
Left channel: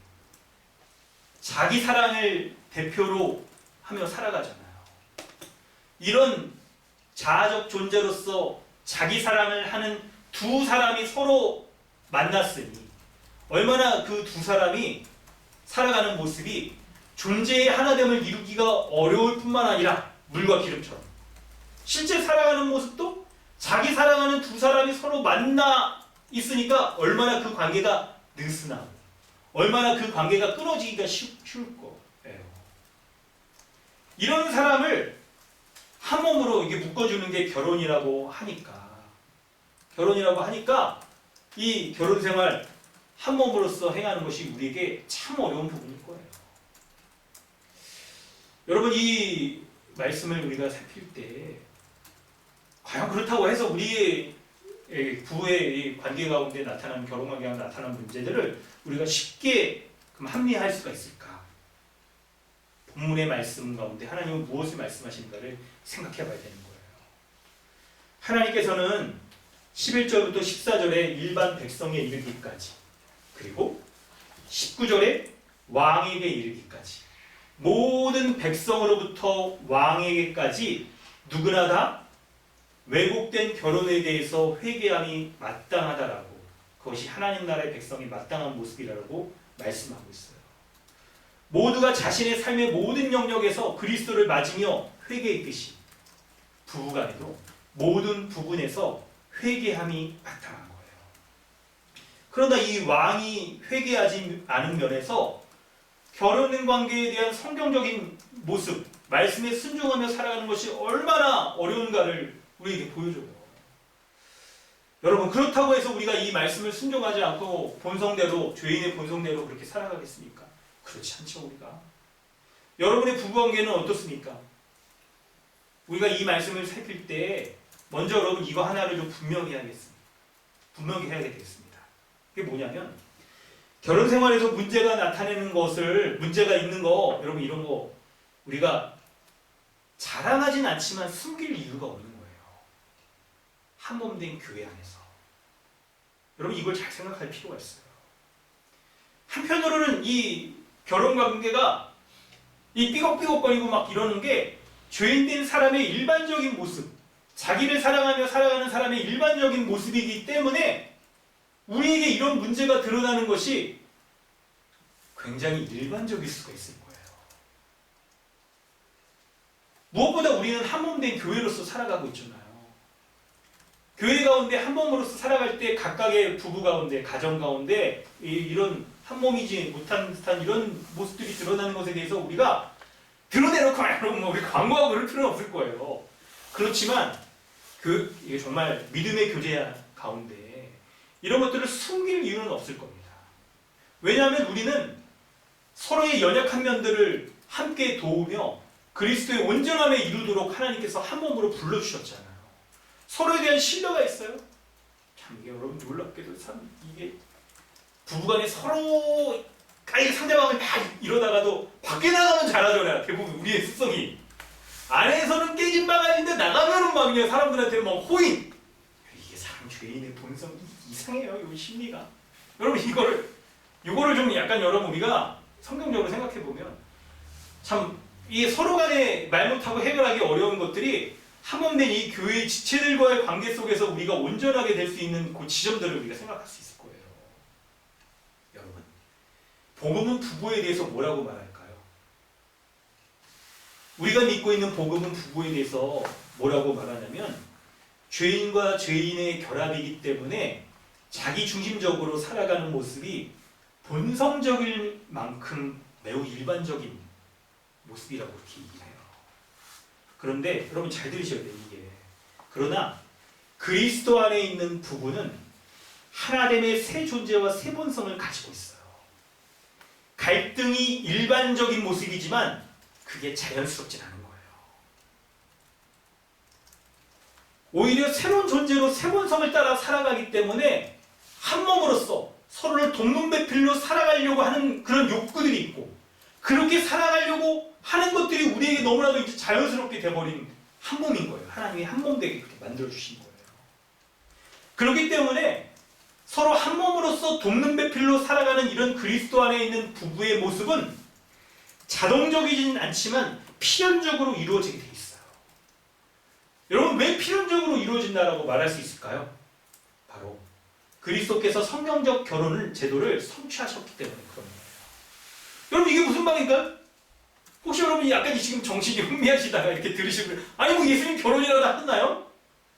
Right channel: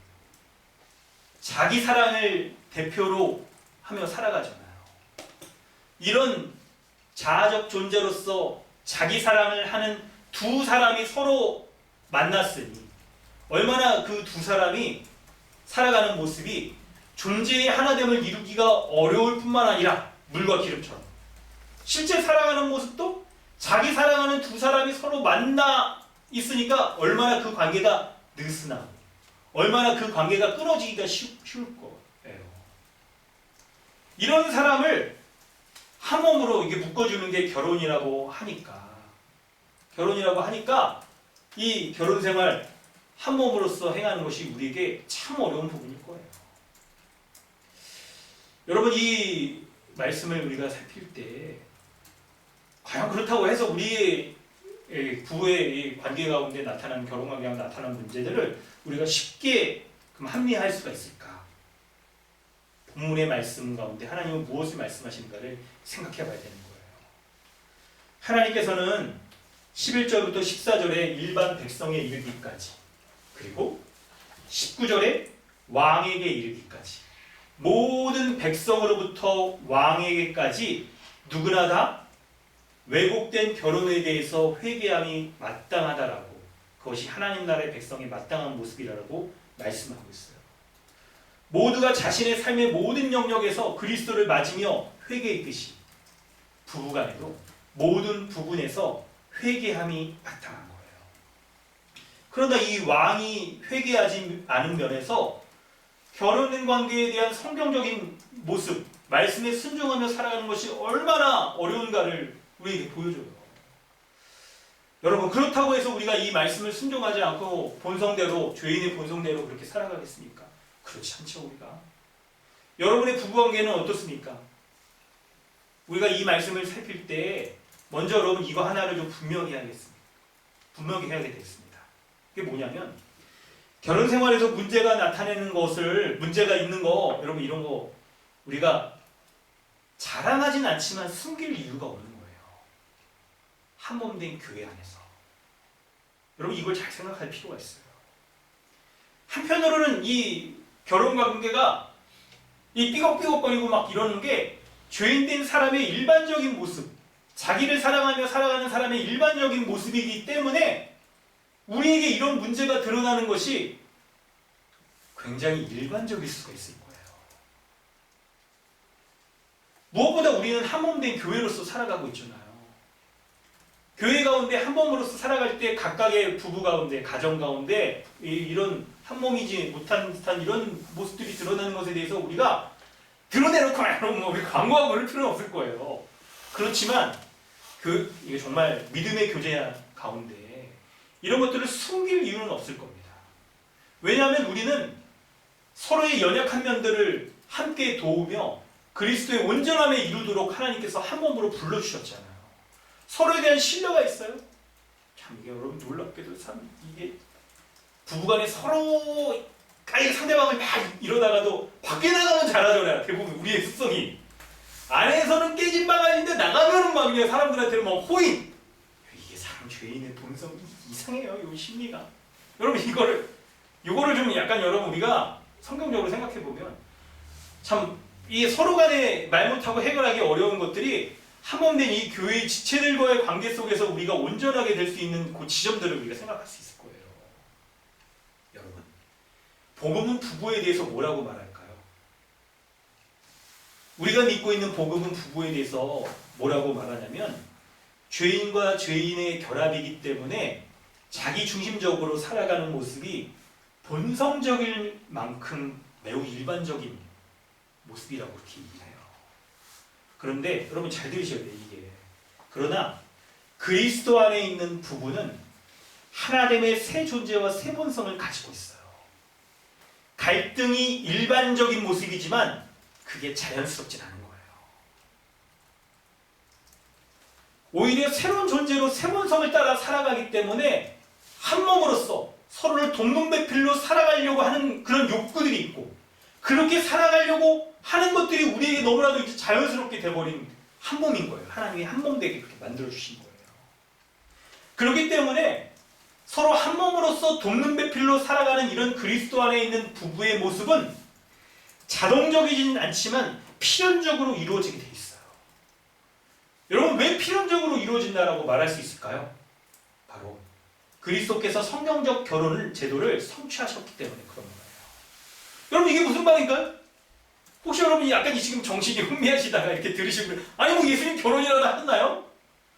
자기 사랑을 대표로 하며 살아가잖아요. 이런 자아적 존재로서 자기 사랑을 하는 두 사람이 서로 만났으니 얼마나 그 두 사람이 살아가는 모습이 존재의 하나됨을 이루기가 어려울 뿐만 아니라 물과 기름처럼 실제 살아가는 모습도 자기 사랑하는 두 사람이 서로 만나 있으니까 얼마나 그 관계가 느슨하고 얼마나 그 관계가 끊어지기가 쉬울 거예요. 이런 사람을 한 몸으로 이게 묶어주는 게 결혼이라고 하니까 이 결혼 생활 한 몸으로서 행하는 것이 우리에게 참 어려운 부분일 거예요. 여러분 이 말씀을 우리가 살필 때 과연 그렇다고 해서 우리의 부부의 관계 가운데 나타나는 결혼 관계가 나타나는 문제들을 우리가 쉽게 합리화할 수가 있을까? 본문의 말씀 가운데 하나님은 무엇을 말씀하시는가를 생각해 봐야 되는 거예요. 하나님께서는 11절부터 14절에 일반 백성에 이르기까지 그리고 19절에 왕에게 이르기까지 모든 백성으로부터 왕에게까지 누구나 다 왜곡된 결혼에 대해서 회개함이 마땅하다라고 그것이 하나님 나라의 백성의 마땅한 모습이라고 말씀하고 있어요. 모두가 자신의 삶의 모든 영역에서 그리스도를 맞으며 회개했듯이 부부간에도 모든 부분에서 회개함이 마땅한 거예요. 그러나 이 왕이 회개하지 않은 면에서 결혼 관계에 대한 성경적인 모습, 말씀에 순종하며 살아가는 것이 얼마나 어려운가를 우리에게 보여줘요. 여러분 그렇다고 해서 우리가 이 말씀을 순종하지 않고 본성대로 죄인의 본성대로 그렇게 살아가겠습니까? 그렇지 않죠. 우리가 여러분의 부부관계는 어떻습니까? 우리가 이 말씀을 살필 때 먼저 여러분 이거 하나를 좀 분명히 해야겠습니다. 분명히 해야 되겠습니다. 그게 뭐냐면 결혼 생활에서 문제가 나타내는 것을 문제가 있는 거 여러분 이런 거 우리가 자랑하진 않지만 숨길 이유가 없는 거예요. 한 몸 된 교회 안에서 여러분 이걸 잘 생각할 필요가 있어요. 한편으로는 이 결혼 관계가 이 삐걱삐걱거리고 막 이러는 게 죄인된 사람의 일반적인 모습, 자기를 사랑하며 살아가는 사람의 일반적인 모습이기 때문에 우리에게 이런 문제가 드러나는 것이 굉장히 일반적일 수가 있을 거예요. 무엇보다 우리는 한 몸 된 교회로서 살아가고 있잖아요. 교회 가운데 한 몸으로서 살아갈 때 각각의 부부 가운데, 가정 가운데 이런 한 몸이지 못한 듯한 이런 모습들이 드러나는 것에 대해서 우리가 드러내놓고 우리 광고하고 그럴 필요는 없을 거예요. 그렇지만 이게 정말 믿음의 교제 가운데 이런 것들을 숨길 이유는 없을 겁니다. 왜냐하면 우리는 서로의 연약한 면들을 함께 도우며 그리스도의 온전함에 이루도록 하나님께서 한 몸으로 불러주셨잖아요. 서로에 대한 신뢰가 있어요. 참 이게 여러분 놀랍게도 참 이게 부부간에 서로 상대방을 막 이러다가도 밖에 나가면 잘하잖아요. 대부분 우리의 습성이. 안에서는 깨진 바가지인데 나가면은 막 그냥 사람들한테는 막 호인. 이게 사람 죄인의 본성 이상해요. 이 심리가. 여러분 이거를 좀 약간 여러분 우리가 성경적으로 생각해 보면 참 이 서로 간에 말 못하고 해결하기 어려운 것들이 한몸된 이 교회의 지체들과의 관계 속에서 우리가 온전하게 될 수 있는 그 지점들을 우리가 생각할 수 있을 거예요. 여러분, 복음은 부부에 대해서 뭐라고 말할까요? 우리가 믿고 있는 복음은 부부에 대해서 뭐라고 말하냐면 죄인과 죄인의 결합이기 때문에 자기 중심적으로 살아가는 모습이 본성적일 만큼 매우 일반적인 모습이라고 그렇게 얘기해요. 그런데 여러분 잘 들으셔야 돼요. 이게. 그러나 그리스도 안에 있는 부부는 하나됨의 새 존재와 새 본성을 가지고 있어요. 갈등이 일반적인 모습이지만 그게 자연스럽진 않은 거예요. 오히려 새로운 존재로 새 본성을 따라 살아가기 때문에 한 몸으로서 서로를 동문배필로 살아가려고 하는 그런 욕구들이 있고 그렇게 살아가려고 하는 것들이 우리에게 너무나도 이제 자연스럽게 돼버린 한 몸인 거예요. 하나님이 한 몸 되게 그렇게 만들어주신 거예요. 그렇기 때문에 서로 한 몸으로서 돕는 배필로 살아가는 이런 그리스도 안에 있는 부부의 모습은 자동적이진 않지만 필연적으로 이루어지게 돼 있어요. 여러분 왜 필연적으로 이루어진다라고 말할 수 있을까요? 바로 그리스도께서 성경적 결혼을 제도를 성취하셨기 때문에 그런 거예요. 여러분 이게 무슨 말인가요? 혹시 여러분이 약간 지금 정신이 흥미하시다가 이렇게 들으시고 아니 뭐 예수님 결혼이라도 하셨나요?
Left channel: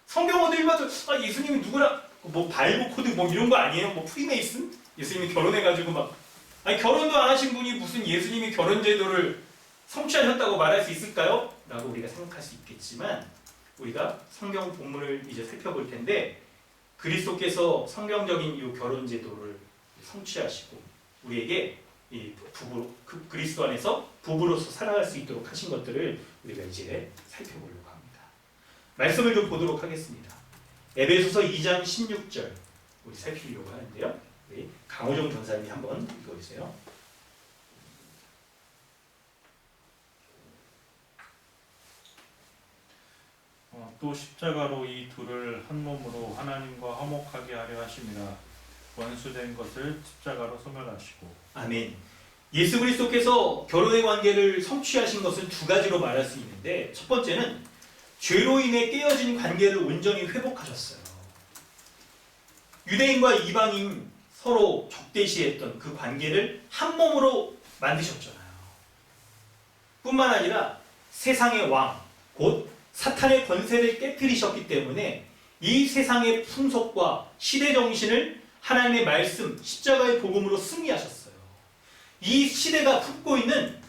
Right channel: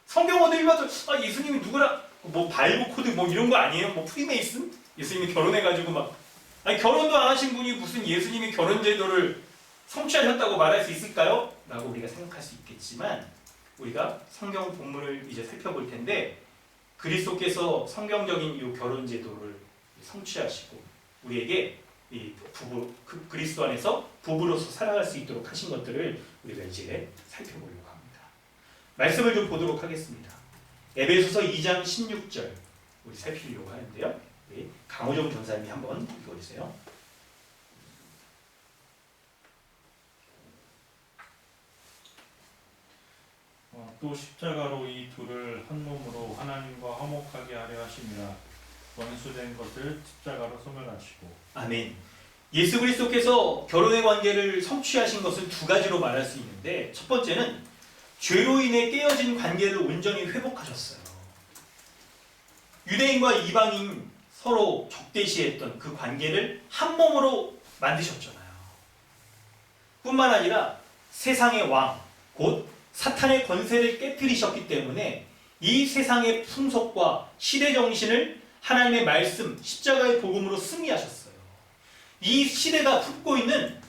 성경 어디 읽어도 예수님이 누구랑 뭐 바이브 코드 뭐 이런 거 아니에요? 뭐 프리메이슨? 예수님이 결혼해가지고 막 아니 결혼도 안 하신 분이 무슨 예수님이 결혼 제도를 성취하셨다고 말할 수 있을까요? 라고 우리가 생각할 수 있겠지만 우리가 성경 본문을 이제 살펴볼 텐데 그리스도께서 성경적인 이 결혼 제도를 성취하시고 우리에게 이 부부 그리스도 안에서 부부로서 살아갈 수 있도록 하신 것들을 우리가 이제 살펴보려고 합니다. 말씀을 좀 보도록 하겠습니다. 에베소서 2장 16절 우리 살피려고 하는데요. 우리 강호정 전사님이 한번 읽어주세요. 또 십자가로 이 둘을 한 몸으로 하나님과 화목하게 하려 하심이라 원수된 것을 십자가로 소멸하시고. 아멘. 예수 그리스도께서 결혼의 관계를 성취하신 것은 두 가지로 말할 수 있는데 첫 번째는 죄로 인해 깨어진 관계를 온전히 회복하셨어요. 유대인과 이방인 서로 적대시했던 그 관계를 한 몸으로 만드셨잖아요. 뿐만 아니라 세상의 왕, 곧 사탄의 권세를 깨뜨리셨기 때문에 이 세상의 풍속과 시대 정신을 하나님의 말씀, 십자가의 복음으로 승리하셨어요. 이 시대가 품고 있는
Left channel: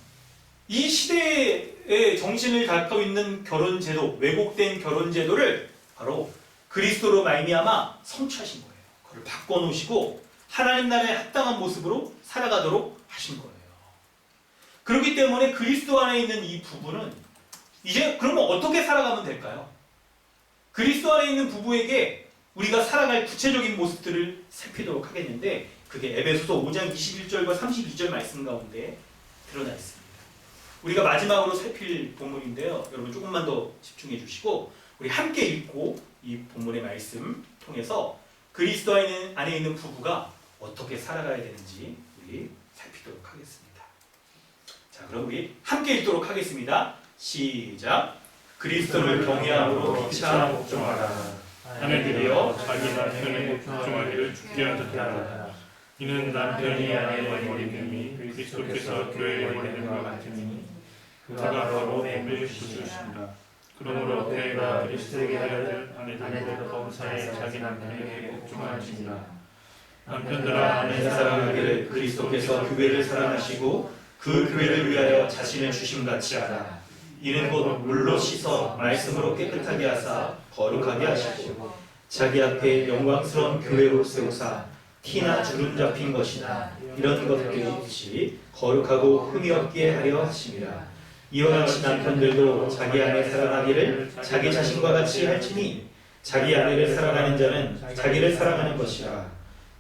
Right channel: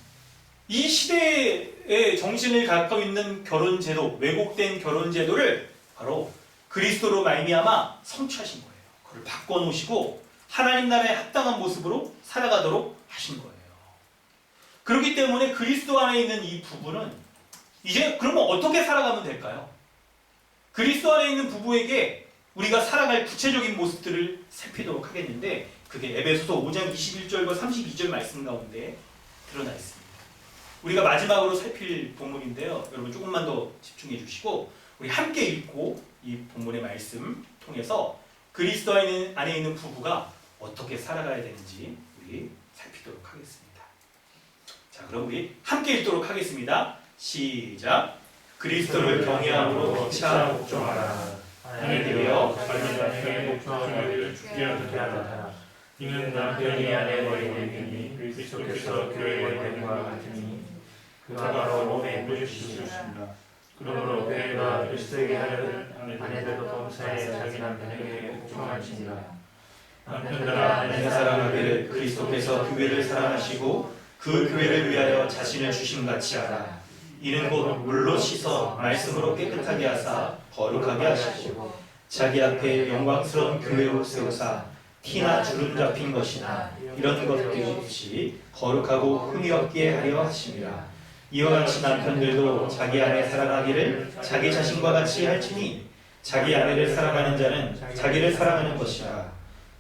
이 시대의 정신을 갖고 있는 결혼제도, 왜곡된 결혼제도를 바로 그리스도로 말미암아 성취하신 거예요. 그걸 바꿔놓으시고 하나님 나라에 합당한 모습으로 살아가도록 하신 거예요. 그렇기 때문에 그리스도 안에 있는 이 부부는 이제 그러면 어떻게 살아가면 될까요? 그리스도 안에 있는 부부에게 우리가 살아갈 구체적인 모습들을 살피도록 하겠는데 그게 에베소서 5장 21절과 32절 말씀 가운데 드러나 있습니다. 우리가 마지막으로 살필 본문인데요. 여러분 조금만 더 집중해 주시고 우리 함께 읽고 이 본문의 말씀 통해서 그리스도 안에 있는 부부가 어떻게 살아가야 되는지 우리 살피도록 하겠습니다. 자, 그럼 우리 함께 읽도록 하겠습니다. 시작. 그리스도를 경외함으로 피차 복종하라. 하늘이여 자기가 편에 복종하기를 죽게 하셨다. 이는 남편이 아내의 머리님이 그리스도께서 교회의 머리님과 같으니 그가 바로 몸의 주시옵니다. 그러므로 교회가 그리스도에게 하려는 아내들도 범사에 자기 남편에게 복종하시니라. 남편들아 아내 사랑하기를 그리스도께서 교회를 사랑하시고 그 교회를 위하여 자신을 주심같이 하라. 이는 곧 물로 씻어 말씀으로 깨끗하게 하사 거룩하게 하시고 자기 앞에 영광스러운 교회로 세우사 티나 주름 잡힌 것이나 이런 것들이 없이 거룩하고 흠이 없게 하려 하심이라. 이와 같이 남편들도 자기 아내 사랑하기를 자기 자신과 같이 할지니 자기 아내를 사랑하는 자는 자기를 사랑하는 것이라.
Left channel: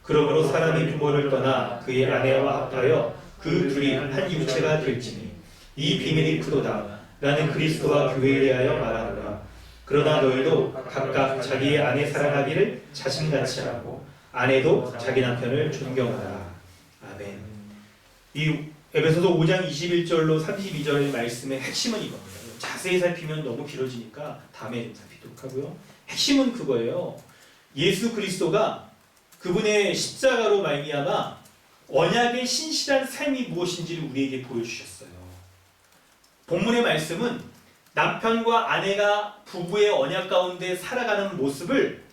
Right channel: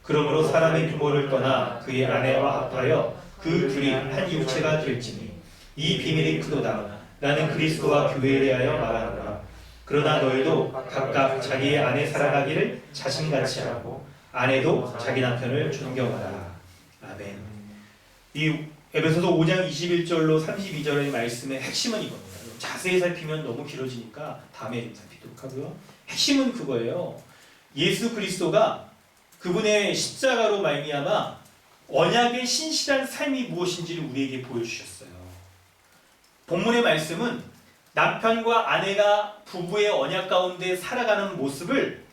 그러므로 사람이 부모를 떠나 그의 아내와 합하여 그 둘이 한 육체가 될지니 이 비밀이 크도다. 나는 그리스도와 교회에 대하여 말하노라. 그러나 너희도 각각 자기의 아내 사랑하기를 자신같이 하고 아내도 자기 남편을 존경하라. 아멘. 이 에베소서 5장 21절로 32절의 말씀의 핵심은 이겁니다. 자세히 살피면 너무 길어지니까 다음에 좀 살피도록 하고요. 핵심은 그거예요. 예수 그리스도가 그분의 십자가로 말미암아 언약의 신실한 삶이 무엇인지를 우리에게 보여주셨어요. 본문의 말씀은 남편과 아내가 부부의 언약 가운데 살아가는 모습을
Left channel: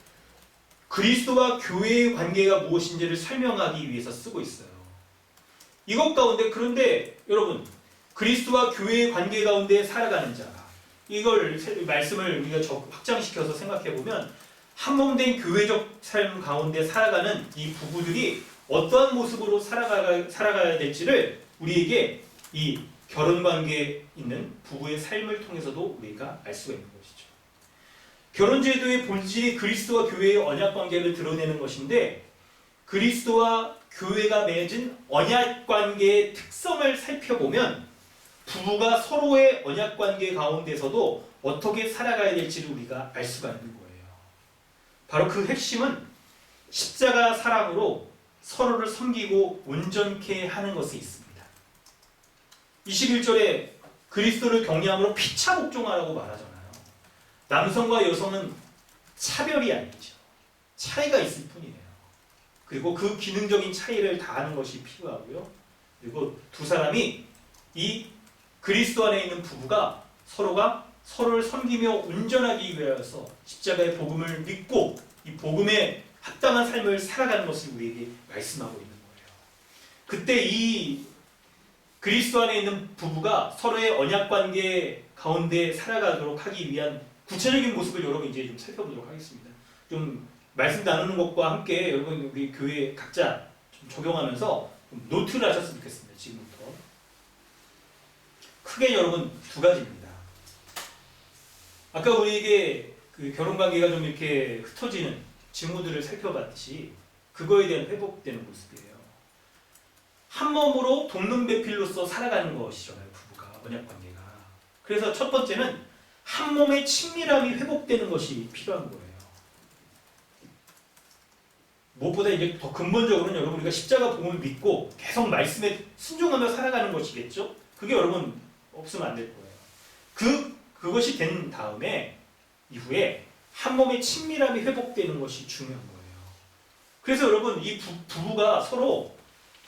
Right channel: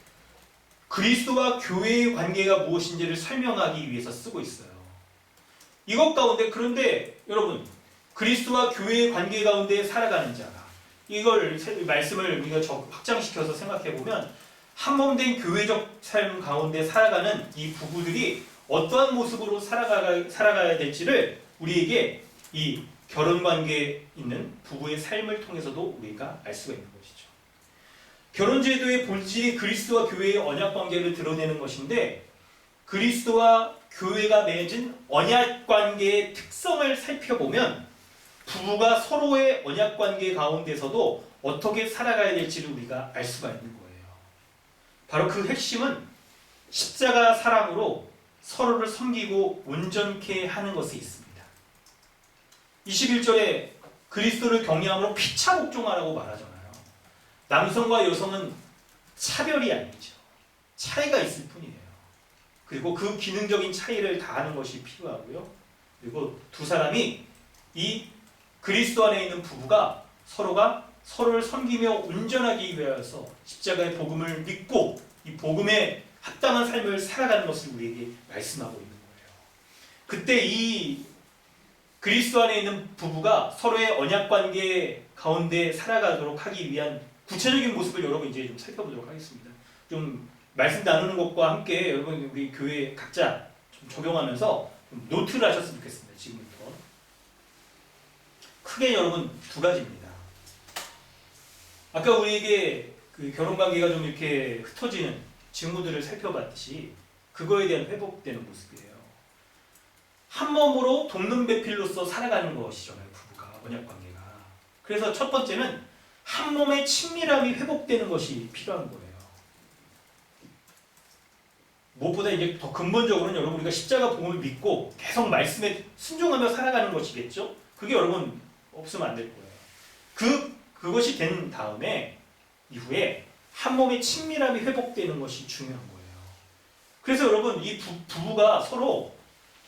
그리스도와 교회의 관계가 무엇인지를 설명하기 위해서 쓰고 있어요. 이것 가운데 그런데 여러분 그리스도와 교회의 관계 가운데 살아가는 자가 이걸 말씀을 우리가 확장시켜서 생각해 보면 한몸된 교회적 삶 가운데 살아가는 이 부부들이 어떠한 모습으로 살아가야 될지를 우리에게 이 결혼 관계에 있는 부부의 삶을 통해서도 우리가 알 수가 있는 것이죠. 결혼 제도의 본질이 그리스도와 교회의 언약 관계를 드러내는 것인데 그리스도와 교회가 맺은 언약 관계의 특성을 살펴보면 부부가 서로의 언약 관계 가운데서도 어떻게 살아가야 될지를 우리가 알 수가 있는 거예요. 바로 그 핵심은 십자가 사랑으로 서로를 섬기고 온전케 하는 것에 있습니다. 21절에 그리스도를 경외함으로 피차 복종하라고 말하잖아요. 남성과 여성은 차별이 아니죠. 차이가 있을 뿐이에요. 그리고 그 기능적인 차이를 다하는 것이 필요하고요. 그리고 두 사람이 이 그리스도 안에 있는 부부가 서로가 서로를 섬기며 온전하기 위하여서 십자가의 복음을 믿고 이 복음에 합당한 삶을 살아가는 것을 우리에게 말씀하고 있는 거예요. 그때 이 그리스도 안에 있는 부부가 서로의 언약 관계 가운데 살아가도록 하기 위한 구체적인 모습을 여러분 이제 좀 살펴보도록 하겠습니다. 좀 말씀 나누는 것과 함께 여러분 우리 교회 각자 좀 적용하면서 좀 노트를 하셨으면 좋겠습니다. 지금부터 크게 여러분 두 가지입니다. 아까 우리에게 그 결혼 관계가 좀 이렇게 흩어지는 직무들을 살펴봤듯이 그거에 대한 회복되는 모습이에요. 한 몸으로 돕는 배필로서 살아가는 것이잖아요. 부부가 언약 관계가. 그래서 첫 번째는 한 몸의 친밀함이 회복되는 것이 필요한 거예요. 무엇보다 이제 더 근본적으로는 여러분 우리가 십자가 복음을 믿고 계속 말씀에 순종하며 살아가는 것이겠죠. 그게 여러분 없으면 안 될 거예요. 그것이 된 다음에 이후에 한 몸의 친밀함이 회복되는 것이 중요한 거예요. 그래서 여러분 이 부부가 서로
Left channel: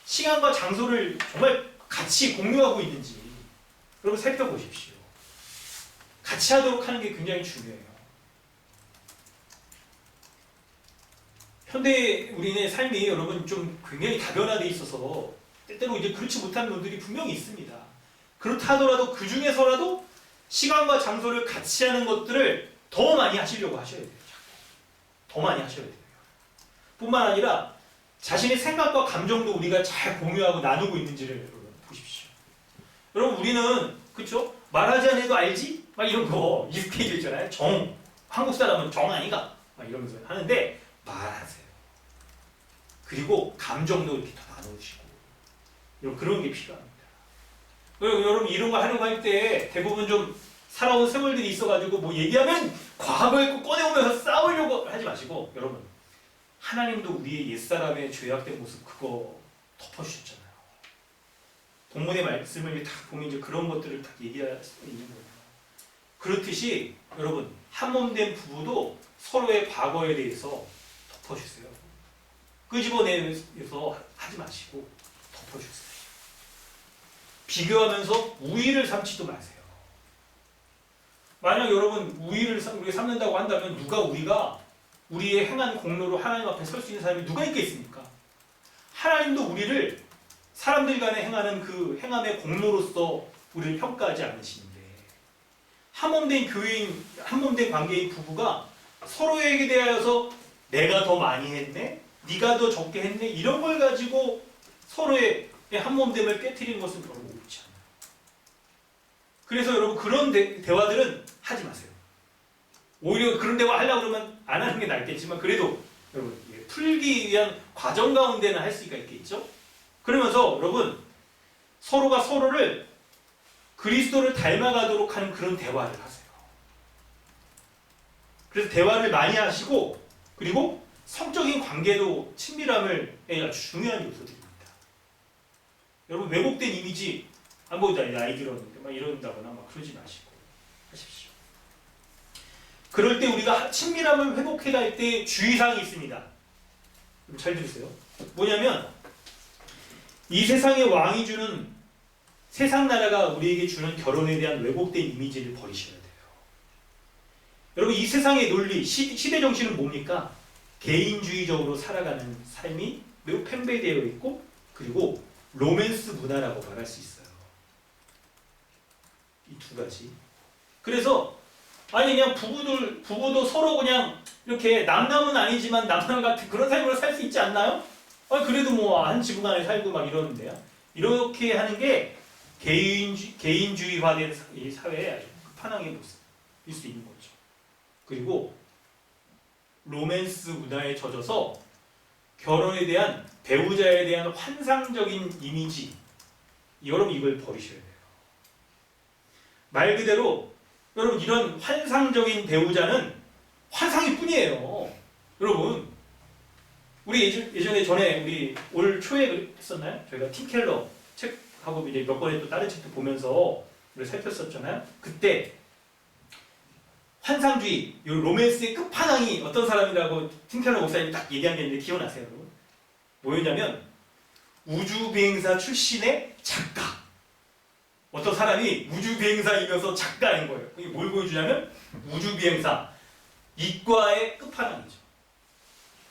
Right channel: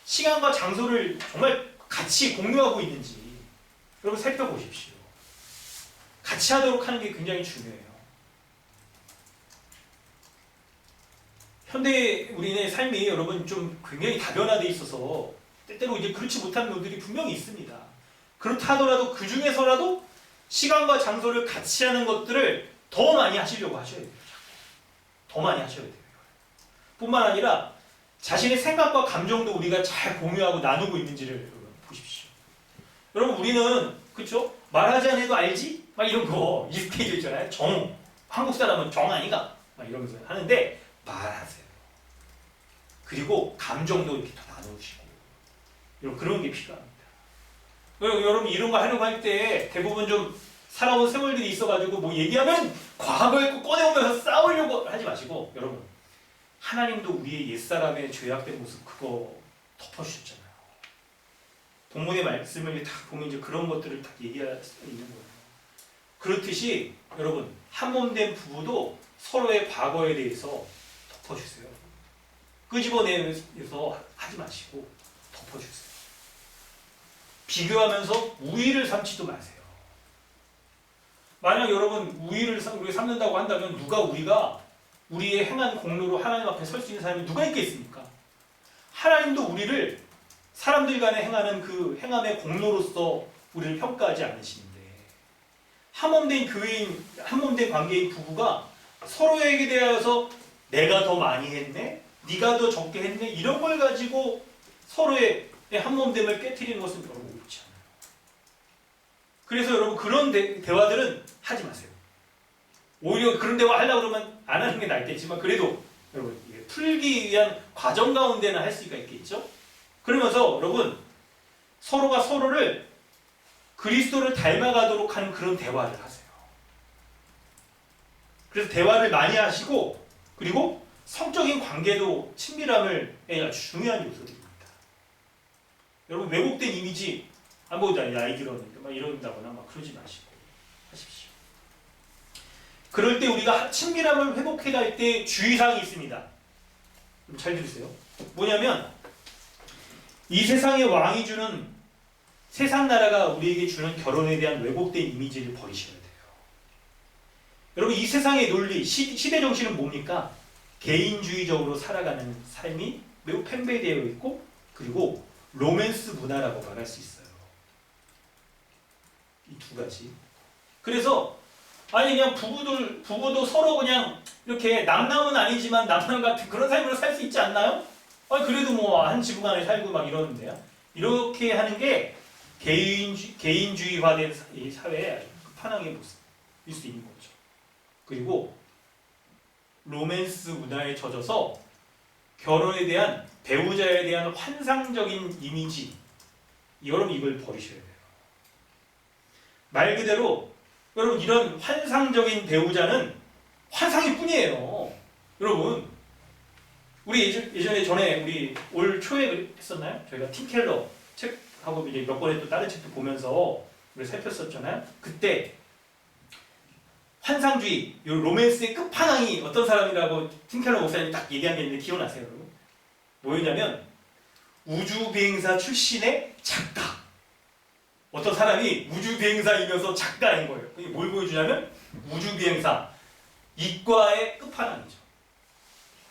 시간과 장소를 정말 같이 공유하고 있는지 여러분 살펴보십시오. 같이 하도록 하는 게 굉장히 중요해요. 현대 우리의 삶이 여러분 좀 굉장히 다변화되어 있어서 때때로 이제 그렇지 못한 분들이 분명히 있습니다. 그렇다 하더라도 그 중에서라도 시간과 장소를 같이 하는 것들을 더 많이 하시려고 하셔야 돼요. 더 많이 하셔야 돼요. 뿐만 아니라 자신의 생각과 감정도 우리가 잘 공유하고 나누고 있는지를 여러분 보십시오. 여러분 우리는 그렇죠? 말하지 않아도 알지? 막 이런 거 익숙해져 있잖아요. 한국 사람은 정 아니가? 막 이러면서 하는데 말하세요. 그리고 감정도 이렇게 더 나누시고 그런 게 필요합니다. 여러분 이런 거 하려고 할 때 대부분 좀 살아온 세월들이 있어가지고 뭐 얘기하면 과거에 꺼내오면서 싸우려고 하지 마시고 여러분 하나님도 우리의 옛사람의 죄악된 모습 그거 덮어주셨잖아요. 본문의 말씀을 다 보면 이제 그런 것들을 다 얘기할 수 있는 거예요. 그렇듯이 여러분 한몸된 부부도 서로의 과거에 대해서 덮어주세요. 끄집어내서 하지 마시고 덮어주세요. 비교하면서 우위를 삼지도 마세요. 만약 여러분 우위를 우리가 삼는다고 한다면 우리의 행한 공로로 하나님 앞에 설 수 있는 사람이 누가 있겠습니까? 하나님도 우리를 사람들 간에 행하는 그 행함의 공로로서 우리를 평가하지 않으시는데 한몸된 교회인, 한몸된 관계인 부부가 서로에게 대하여서 내가 더 많이 했네, 네가 더 적게 했네, 이런 걸 가지고 서로의 한몸됨을 깨트리는 것은 너무 옳지 않아요. 그래서 여러분 그런 대화들은 하지 마세요. 오히려 그런 대화 하려고 그러면 안 하는 게 낫겠지만 그래도 여러분 풀기 위한 과정 가운데는 할 수가 있겠죠. 그러면서 여러분 서로가 서로를 그리스도를 닮아가도록 하는 그런 대화를 하세요. 그래서 대화를 많이 하시고 그리고 성적인 관계도 친밀함을 아주 중요한 요소들입니다. 여러분 왜곡된 이미지 뭐 나이 들었는데 막 이런다거나 막 그러지 마시고 하십시오. 그럴 때 우리가 친밀함을 회복해 갈 때 주의사항이 있습니다. 잘 들으세요. 뭐냐면 이 세상의 왕이 주는 세상 나라가 우리에게 주는 결혼에 대한 왜곡된 이미지를 버리셔야 돼요. 여러분 이 세상의 논리, 시대 정신은 뭡니까? 개인주의적으로 살아가는 삶이 매우 팽배되어 있고 그리고 로맨스 문화라고 말할 수 있어요. 이 두 가지. 그래서 아니 그냥 부부도 서로 그냥 이렇게 남남은 아니지만 남남 같은 그런 삶으로 살 수 있지 않나요? 아니 그래도 뭐 한 지붕 안에 살고 막 이러는데요. 이렇게 하는 게 개인주의화된 이 사회의 아주 끝판왕의 모습일 수 있는 거죠. 그리고 로맨스 문화에 젖어서 결혼에 대한 배우자에 대한 환상적인 이미지, 여러분 이걸 버리셔야 돼요. 말 그대로 여러분 이런 환상적인 배우자는 환상일 뿐이에요. 여러분 우리 예전에 전에 우리 올 초에 했었나요? 저희가 팀 켈러 책하고 이제 몇 번에 또 다른 책도 보면서 우리 살폈었잖아요. 그때 환상주의, 이 로맨스의 끝판왕이 어떤 사람이라고 팀 켈러 목사님이 딱 얘기한 게 있는데 기억나세요, 여러분? 뭐였냐면 우주비행사 출신의 작가. 어떤 사람이 우주비행사이면서 작가인 거예요. 이게 뭘 보여주냐면 우주비행사, 이과의 끝판왕이죠.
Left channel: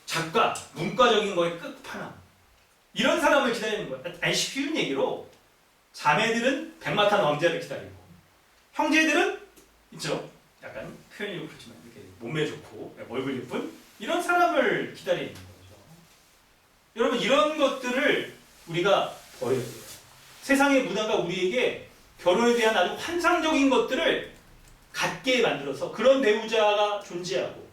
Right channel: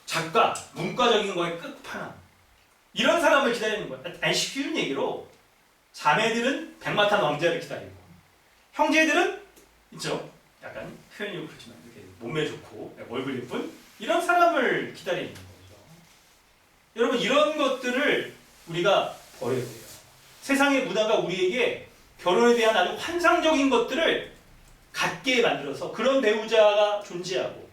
작가, 문과적인 거의 끝판왕. 이런 사람을 기다리는 거예요. 아니 쉬운 얘기로 자매들은 백마탄 왕자를 기다리고 형제들은 있죠. 약간 표현이 그렇지만 이렇게 몸매 좋고 얼굴 예쁜 이런 사람을 기다리는 거죠. 여러분 이런 것들을 우리가 버려야 돼요. 세상의 문화가 우리에게 결혼에 대한 아주 환상적인 것들을 갖게 만들어서 그런 배우자가 존재하고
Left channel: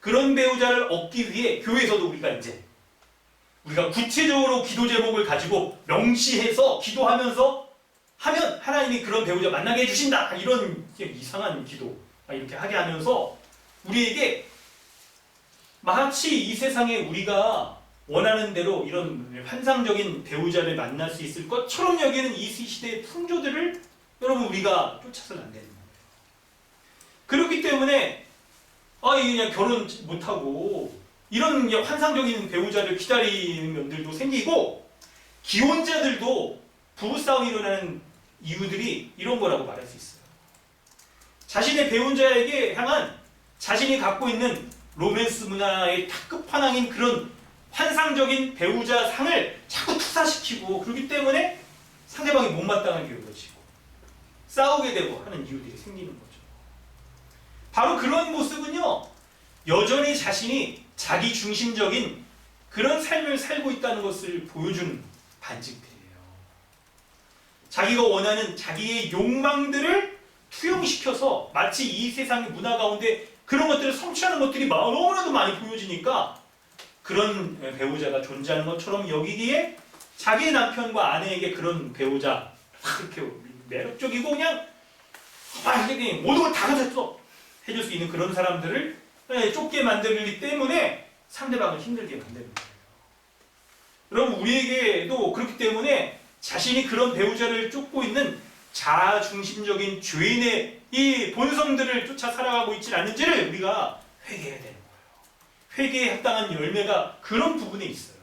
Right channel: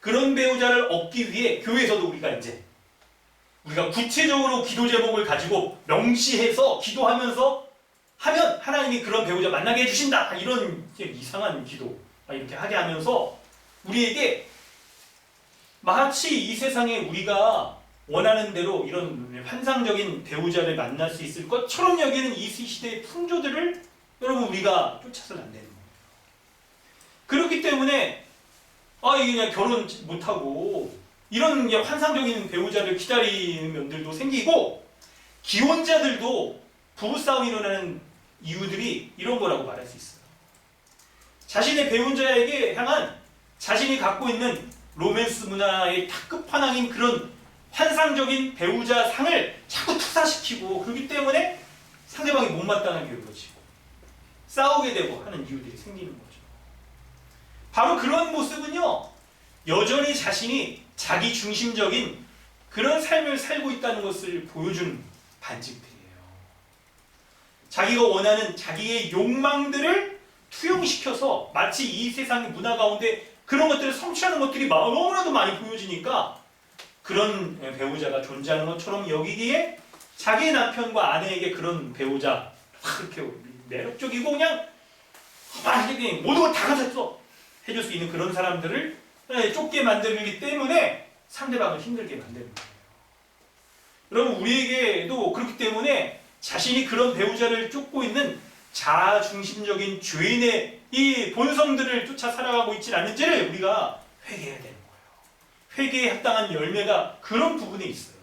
그런 배우자를 얻기 위해 교회에서도 우리가 구체적으로 기도 제목을 가지고 명시해서 기도하면서 하면 하나님이 그런 배우자 만나게 해주신다. 이런 이상한 기도 이렇게 하게 하면서 우리에게 마치 이 세상에 우리가 원하는 대로 이런 환상적인 배우자를 만날 수 있을 것처럼 여기는 이 시대의 풍조들을 여러분 우리가 쫓아서는 안 되는 거예요. 그렇기 때문에 이게 그냥 결혼 못하고 이런 환상적인 배우자를 기다리는 면들도 생기고 기혼자들도 부부싸움이 일어나는 이유들이 이런 거라고 말할 수 있어요. 자신의 배우자에게 향한 자신이 갖고 있는 로맨스 문화의 다 끝판왕인 그런 환상적인 배우자 상을 자꾸 투사시키고 그렇기 때문에 상대방이 못마땅하게 여겨지고 싸우게 되고 하는 이유들이 생기는 거죠. 바로 그런 모습은요, 여전히 자신이 자기 중심적인 그런 삶을 살고 있다는 것을 보여주는 반증들이에요. 자기가 원하는 자기의 욕망들을 투영시켜서 마치 이 세상의 문화 가운데 그런 것들을 성취하는 것들이 너무나도 많이 보여지니까 그런 배우자가 존재하는 것처럼 여기기에 자기 남편과 아내에게 그런 배우자 이렇게 매력적이고 그냥 모든 걸 다 가졌어 해줄 수 있는 그런 사람들을 쫓게 만들기 때문에 상대방을 힘들게 만드는 거예요. 여러분 우리에게도 그렇기 때문에 자신이 그런 배우자를 쫓고 있는 자아중심적인 죄인의 이 본성들을 쫓아 살아가고 있지 않는지를 우리가 회개해야 되는 거예요. 회개에 합당한 열매가 그런 부분에 있어요.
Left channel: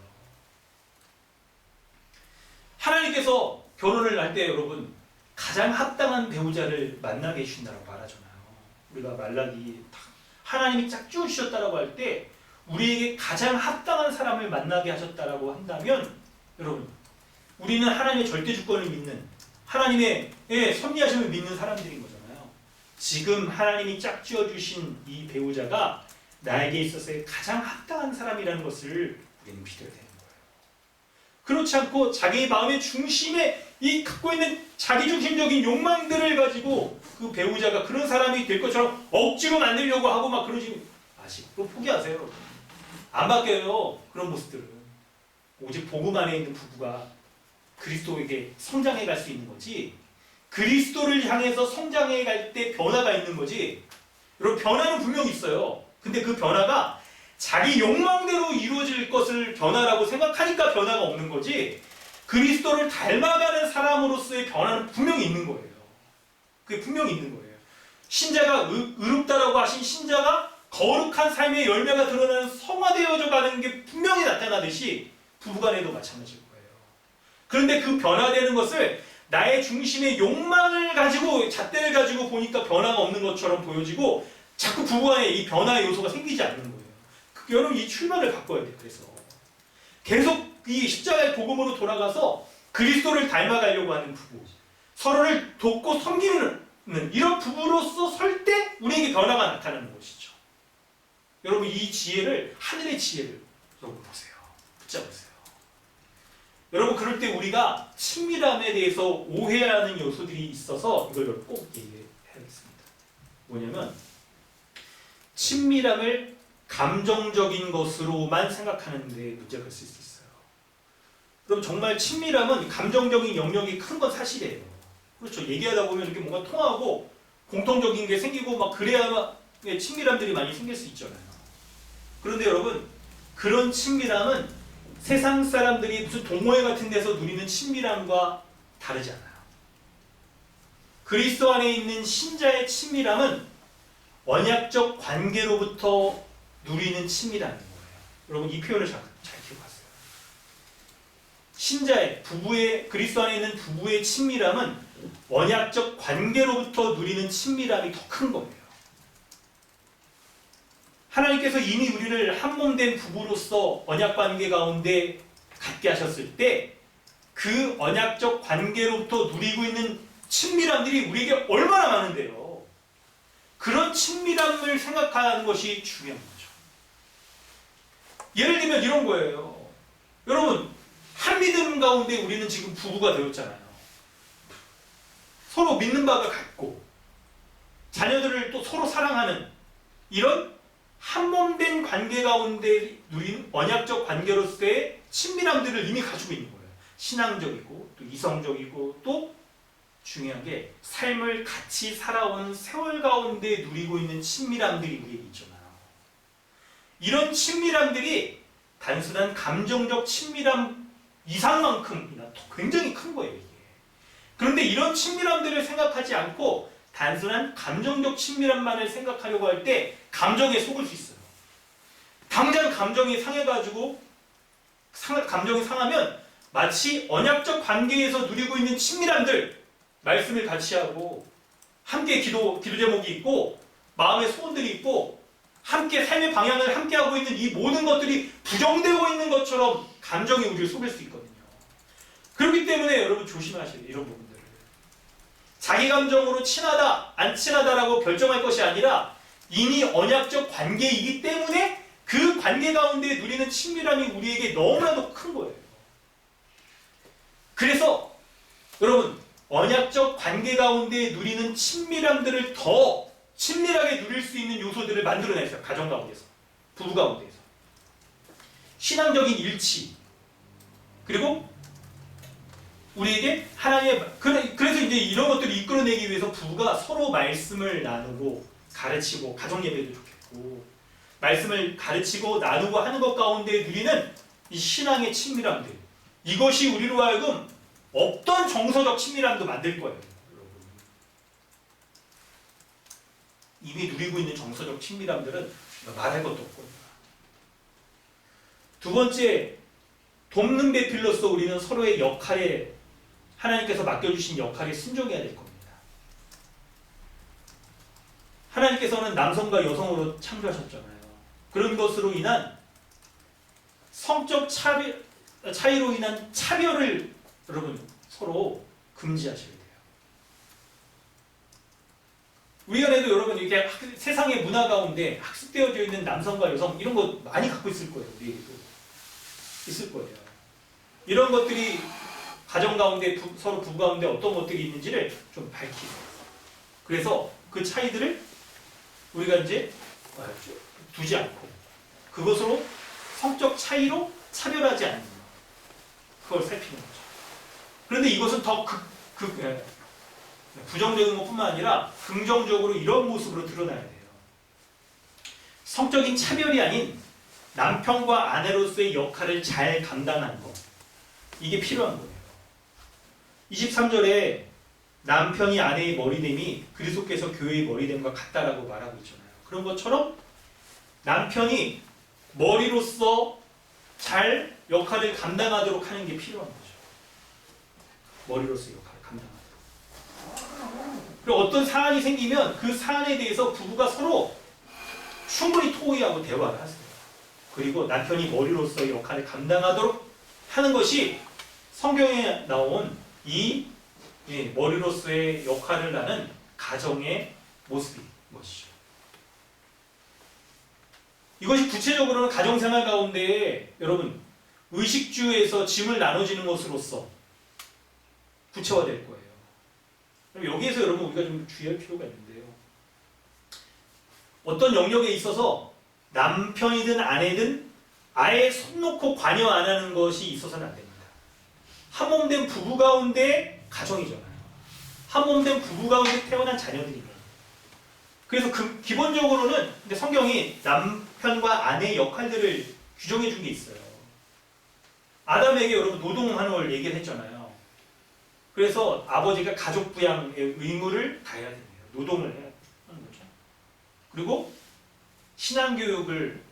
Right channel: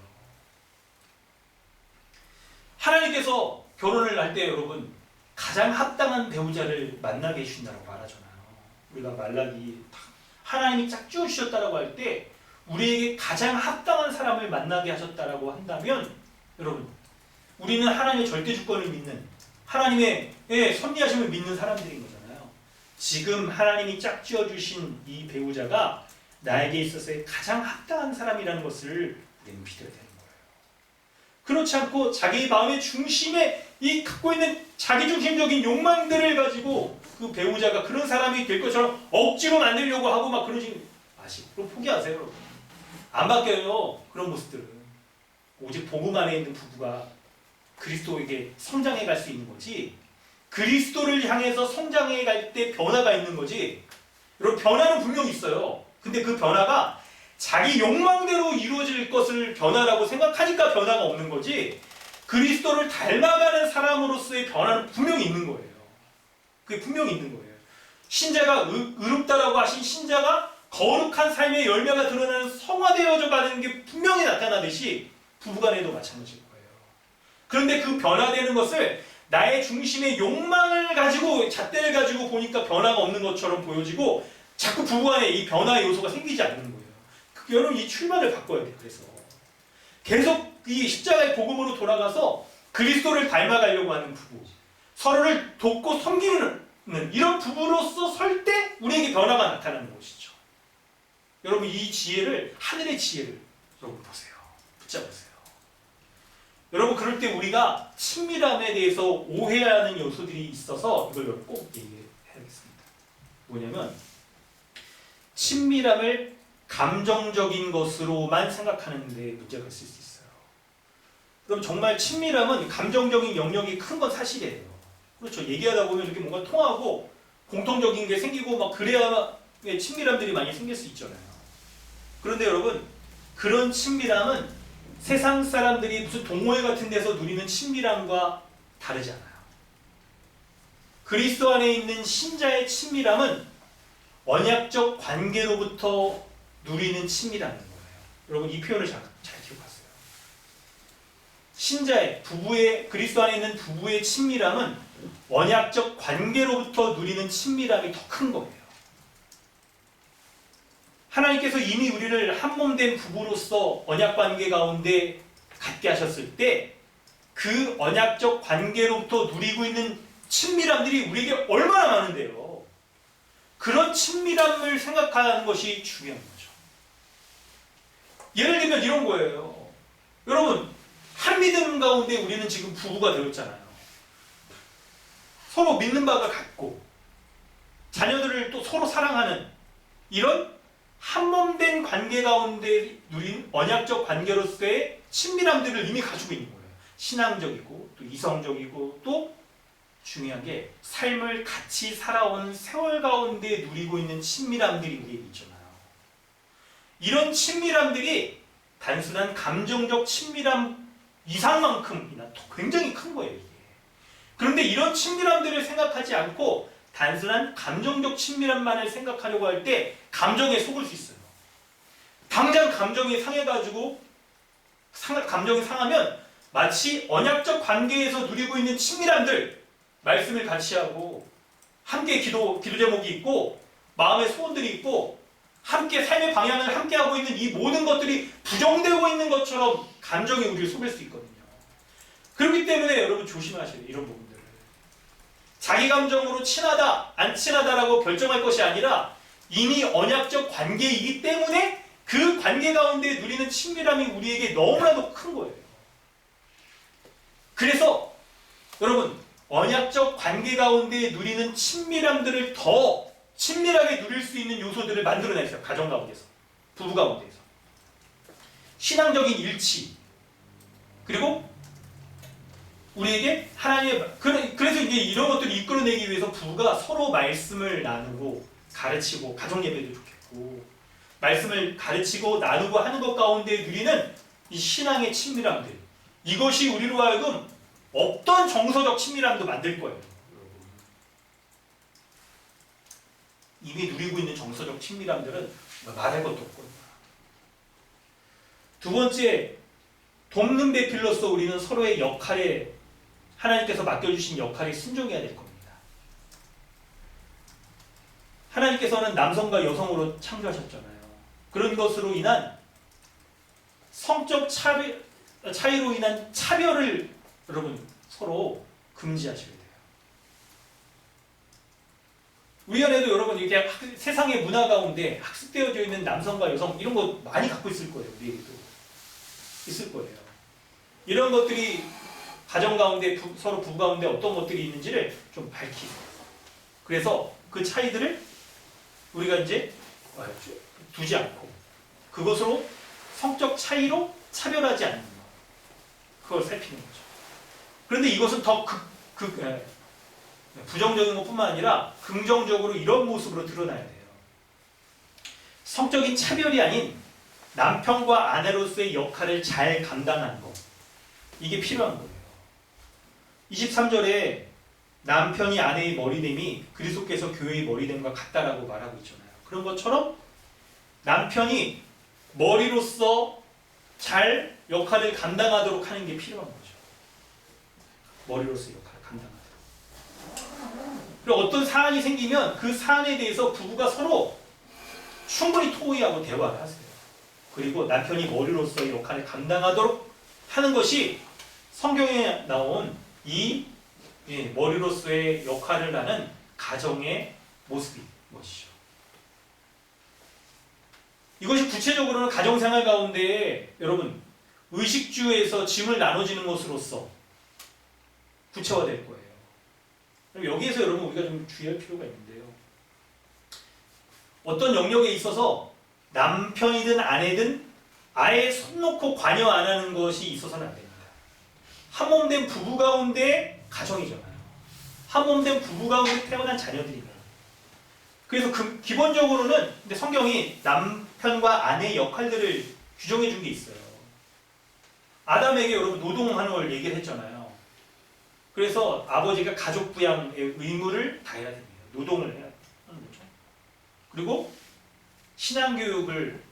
하나님께서 결혼을 할 때 여러분 가장 합당한 배우자를 만나게 해주신다고 말하잖아요. 우리가 말라기 하나님이 짝 지어주셨다라고 할 때 우리에게 가장 합당한 사람을 만나게 하셨다라고 한다면 여러분 우리는 하나님의 절대 주권을 믿는 하나님의 섭리하심을 믿는 사람들인 거잖아요. 지금 하나님이 짝지어 주신 이 배우자가 나에게 있어서의 가장 합당한 사람이라는 것을 우리는 믿어야 되는 거예요. 그렇지 않고 자기 마음의 중심에 이 갖고 있는 자기중심적인 욕망들을 가지고 그 배우자가 그런 사람이 될 것처럼 억지로 만들려고 하고 막 그러지 마시고 그럼 포기하세요, 여러분. 안 바뀌어요. 그런 모습들은 오직 복음 안에 있는 부부가 그리스도에게 성장해 갈 수 있는 거지, 그리스도를 향해서 성장해 갈 때 변화가 있는 거지. 여러분, 변화는 분명히 있어요. 근데 그 변화가 자기 욕망대로 이루어질 것을 변화라고 생각하니까 변화가 없는 거지, 그리스도를 닮아가는 사람으로서의 변화는 분명히 있는 거예요. 그게 분명히 있는 거예요. 신자가 의롭다라고 하신 신자가 거룩한 삶의 열매가 드러나는 성화되어져 가는 게 분명히 나타나듯이 부부간에도 마찬가지일 거예요. 그런데 그 변화되는 것을 나의 중심의 욕망을 가지고, 잣대를 가지고 보니까 변화가 없는 것처럼 보여지고 자꾸 부부간에 이 변화의 요소가 생기지 않는 거예요. 여러분, 이 출발을 바꿔야 돼요. 그래서 계속 이 십자가의 복음으로 돌아가서 그리스도를 닮아가려고 하는 부부, 서로를 돕고 섬기는 이런 부부로서 설 때 우리에게 변화가 나타나는 것이죠. 여러분, 이 지혜를, 하늘의 지혜를 여러분 보세요. 붙잡으세요. 여러분, 그럴 때 우리가 친밀함에 대해서 오해하는 요소들이 있어서 이걸 꼭 얘기해야겠습니다. 뭐냐면, 친밀함을 감정적인 것으로만 생각하는데 문제가 있을 수 있어요. 그럼 정말 친밀함은 감정적인 영역이 큰 건 사실이에요. 그렇죠. 얘기하다 보면 이렇게 뭔가 통하고 공통적인 게 생기고 막 그래야 친밀함들이 많이 생길 수 있잖아요. 그런데 여러분, 그런 친밀함은 세상 사람들이 무슨 동호회 같은 데서 누리는 친밀함과 다르지 않아요. 그리스도 안에 있는 신자의 친밀함은 언약적 관계로부터 누리는 친밀함인 거예요. 여러분, 이 표현을 잘 기억하세요. 신자의, 부부의, 그리스도 안에 있는 부부의 친밀함은 언약적 관계로부터 누리는 친밀함이 더 큰 거예요. 하나님께서 이미 우리를 한몸된 부부로서 언약 관계 가운데 갖게 하셨을 때 그 언약적 관계로부터 누리고 있는 친밀함들이 우리에게 얼마나 많은데요. 그런 친밀함을 생각하는 것이 중요한 거죠. 예를 들면 이런 거예요. 여러분, 한 믿음 가운데 우리는 지금 부부가 되었잖아요. 서로 믿는 바가 같고 자녀들을 또 서로 사랑하는 이런 한몸된 관계 가운데 누린 언약적 관계로서의 친밀함들을 이미 가지고 있는 거예요. 신앙적이고 또 이성적이고 또 중요한 게 삶을 같이 살아온 세월 가운데 누리고 있는 친밀함들이 우리에게 있잖아요. 이런 친밀함들이 단순한 감정적 친밀함 이상만큼이나 굉장히 큰 거예요, 이게. 그런데 이런 친밀함들을 생각하지 않고 단순한 감정적 친밀함만을 생각하려고 할 때 감정에 속을 수 있어요. 당장 감정이 상해가지고 감정이 상하면 마치 언약적 관계에서 누리고 있는 친밀함들, 말씀을 같이 하고 함께 기도 제목이 있고 마음의 소원들이 있고 함께 삶의 방향을 함께 하고 있는 이 모든 것들이 부정되고 있는 것처럼 감정이 우리를 속일 수 있거든요. 그렇기 때문에 여러분 조심하셔야 돼요. 이런 부분들을. 자기 감정으로 친하다, 안 친하다라고 결정할 것이 아니라 이미 언약적 관계이기 때문에 그 관계 가운데 누리는 친밀함이 우리에게 너무나도 큰 거예요. 그래서 여러분, 언약적 관계 가운데 누리는 친밀함들을 더 친밀하게 누릴 수 있는 요소들을 만들어내세요. 가정 가운데서, 부부 가운데서. 신앙적인 일치, 그리고 우리에게 하나님의, 그래서 이제 이런 것들을 이끌어내기 위해서 부부가 서로 말씀을 나누고 가르치고, 가정 예배도 좋겠고 말씀을 가르치고 나누고 하는 것 가운데 누리는 이 신앙의 친밀함들, 이것이 우리로 하여금 없던 정서적 친밀함도 만들 거예요. 여러분, 이미 누리고 있는 정서적 친밀함들은 말할 것도 없거든요. 두 번째, 돕는 배필로서 우리는 서로의 역할에, 하나님께서 맡겨주신 역할에 순종해야 될 겁니다. 하나님께서는 남성과 여성으로 창조하셨잖아요. 그런 것으로 인한 성적 차이로 인한 차별을 여러분 서로 금지하셔야 돼요. 우리 안에도 여러분 이렇게 세상의 문화 가운데 학습되어져 있는 남성과 여성 이런 거 많이 갖고 있을 거예요. 우리에게도 있을 거예요. 이런 것들이 가정 가운데 서로 부부 가운데 어떤 것들이 있는지를 좀 밝히세요. 그래서 그 차이들을 우리가 이제 두지 않고 그것으로 성적 차이로 차별하지 않는 것, 그걸 살피는 거죠. 그런데 이것은 더 부정적인 것뿐만 아니라 긍정적으로 이런 모습으로 드러나야 돼요. 성적인 차별이 아닌 남편과 아내로서의 역할을 잘 감당하는 것, 이게 필요한 거예요. 23절에 남편이 아내의 머리됨이 그리스도께서 교회의 머리됨과 같다라고 말하고 있잖아요. 그런 것처럼 남편이 머리로서 잘 역할을 감당하도록 하는 게 필요한 거죠. 머리로서 역할을 감당하도록. 그리고 어떤 사안이 생기면 그 사안에 대해서 부부가 서로 충분히 토의하고 대화를 하세요. 그리고 남편이 머리로서의 역할을 감당하도록 하는 것이 성경에 나온 이 머리로서의 역할을 하는 가정의 모습인 것이죠. 이것이 구체적으로는 가정생활 가운데 여러분 의식주에서 짐을 나눠지는 것으로서 구체화될 거예요. 그럼 여기에서 여러분 우리가 좀 주의할 필요가 있는데요. 어떤 영역에 있어서 남편이든 아내든 아예 손 놓고 관여 안 하는 것이 있어서는 안 됩니다. 한 몸 된 부부 가운데 가정이잖아요. 한 몸 된 부부 가운데 태어난 자녀들이에요. 그래서 기본적으로는 근데 성경이 남편과 아내의 역할들을 규정해 준 게 있어요. 아담에게 여러분 노동하는 걸 얘기를 했잖아요. 그래서 아버지가 가족 부양의 의무를 다해야 됩니다. 노동을 해야 하는 거죠. 그리고 신앙교육을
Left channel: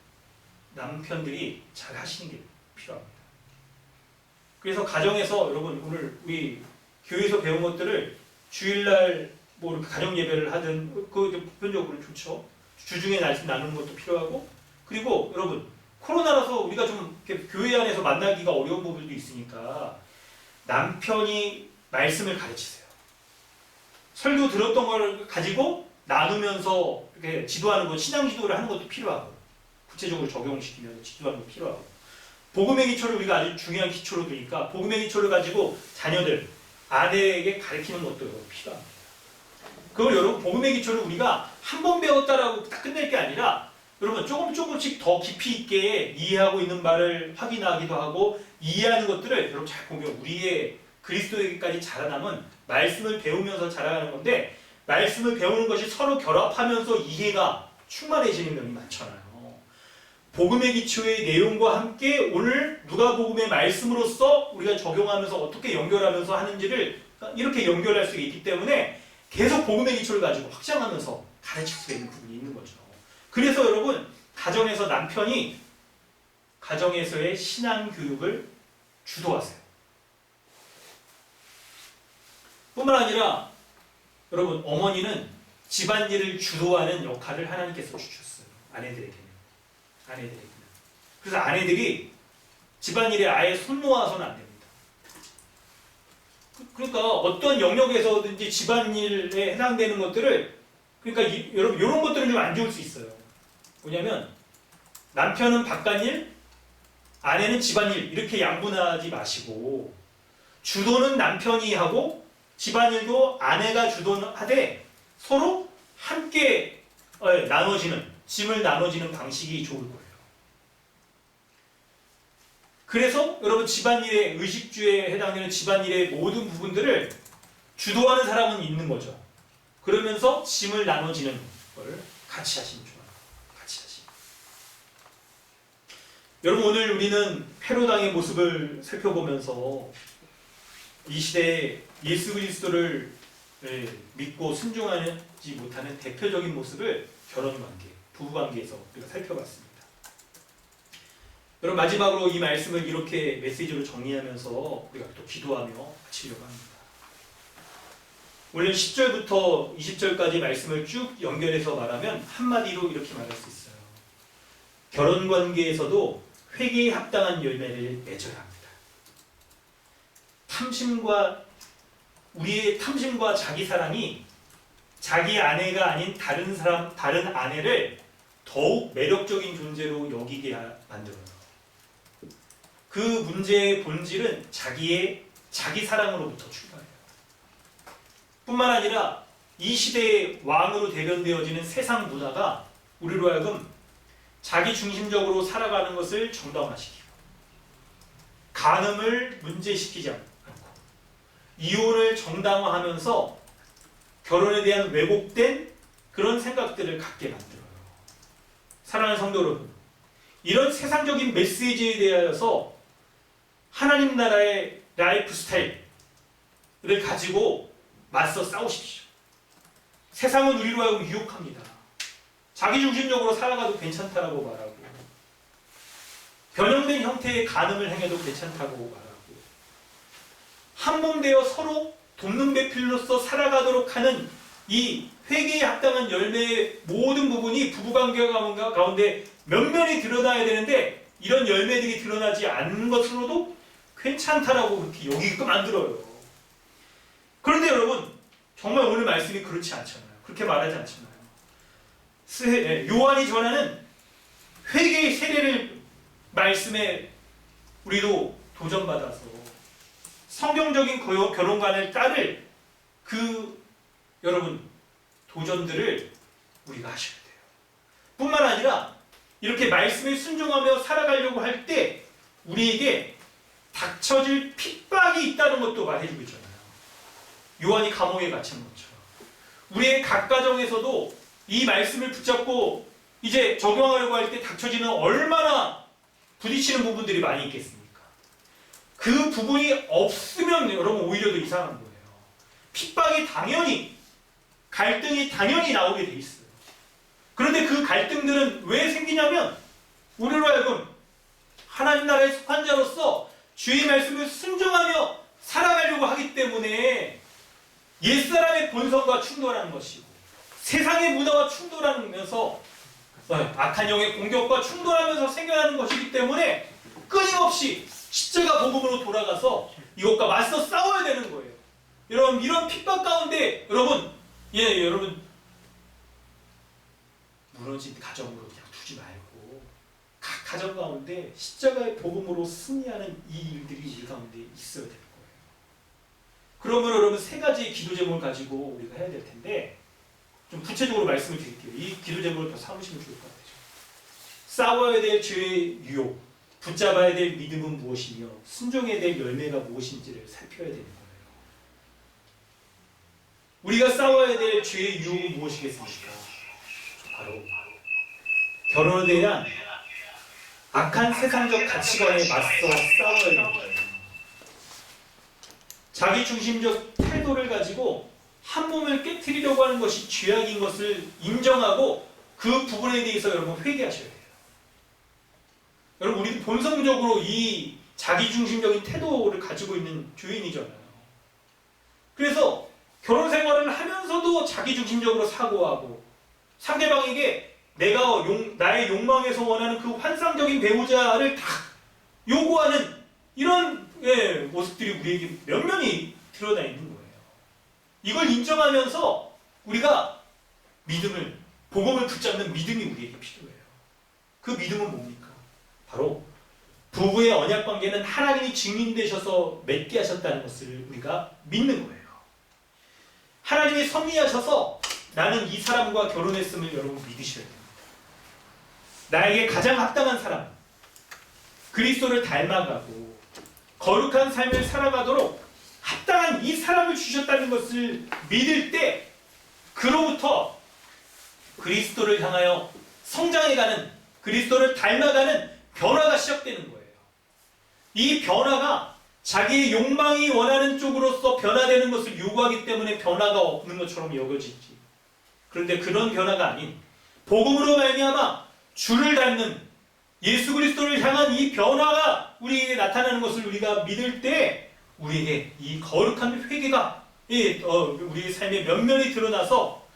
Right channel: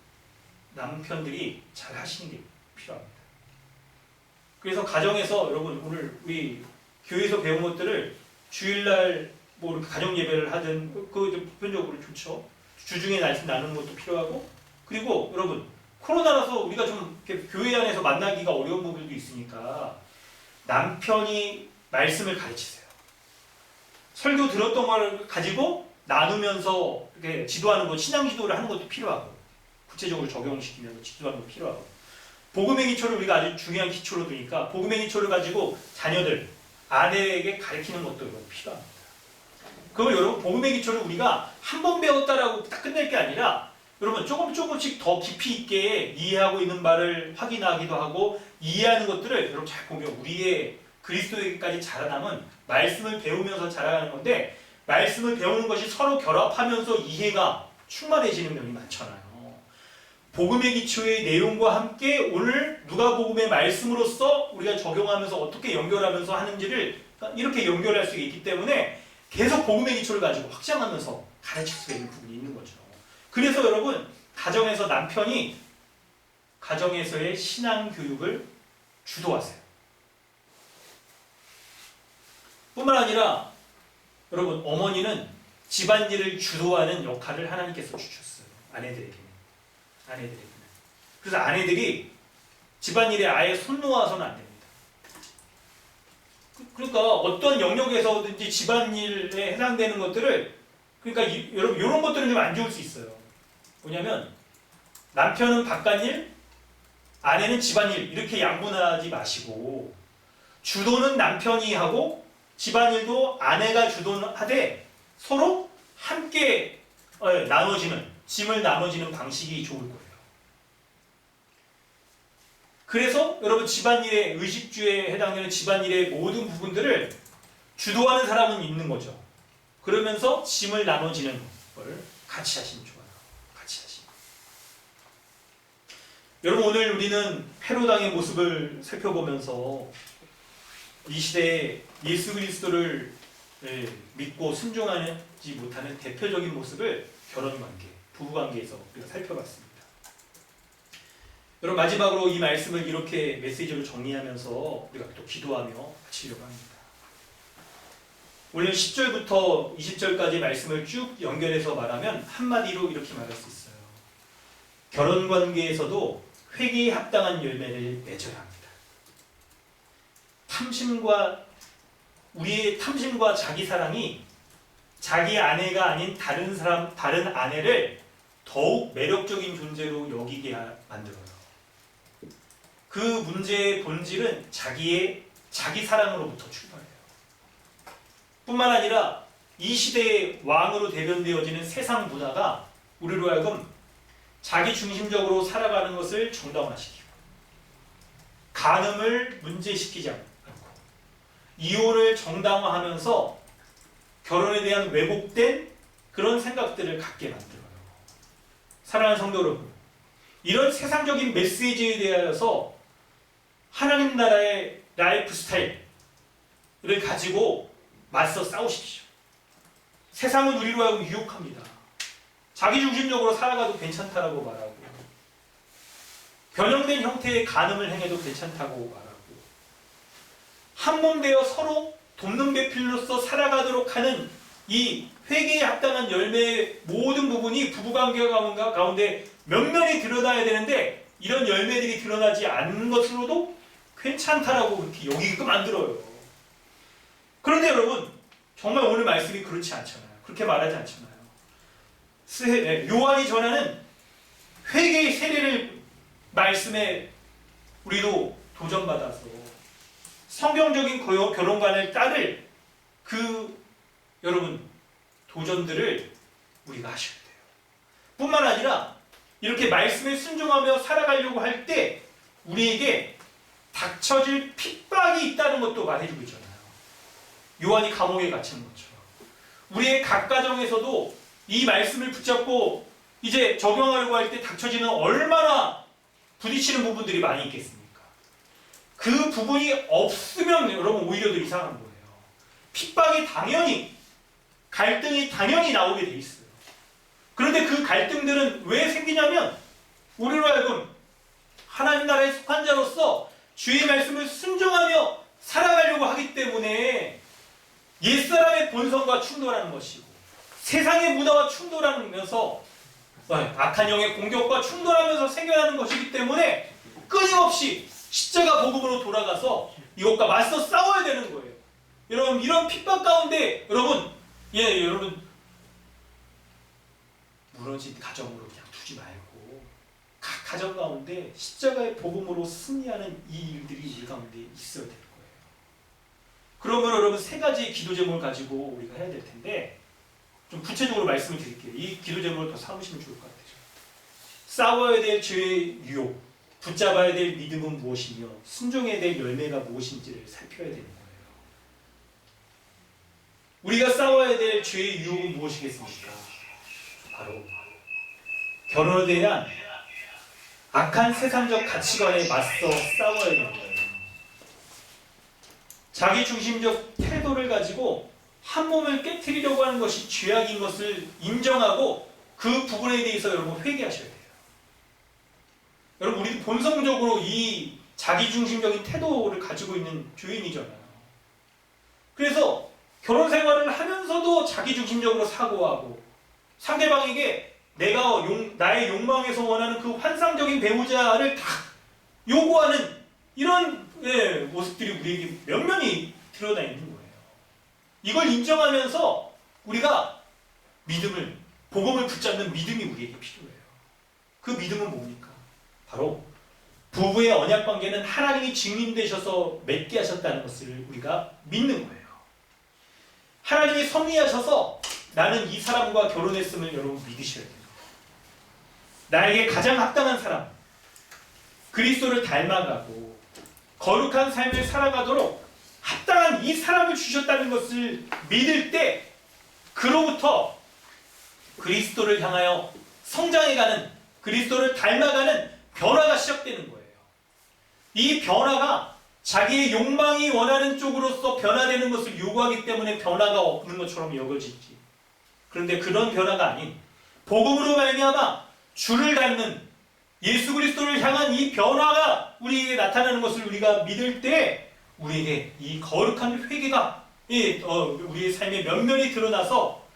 남편들이 잘 하시는 게 필요합니다. 그래서 가정에서 여러분 오늘 우리 교회에서 배운 것들을 주일날 뭐 이렇게 가정 예배를 하든 그거 보편적으로 좋죠. 주중에 말씀 나누는 것도 필요하고 그리고 여러분 코로나라서 우리가 좀 이렇게 교회 안에서 만나기가 어려운 부분도 있으니까 남편이 말씀을 가르치세요. 설교 들었던 걸 가지고 나누면서 이렇게 지도하는 것, 신앙 지도를 하는 것도 필요하고 구체적으로 적용시키면서 지도하는 것도 필요하고 복음의 기초를 우리가 아주 중요한 기초로 두니까 복음의 기초를 가지고 자녀들, 아내에게 가르치는 것도 필요합니다. 그걸 여러분 복음의 기초를 우리가 한 번 배웠다라고 딱 끝낼 게 아니라 여러분 조금씩 더 깊이 있게 이해하고 있는 말을 확인하기도 하고 이해하는 것들을 여러분 잘 보면 우리의 그리스도에게까지 자라남은 말씀을 배우면서 자라가는 건데 말씀을 배우는 것이 서로 결합하면서 이해가 충만해지는 면이 많잖아요. 복음의 기초의 내용과 함께 오늘 누가복음의 말씀으로서 우리가 적용하면서 어떻게 연결하면서 하는지를 이렇게 연결할 수 있기 때문에 계속 복음의 기초를 가지고 확장하면서 가르칠 수 있는 부분이 있는 거죠. 그래서 여러분 가정에서 남편이 가정에서의 신앙 교육을 주도하세요. 뿐만 아니라 여러분 어머니는 집안일을 주도하는 역할을 하나님께서 주셨어요. 아내들에게는. 그래서 아내들이 집안일에 아예 손 놓아서는 안 됩니다. 그러니까 어떤 영역에서든지 집안일에 해당되는 것들을 그러니까 여러분 이런 것들은 좀 안 좋을 수 있어요. 뭐냐면 남편은 바깥일, 아내는 집안일 이렇게 양분하지 마시고 주도는 남편이 하고 집안일도 아내가 주도하되 서로 함께 나눠지는 짐을 나눠지는 방식이 좋을 거예요. 그래서 여러분 집안일의 의식주에 해당되는 집안일의 모든 부분들을 주도하는 사람은 있는 거죠. 그러면서 짐을 나눠지는 걸 같이 하시면 좋아요. 같이 하시면. 여러분 오늘 우리는 헤로당의 모습을 살펴보면서 이 시대에 예수 그리스도를 믿고 순종하지 못하는 대표적인 모습을 결혼관계, 부부관계에서 우리가 살펴봤습니다. 여러분 마지막으로 이 말씀을 이렇게 메시지로 정리하면서 우리가 또 기도하며 마치려고 합니다. 오늘 10절부터 20절까지 말씀을 쭉 연결해서 말하면 한마디로 이렇게 말할 수 있어요. 결혼관계에서도 회개에 합당한 열매를 맺어야 합니다. 우리의 탐심과 자기 사랑이 자기 아내가 아닌 다른 사람, 다른 아내를 더욱 매력적인 존재로 여기게 만들어요. 그 문제의 본질은 자기 사랑으로부터 출발해요. 뿐만 아니라 이 시대의 왕으로 대변되어지는 세상 문화가 우리로 하여금 자기 중심적으로 살아가는 것을 정당화시키고 간음을 문제시키지 않고 이혼을 정당화하면서 결혼에 대한 왜곡된 그런 생각들을 갖게 만들어요. 사랑하는 성도 여러분, 이런 세상적인 메시지에 대하여서 하나님 나라의 라이프 스타일을 가지고 맞서 싸우십시오. 세상은 우리로 하여금 유혹합니다. 자기중심적으로 살아가도 괜찮다라고 말하고 변형된 형태의 간음을 행해도 괜찮다고 말하고 한몸 되어 서로 돕는 배필로서 살아가도록 하는 이 회개에 합당한 열매의 모든 부분이 부부관계 가운데 면면이 드러나야 되는데 이런 열매들이 드러나지 않는 것으로도 괜찮다라고 그렇게 여기게끔 만들어요. 그런데 여러분 정말 오늘 말씀이 그렇지 않잖아요. 그렇게 말하지 않잖아요. 요한이 전하는 회개의 세례를 말씀에 우리도 도전받아서 성경적인 결혼관을 따를 그 여러분 도전들을 우리가 하셔야 돼요. 뿐만 아니라 이렇게 말씀에 순종하며 살아가려고 할 때 우리에게 닥쳐질 핍박이 있다는 것도 말해주고 있잖아요. 요한이 감옥에 갇힌 것처럼 우리의 각 가정에서도 이 말씀을 붙잡고 이제 적용하려고 할 때 닥쳐지는 얼마나 부딪히는 부분들이 많이 있겠습니까? 그 부분이 없으면 여러분 오히려 더 이상한 거예요. 핍박이 당연히 갈등이 당연히 나오게 돼 있어요. 그런데 그 갈등들은 왜 생기냐면 우리로 하여금 하나님 나라에 속한 자로서 주의 말씀을 순종하며 살아가려고 하기 때문에 옛사람의 본성과 충돌하는 것이고 세상의 문화와 충돌하면서 악한 영의 공격과 충돌하면서 생겨나는 것이기 때문에 끊임없이 십자가 복음으로 돌아가서 이것과 맞서 싸워야 되는 거예요. 여러분 이런 핍박 가운데 여러분 무너진 가정으로 그냥 두지 말고 각 가정 가운데 십자가의 복음으로 승리하는 이 일들이 우리 가운데 있어야 될 거예요. 그러면 여러분 세 가지의 기도 제목을 가지고 우리가 해야 될 텐데 좀 구체적으로 말씀을 드릴게요. 이 기도 제목을 더 삼으시면 좋을 것 같아요. 싸워야 될 죄의 유혹, 붙잡아야 될 믿음은 무엇이며 순종해야 될 열매가 무엇인지를 살펴야 되는 거예요. 우리가 싸워야 될 죄의 유혹은 무엇이겠습니까? 바로 결혼에 대한 악한 세상적 가치관에 맞서 싸워야 되는 거예요. 자기 중심적 태도를 가지고 한 몸을 깨트리려고 하는 것이 죄악인 것을 인정하고 그 부분에 대해서 여러분 회개하셔야 돼요. 여러분 우리 본성적으로 이 자기중심적인 태도를 가지고 있는 죄인이잖아요. 그래서 결혼 생활을 하면서도 자기중심적으로 사고하고 상대방에게 나의 욕망에서 원하는 그 환상적인 배우자를 다 요구하는 이런 모습들이 우리에게 면면이 드러나 있는 거예요. 이걸 인정하면서 우리가 복음을 붙잡는 믿음이 우리에게 필요해요. 그 믿음은 뭡니까? 바로 부부의 언약 관계는 하나님이 증인되셔서 맺게 하셨다는 것을 우리가 믿는 거예요. 하나님이 섭리하셔서 나는 이 사람과 결혼했음을 여러분 믿으셔야 됩니다. 나에게 가장 합당한 사람, 그리스도를 닮아가고 거룩한 삶을 살아가도록 합당한 이 사람을 주셨다는 것을 믿을 때 그로부터 그리스도를 향하여 성장해가는 그리스도를 닮아가는 변화가 시작되는 거예요. 이 변화가 자기의 욕망이 원하는 쪽으로서 변화되는 것을 요구하기 때문에 변화가 없는 것처럼 여겨지지. 그런데 그런 변화가 아닌 복음으로 말미암아 주를 닮는 예수 그리스도를 향한 이 변화가 우리에게 나타나는 것을 우리가 믿을 때 우리에게 이 거룩한 회개가 우리의 삶의 면면이 드러나서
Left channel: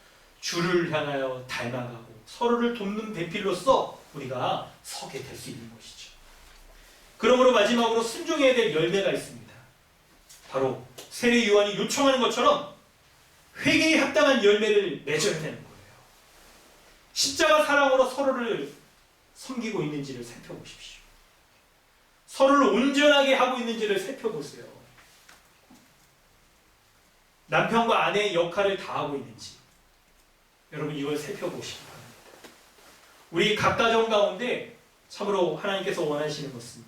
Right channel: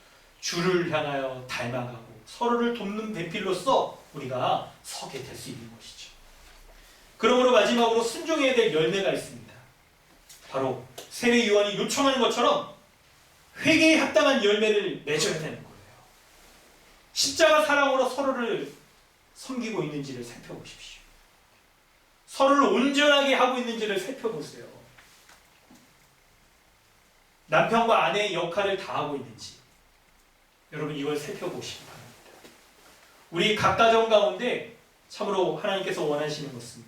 주를 향하여 닮아가고 서로를 돕는 배필로서 우리가 서게 될 수 있는 것이죠. 그러므로 마지막으로 순종해야 될 열매가 있습니다. 바로 세례 요한이 요청하는 것처럼 회개에 합당한 열매를 맺어야 되는 거예요. 십자가 사랑으로 서로를 섬기고 있는지를 살펴보십시오. 서로를 온전하게 하고 있는지를 살펴보세요. 남편과 아내의 역할을 다하고 있는지 여러분 이걸 살펴보시기 바랍니다. 우리 각 가정 가운데 참으로 하나님께서 원하시는 것은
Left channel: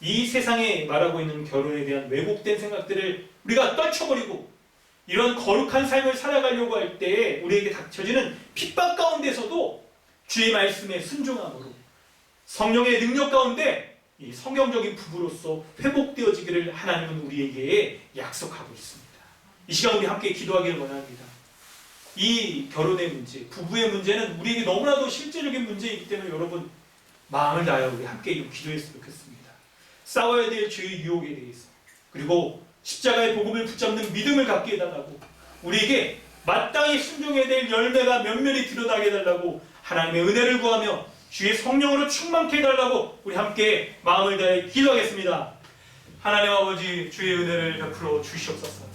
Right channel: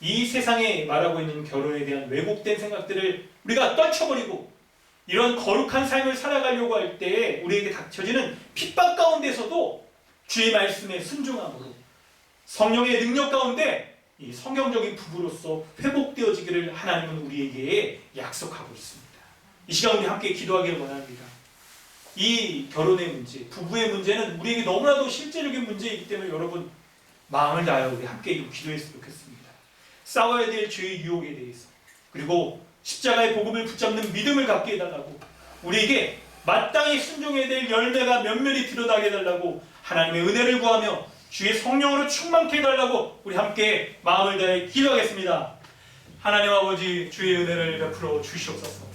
이 세상에 말하고 있는 결혼에 대한 왜곡된 생각들을 우리가 떨쳐버리고 이런 거룩한 삶을 살아가려고 할 때에 우리에게 닥쳐지는 핍박 가운데서도 주의 말씀에 순종함으로 성령의 능력 가운데 이 성경적인 부부로서 회복되어지기를 하나님은 우리에게 약속하고 있습니다. 이 시간 우리 함께 기도하기를 원합니다. 이 결혼의 문제, 부부의 문제는 우리에게 너무나도 실제적인 문제이기 때문에 여러분 마음을 다하여 우리 함께 기도했으면 좋겠습니다. 싸워야 될 죄의 유혹에 대해서 그리고 십자가의 복음을 붙잡는 믿음을 갖게 해달라고 우리에게 마땅히 순종해야 될 열매가 면면히 드러나게 해달라고 하나님의 은혜를 구하며 주의 성령으로 충만케 해달라고 우리 함께 마음을 다해 기도하겠습니다. 하나님 아버지 주의 은혜를 베풀어 주시옵소서.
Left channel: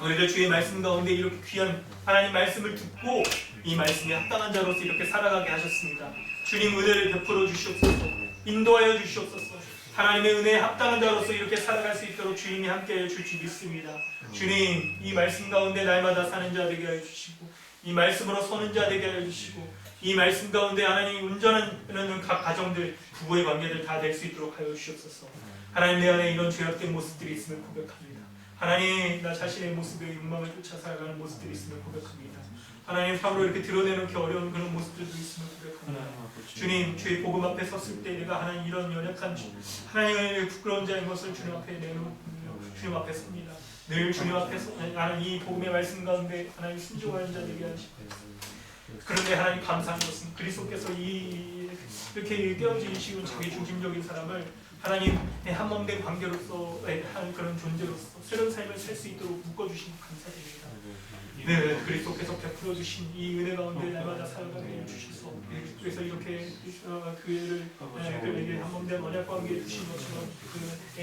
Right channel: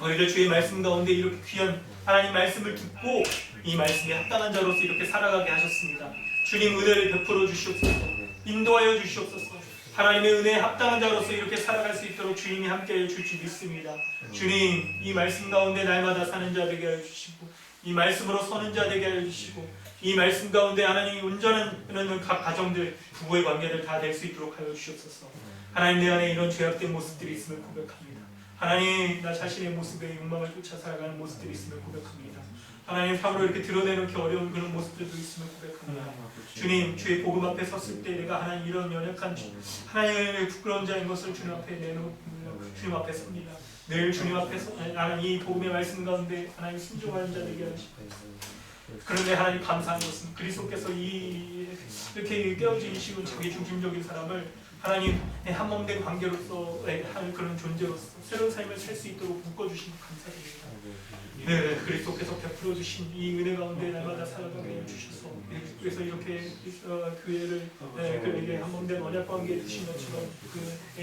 오늘도 주의 말씀 가운데 이렇게 귀한 하나님 말씀을 듣고 이 말씀에 합당한 자로서 이렇게 살아가게 하셨습니다. 주님 은혜를 베풀어 주시옵소서. 인도하여 주시옵소서. 하나님의 은혜에 합당한 자로서 이렇게 살아갈 수 있도록 주님이 함께해 줄 줄 믿습니다. 주님 이 말씀 가운데 날마다 사는 자 되게 하여 주시고 이 말씀으로 서는 자 되게 하여 주시고 이 말씀 가운데 하나님이 온전한 각 가정들 부부의 관계들 다 될 수 있도록 하여 주시옵소서. 하나님 내 안에 이런 죄악된 모습들이 있음을 고백합니다. 하나님 나 자신의 모습에 욕망을 쫓아 살아가는 모습들이 있음을 고백합니다. 하나님 삶으로 이렇게 드러내놓기 어려운 그런 모습들도 있음을 고백합니다. 주님 주의 복음 앞에 섰을 때 내가 하나님 이런 연약한 하나님의 부끄러운 자인 것을 주님 앞에 내놓고 주님 앞에 섭니다. 늘 주님 앞에서 하나님 이 복음의 말씀 가운데 하나님 순종하는 자 되게 하시고 그런데 하나님 감사한 것은 그리스도께서 이렇게 깨어지시고 자기 중심적인 사람을 하나님의 한몸된 관계로서 한 그런 존재로서 새로운 삶을 살 수 있도록 묶어주신 감사드립니다. 네, 그리스도께서 베풀어 주신 이 은혜 가운데 날마다 살아가게 해주셔서 그래서 이렇게 교회를 그에게 한몸된 언약 관계에 주신 것처럼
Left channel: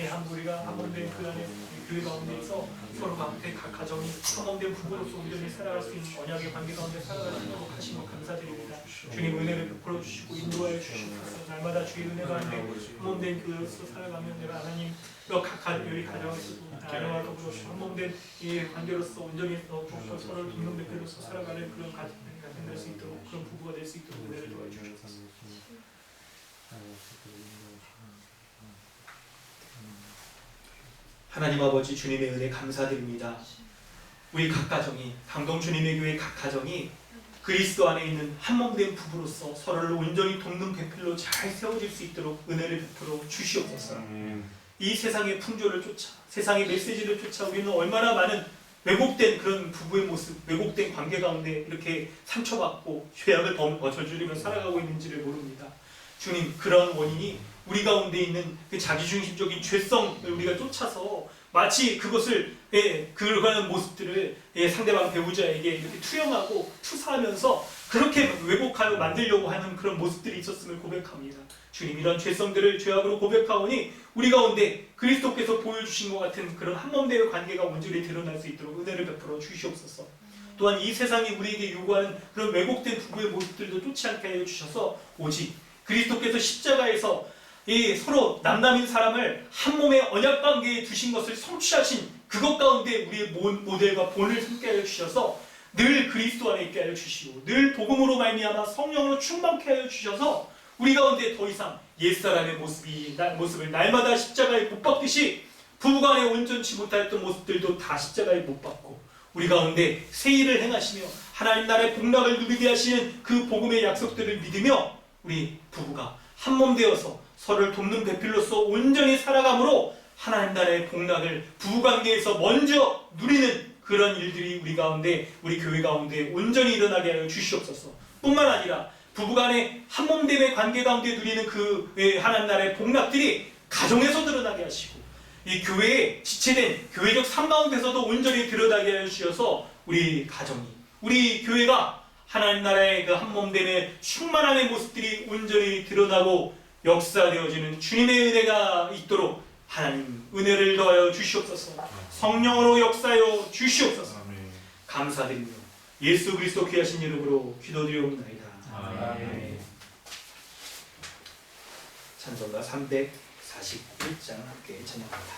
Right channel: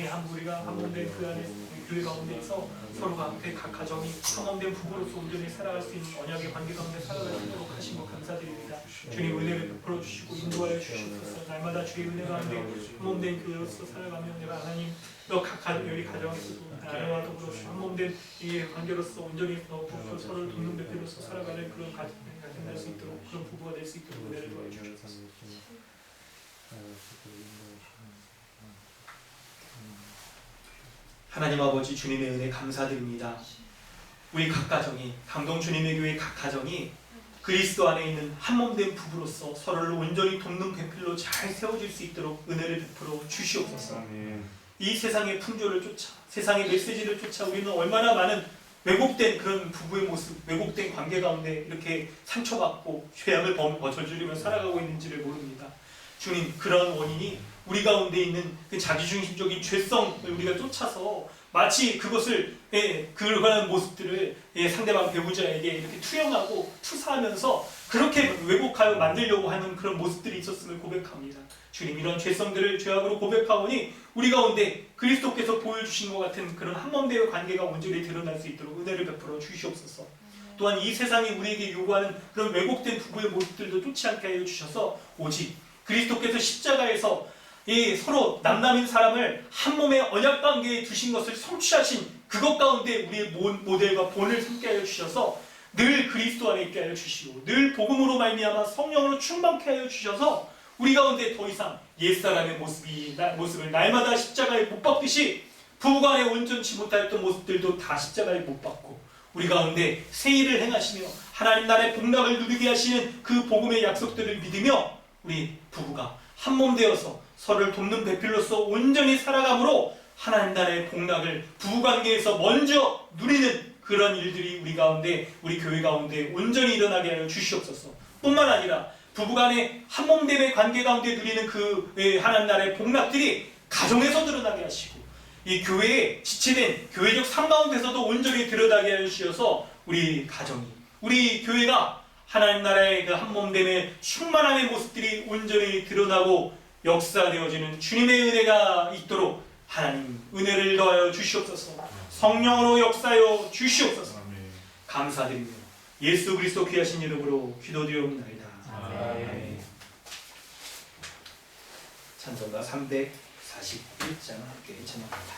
한 우리가 한몸된 그 안에 교회 가운데에서 서로 앞에 각 가정이 한몸된 부부로서 온전히 살아갈 수 있는 언약의 관계 가운데 살아갈 수 있도록 하신 것 감사드립니다. 주님 은혜를 베풀어 주시고 인도하여 주시옵소서. 날마다 주의 은혜 가운데 한몸된 교회로서 살아가면 내가 하나님 각 우리 가정에서도 아내와 더불어 한몸된 이 관계로서 온전히 서로를 돕는 대표로서 살아가는 그런 가정이 될 수 있도록 그런 부부가 될 수 있도록 은혜를 도와 주옵소서. 하나님 아버지 주님의 은혜 감사드립니다. 우리 각 가정이 강동 주님의 교회 각 가정이 그리스도 안에 있는 한몸된 부부로서 서로를 온전히 돕는 배필로 잘 세워질 수 있도록 은혜를 베풀어 주시옵소서. 이 세상의 풍조를 쫓아 세상의 메시지를 쫓아 우리는 얼마나 많은 왜곡된 그런 부부의 모습, 왜곡된 관계 가운데 이렇게 상처받고 죄악을 저지르며 살아가고 있는지를 모릅니다. 주님 그런 원인이 우리 가운데 있는 그 자기중심적인 죄성을 우리가 쫓아서 마치 그것을 그러한 모습들을 상대방 배우자에게 이렇게 투영하고 투사하면서 그렇게 왜곡하여 만들려고 하는 그런 모습들이 있었음을 고백합니다. 주님 이런 죄성들을 죄악으로 고백하오니 우리 가운데 그리스도께서 보여주신 것 같은 그런 한몸된 관계가 온전히 드러날 수 있도록 은혜를 베풀어 주시옵소서. 또한 이 세상이 우리에게 요구하는 그런 왜곡된 부부의 모습들도 쫓지 않게 하여 주셔서 오직 그리스도께서 십자가에서 이 서로 남남인 사람을 한 몸의 언약 관계에 두신 것을 성취하신 그것 가운데 우리의 모델과 본을 삼게 하여 주셔서 늘 그리스도 안에 있게 하여 주시고 늘 복음으로 말미암아 성령으로 충만케 하여 주셔서 우리 가운데 더 이상 옛사람의 모습을 날마다 십자가에 못 박듯이 부부간에 온전치 못하였던 모습들도 다 십자가에 못 박고 우리 가운데 새 일을 행하시며 하나님 나라의 복락을 누리게 하시는 그 복음의 약속들을 믿으며 우리 부부가 한몸 되어서 서로를 돕는 배필로서 온전히 살아감으로 하나님 나라의 복락을 부부관계에서 먼저 누리는 그런 일들이 우리 가운데 우리 교회 가운데 온전히 일어나게 하여 주시옵소서. 뿐만 아니라 부부간의 한몸됨의 관계 가운데 누리는 그 하나님 나라의 복락들이 가정에서 드러나게 하시고 이 교회에 지체된 교회적 삶 가운데서도 온전히 드러나게 하여 주셔서 우리 가정이 우리 교회가 하나님 나라의 그 한몸됨의 충만함의 모습들이 온전히 드러나고 역사되어지는 주님의 은혜가 있도록 하나님 은혜를 더하여 주시옵소서. 성령으로 역사하여 주시옵소서. 감사드리며 예수 그리스도 귀하신 이름으로 기도드리옵나이다. 아멘. 찬송가 341장 함께 찬양합니다.